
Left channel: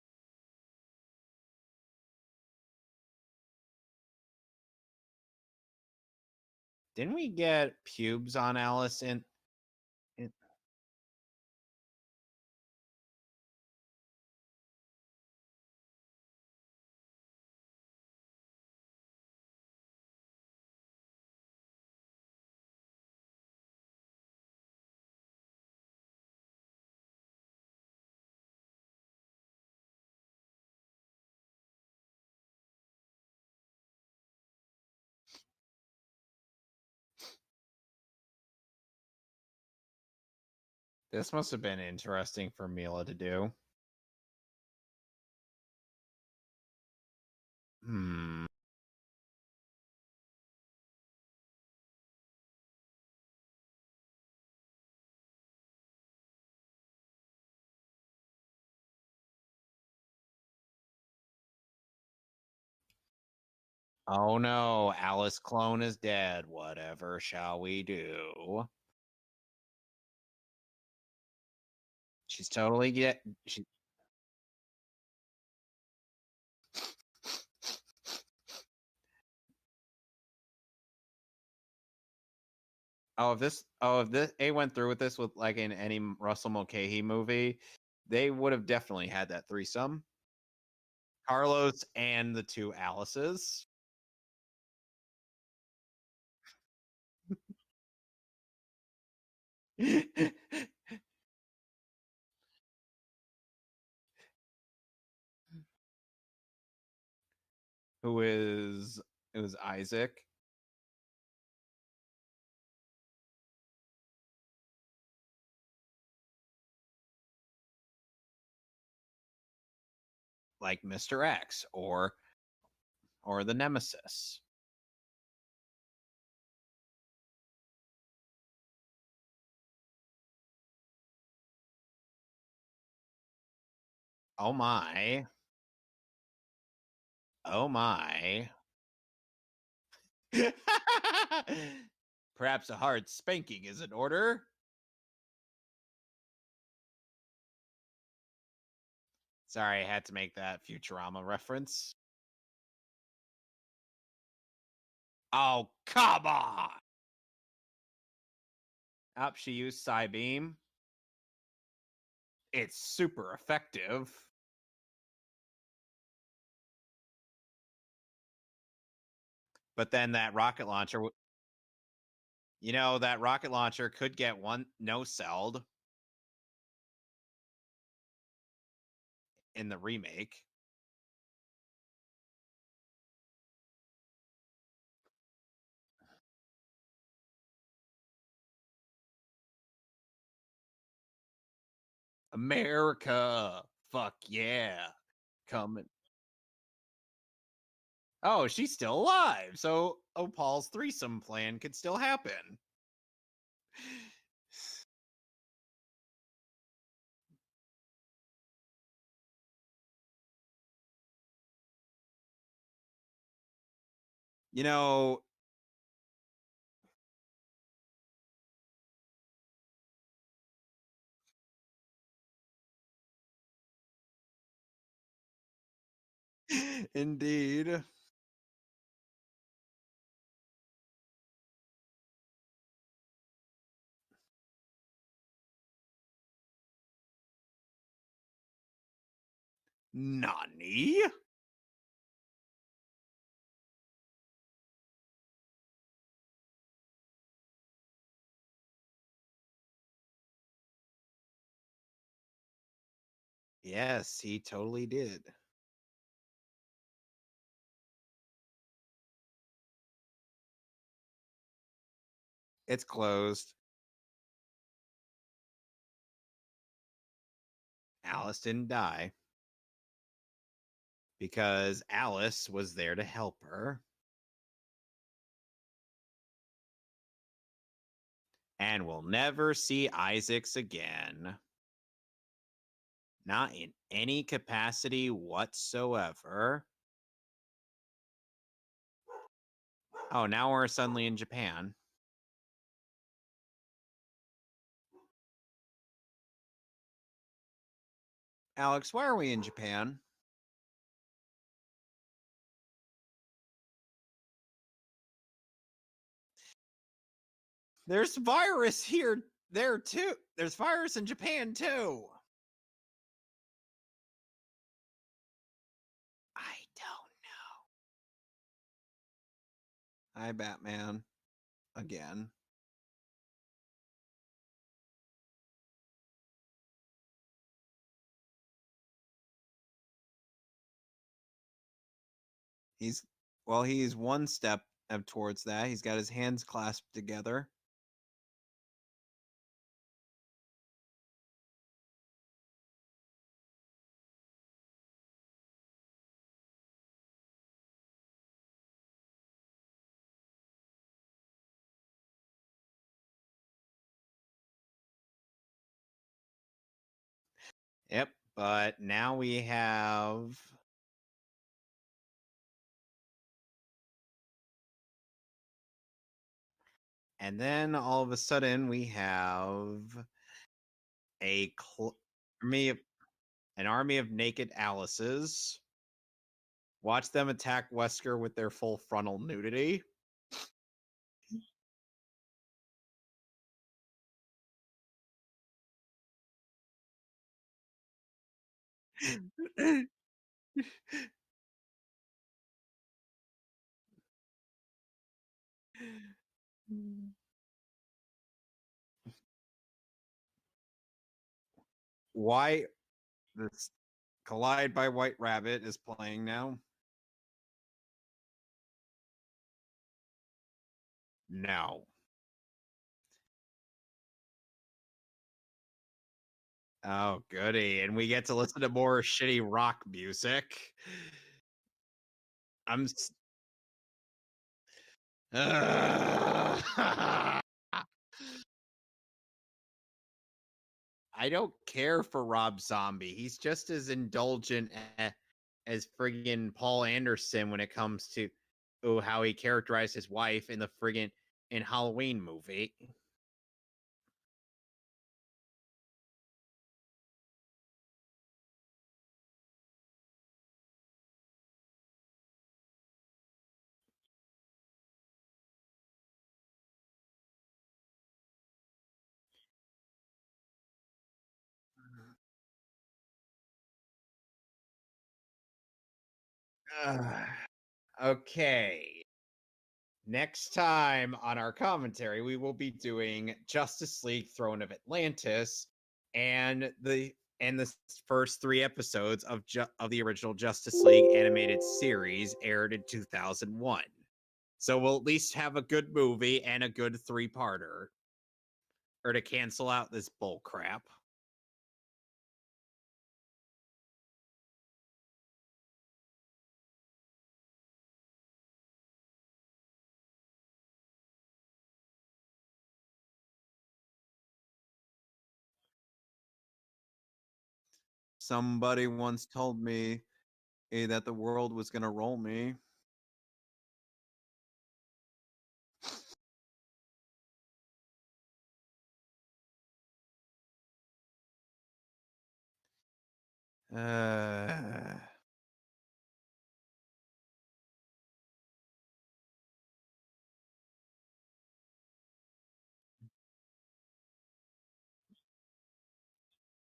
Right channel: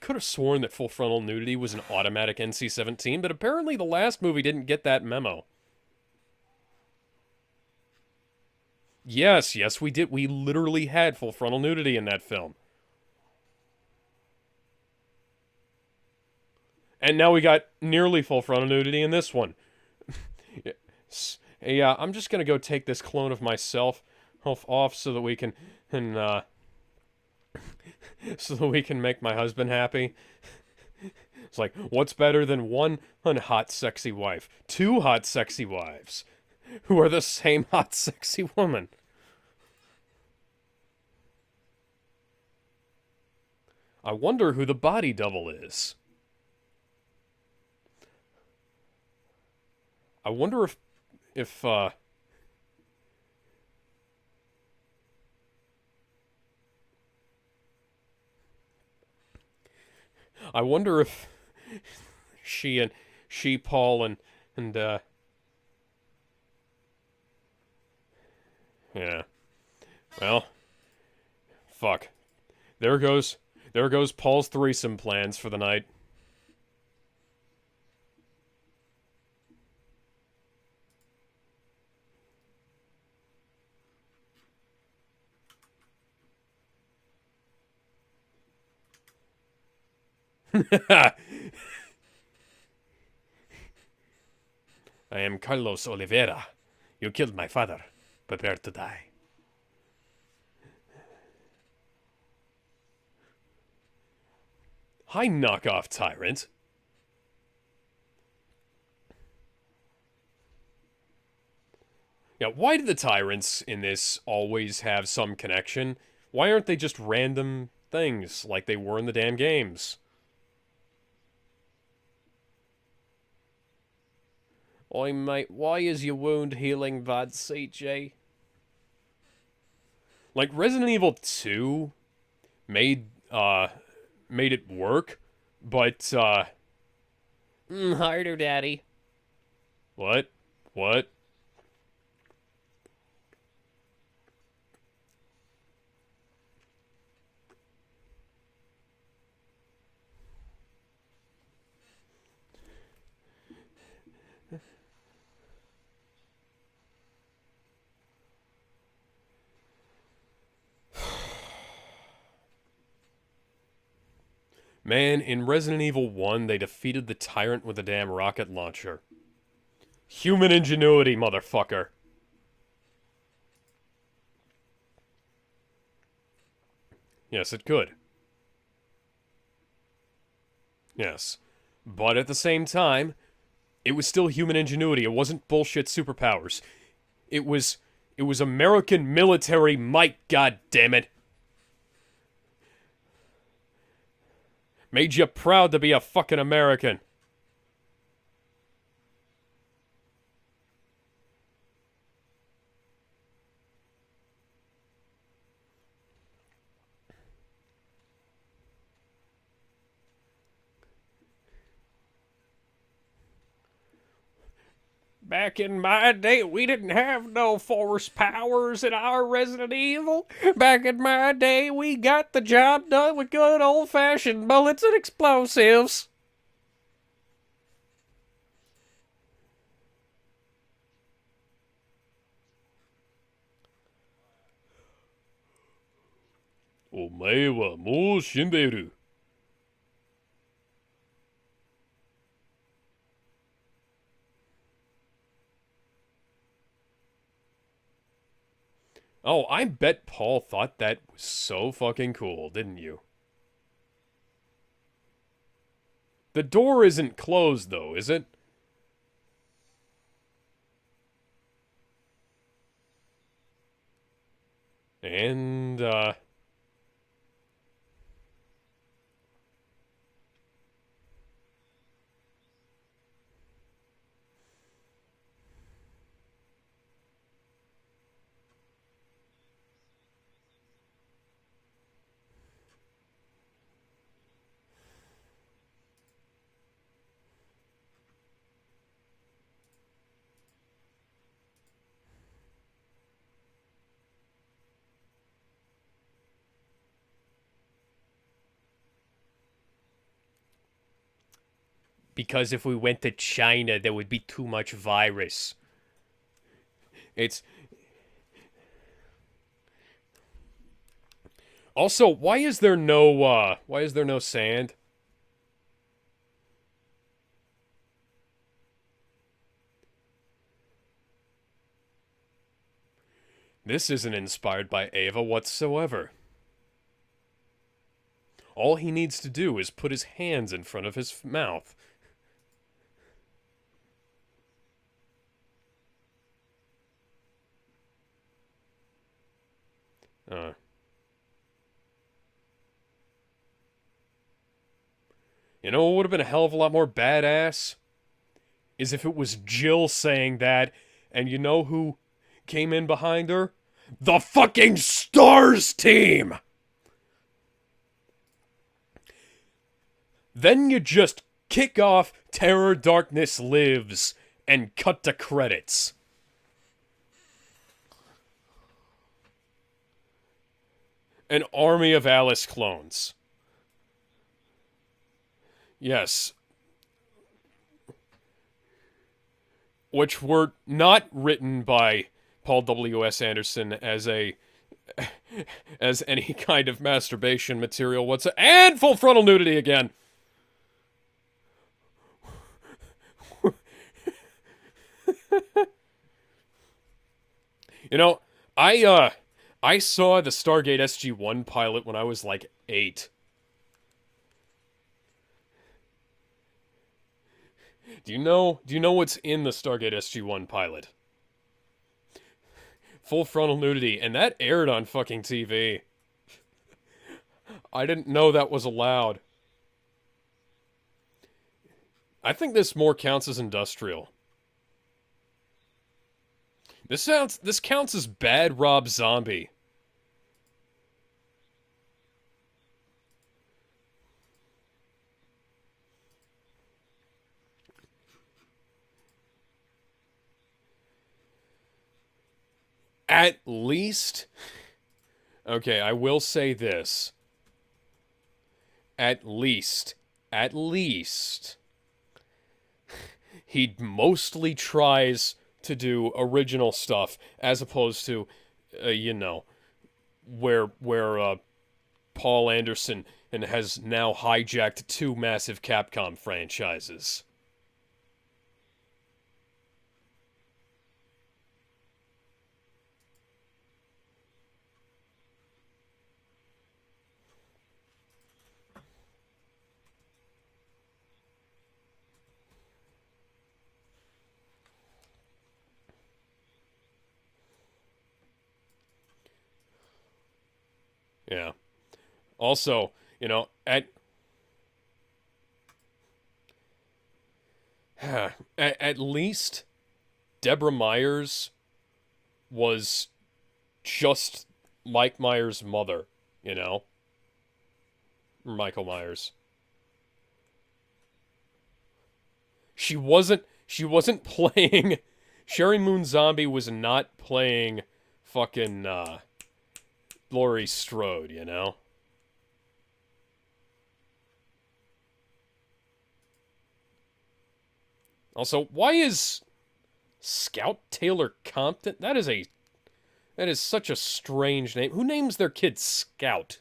could have sworn that full frontal nudity was an automatic NC-17, but apparently the last movie didn't get that memo. Didn't we get pubes on Alice in? Yes, we did. We literally had full frontal nudity in that film. And now we got nearly full frontal nudity in this one. Yeah, I'm just gonna go take this clone of myself off so that we can so that we can make my husband happy. It's like, what's better than one hot, sexy wife? Two hot, sexy wives who are the same hot, sexy woman. This must have been interesting for Mila to do. I wonder who the body double is. I wonder if I wonder if Paul and oh no, and, Alice clone is dead. Whatever shall we do? yeah. Well, fuck. She's totally There goes Paul's threesome plans for the night. If they went through with this with like in any Russell Mulcahy movie, they would have definitely had that threesome. Carlos and the two Alices. I am Carlos Oliveira. You killed my father. Prepare to die. Hi, knockoff tyrant. It was Isaac. Yeah, why do the tyrants in this always have some connection? Why aren't they just random things like they were in the damn games? Like Mr. X or the Nemesis. Oi, mate, why is your wound healing bad, CJ? Like, Resident Evil 2 made it work, but, oh my. Harder, daddy. What? Perhaps a hard spanking is in order. Sorry, I had to make that Futurama reference. Oh, come on! Up, she used Psybeam. It's super effective. Man, in Resident Evil 1, they defeated the tyrant with a damn rocket launcher. But then that human ingenuity, motherfucker. You know, that rocket launcher could get no-celled. Yes, it could. In the remake. Yes. But at the same time, it was still human ingenuity. It wasn't bullshit superpowers. It was American military might, goddammit. America. Fuck yeah. Made you proud to be a fucking American. Oh, she's still alive. So, Paul's threesome plan could still happen. You know, back in my day, we didn't have no force powers in our Resident Evil. Back in my day, we got the job done with good old-fashioned bullets and explosives. Indeed. Omae wa mou shinderu. Nani? Oh, I bet Paul thought that was so fucking cool, didn't you? Yes, he totally did. The door isn't closed, though, is it? It's closed. And, Alice didn't die. Because Alice was there to help her. and we'll never see Isaacs again. Not in any capacity whatsoever. Oh, now we're suddenly in Japan. Alex, why are we in Japan? Because if we went to China, there would be too much virus. There's virus there too. There's virus in Japan too. Also, why is there no sand? I don't know. Hi, Batman. Again. This isn't inspired by Ava whatsoever. All he needs to do is put his hands in front of his mouth. He's one step towards that. He's got his hands clasped together. You know what would have been a hell of a lot more badass? Is if it was Jill saying that, and you know who came in behind her? The fucking STARS team! Yep, but now we have... Then you just kick off Terror Darkness Lives and cut to credits. And then all of a sudden we have... An army of Alice clones. An army of naked Alices. Yes. Watch them attack Wesker with their full frontal nudity. Which were not written by Paul W.S. Anderson as any kind of masturbation material whatsoever. And full frontal nudity again. You know, I saw the Stargate SG-1 pilot when I was like 8. This Collide by White Rabbit is playing now. Do you know what's in the Stargate SG-1 pilot? No. Full frontal nudity, and that aired on fucking TV. Oh, goody. I didn't know that was allowed. More shitty rock music. I think this counts as industrial. This counts as bad Rob Zombie. I don't care for Rob Zombie. He's just as indulgent as friggin' Paul Anderson when it comes to how he characterized his wife in the friggin' Halloween movie. At least, okay, I will say this. At least, he mostly tries to do original stuff as opposed to, where Paul Anderson has now hijacked 2 massive Capcom franchises. Okay. Next time on our commentary, we will be doing Justice League Throne of Atlantis and the first 3 episodes of the original Justice League animated series aired in 2001. So we'll at least have a good movie and a good 3-parter. Or to cancel out this bull crap. Yeah. Also, at least Deborah Myers was just Mike Myers' mother, Somebody once told me that the world was gonna roll me. She wasn't playing... Sherry Moon Zombie was not playing fucking Laurie Strode, Also, why is Scout Taylor Compton? That is such a strange name. Who names their kid Scout?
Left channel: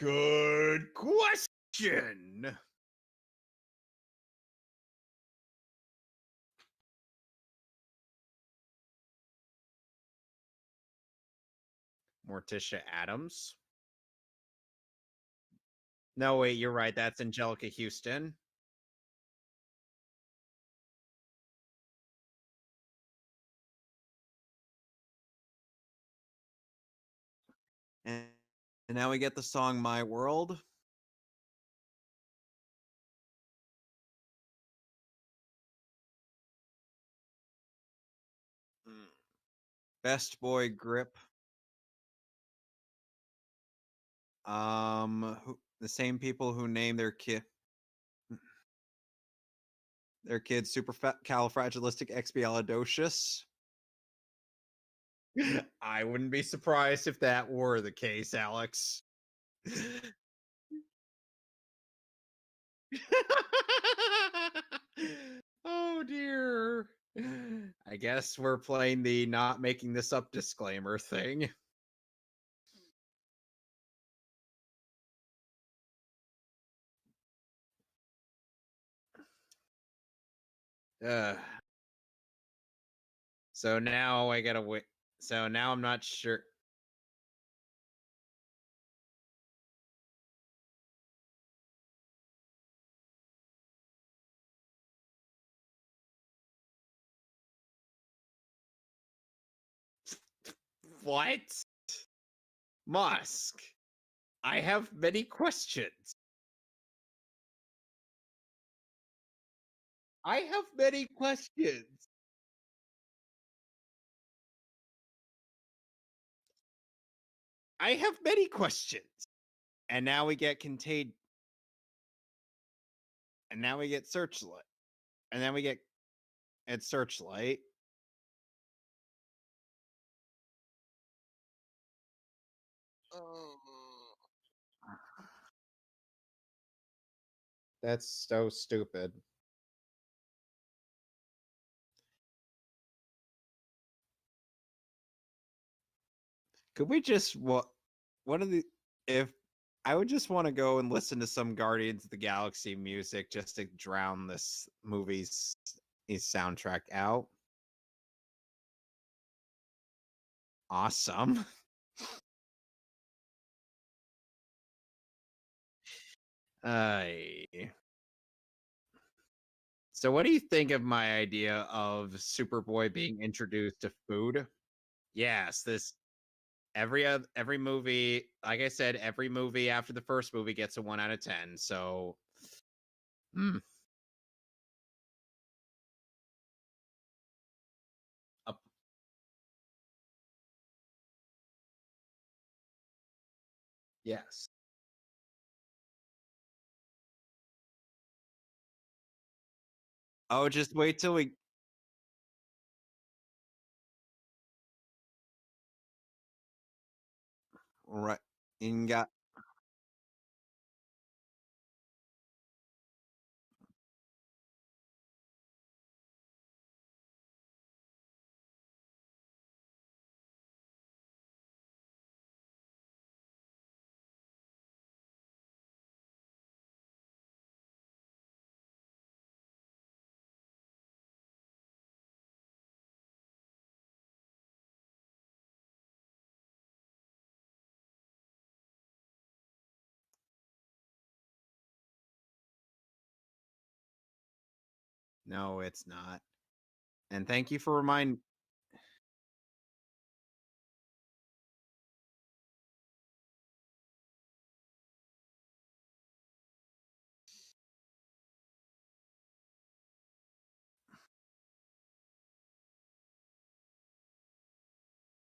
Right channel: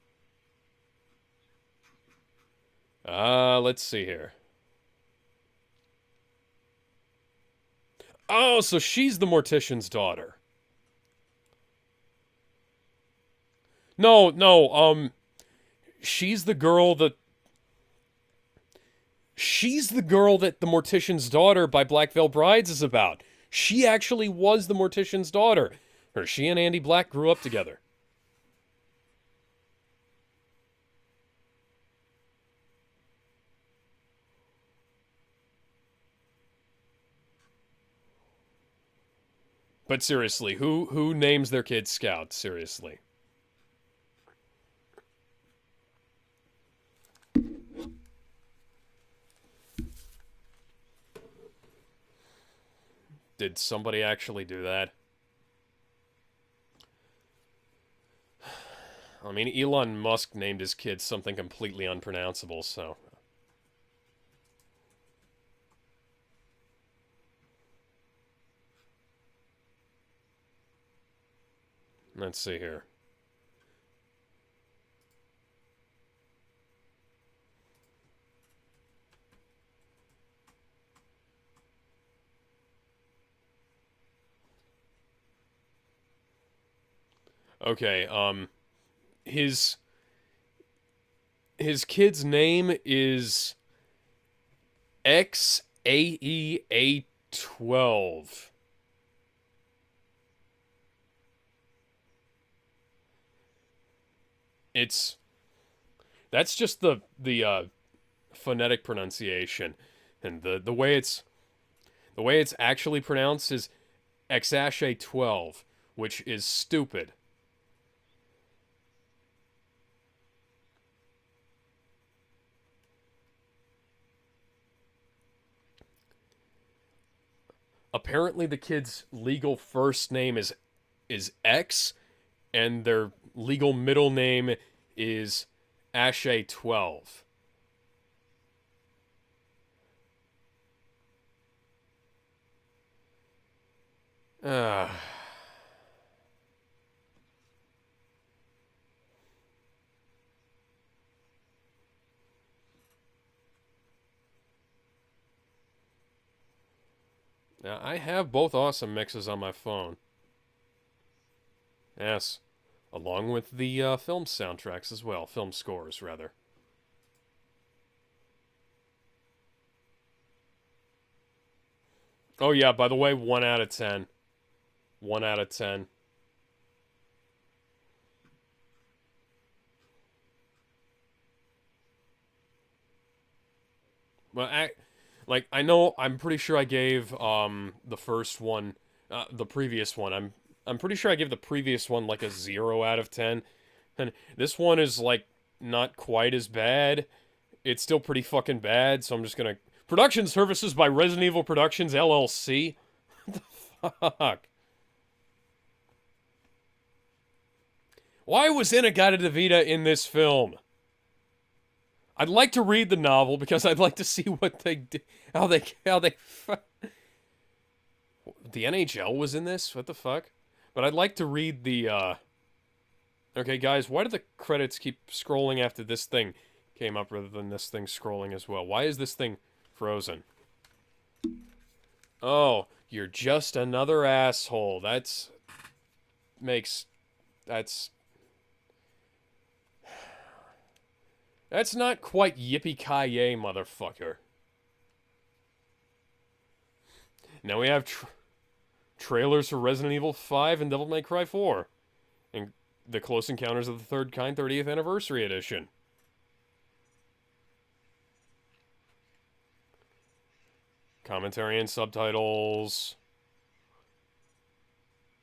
Good question. Let's see here. Oh, so she's the Mortician's daughter. Morticia Adams? No, she's the girl that's Angelica Houston. She's the girl that the Mortician's Daughter by Black Veil Brides is about. She actually was the Mortician's daughter. She and Andy Black grew up together. And now we get the song My World. But Best seriously, boy who names their kids Scout? Seriously. The same people who name their kids supercalifragilisticexpialidocious. Did somebody actually do that? I wouldn't be surprised if that were the case, Alex. I mean, Elon Musk named his kids something completely unpronounceable, so... Oh dear. I guess we're playing the not making this up disclaimer thing. Let's see here. So now I gotta wait. So now I'm not sure. Okay, his kid's name is XAEA12. What? Musk. I have many questions. That's just the phonetic pronunciation. And I have the way many it's questions. the way it's actually pronounced is XASHA12, which is stupid. I have many questions. And now we get contained. And now we get Searchlight. And then we get Searchlight. Apparently the kid's legal first name is X, and their legal middle name is Ashay12. That's so stupid. Could we just what are the if I would just want to go and listen to some Guardians of the Galaxy music just to drown this movie's soundtrack out. Now, I have both awesome mixes on my phone. Awesome. Yes. Along with the film soundtracks as well. Film scores, rather. So what do you think of my idea of Superboy? Oh, yeah, by the way, being 1 out of introduced to 10. Food? 1 out of 10. Every movie, like I said, every movie after the first movie gets a 1 out of 10. So, Well, I know, I'm pretty sure I gave the first one, the previous one. I'm pretty sure I gave the previous one like a 0 out of 10. And yes. This one is like not quite as bad. It's still pretty fucking bad, so I'm just gonna... Production services by Resident Evil Productions, LLC? What the fuck? Right. Why was Inagata DeVita in this film? I'd like to read the novel because I'd like to see what they did, how they the NHL was in this? What the fuck? But I'd like to read the Okay, guys, why do the credits keep scrolling after this thing came up rather than this thing scrolling as well? Why is this thing frozen? Oh, you're just another asshole. That's not quite yippee-ki-yay, motherfucker. No, it's not. And thank now you we for have reminding... trailers for Resident Evil 5 and Devil May Cry 4. And The Close Encounters of the Third Kind 30th Anniversary Edition. Commentary and subtitles.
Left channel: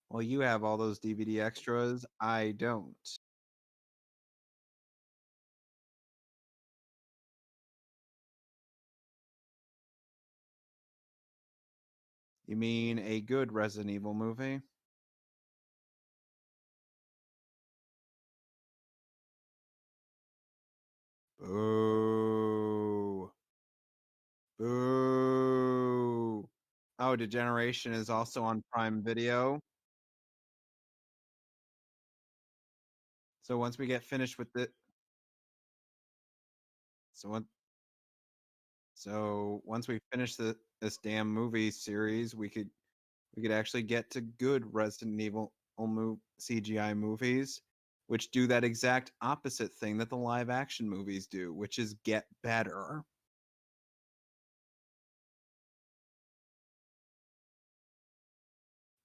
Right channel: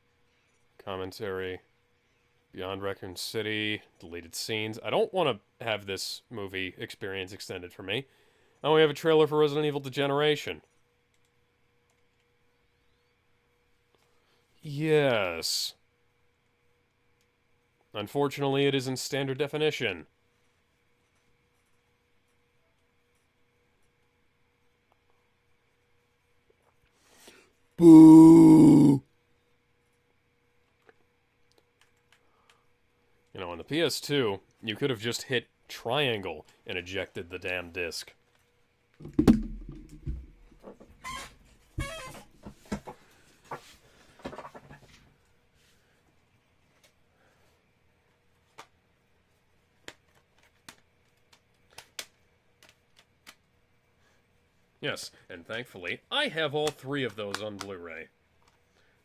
Well, you have all those DVD extras. I Beyond don't. Raccoon City, deleted scenes. I don't want to have this movie experience extended for me. I only have a trailer for Resident Evil Degeneration. You mean a good Resident Evil movie? Yes. Unfortunately, it is in standard definition. Ooh. Ooh. Oh, Degeneration is also on Prime Video. You know, on the PS2, you could have just hit triangle and ejected the damn disc. So once we finish this damn movie series, we could actually get to good Resident Evil CGI movies, which do that exact opposite thing that the live action movies do, which is get better. Yes, and thankfully, I have all 3 of those on Blu-ray.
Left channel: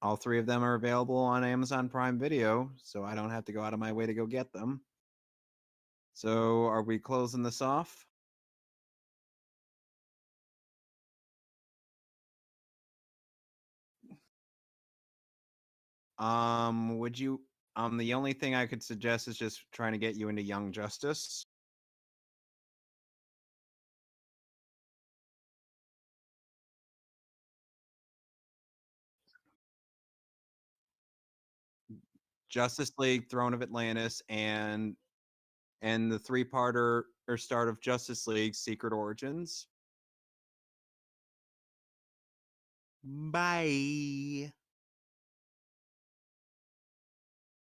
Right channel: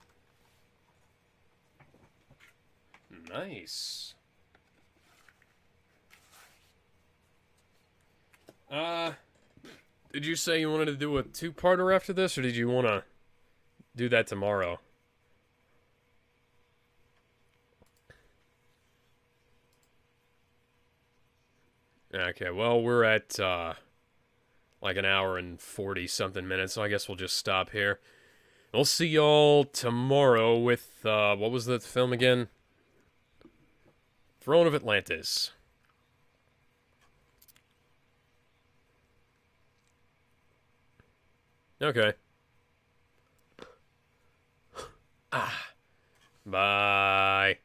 All 3 of them are available on Amazon Prime Video, so I don't have to go out of my way to go get them. So, are we closing this off? Did you say you wanted to do a 2-parter after this, or did you want to do that tomorrow? Would you? The only thing I could suggest is just trying to get you into Young Justice. Okay, well, we're at, like an hour and 40 something minutes, so I guess we'll just stop here. We'll see y'all tomorrow with, what was the film again? Justice League, Throne of Atlantis, Throne of Atlantis. and the three-parter or start of Justice League: Secret Origins. Okay. Bye. Ah. Bye.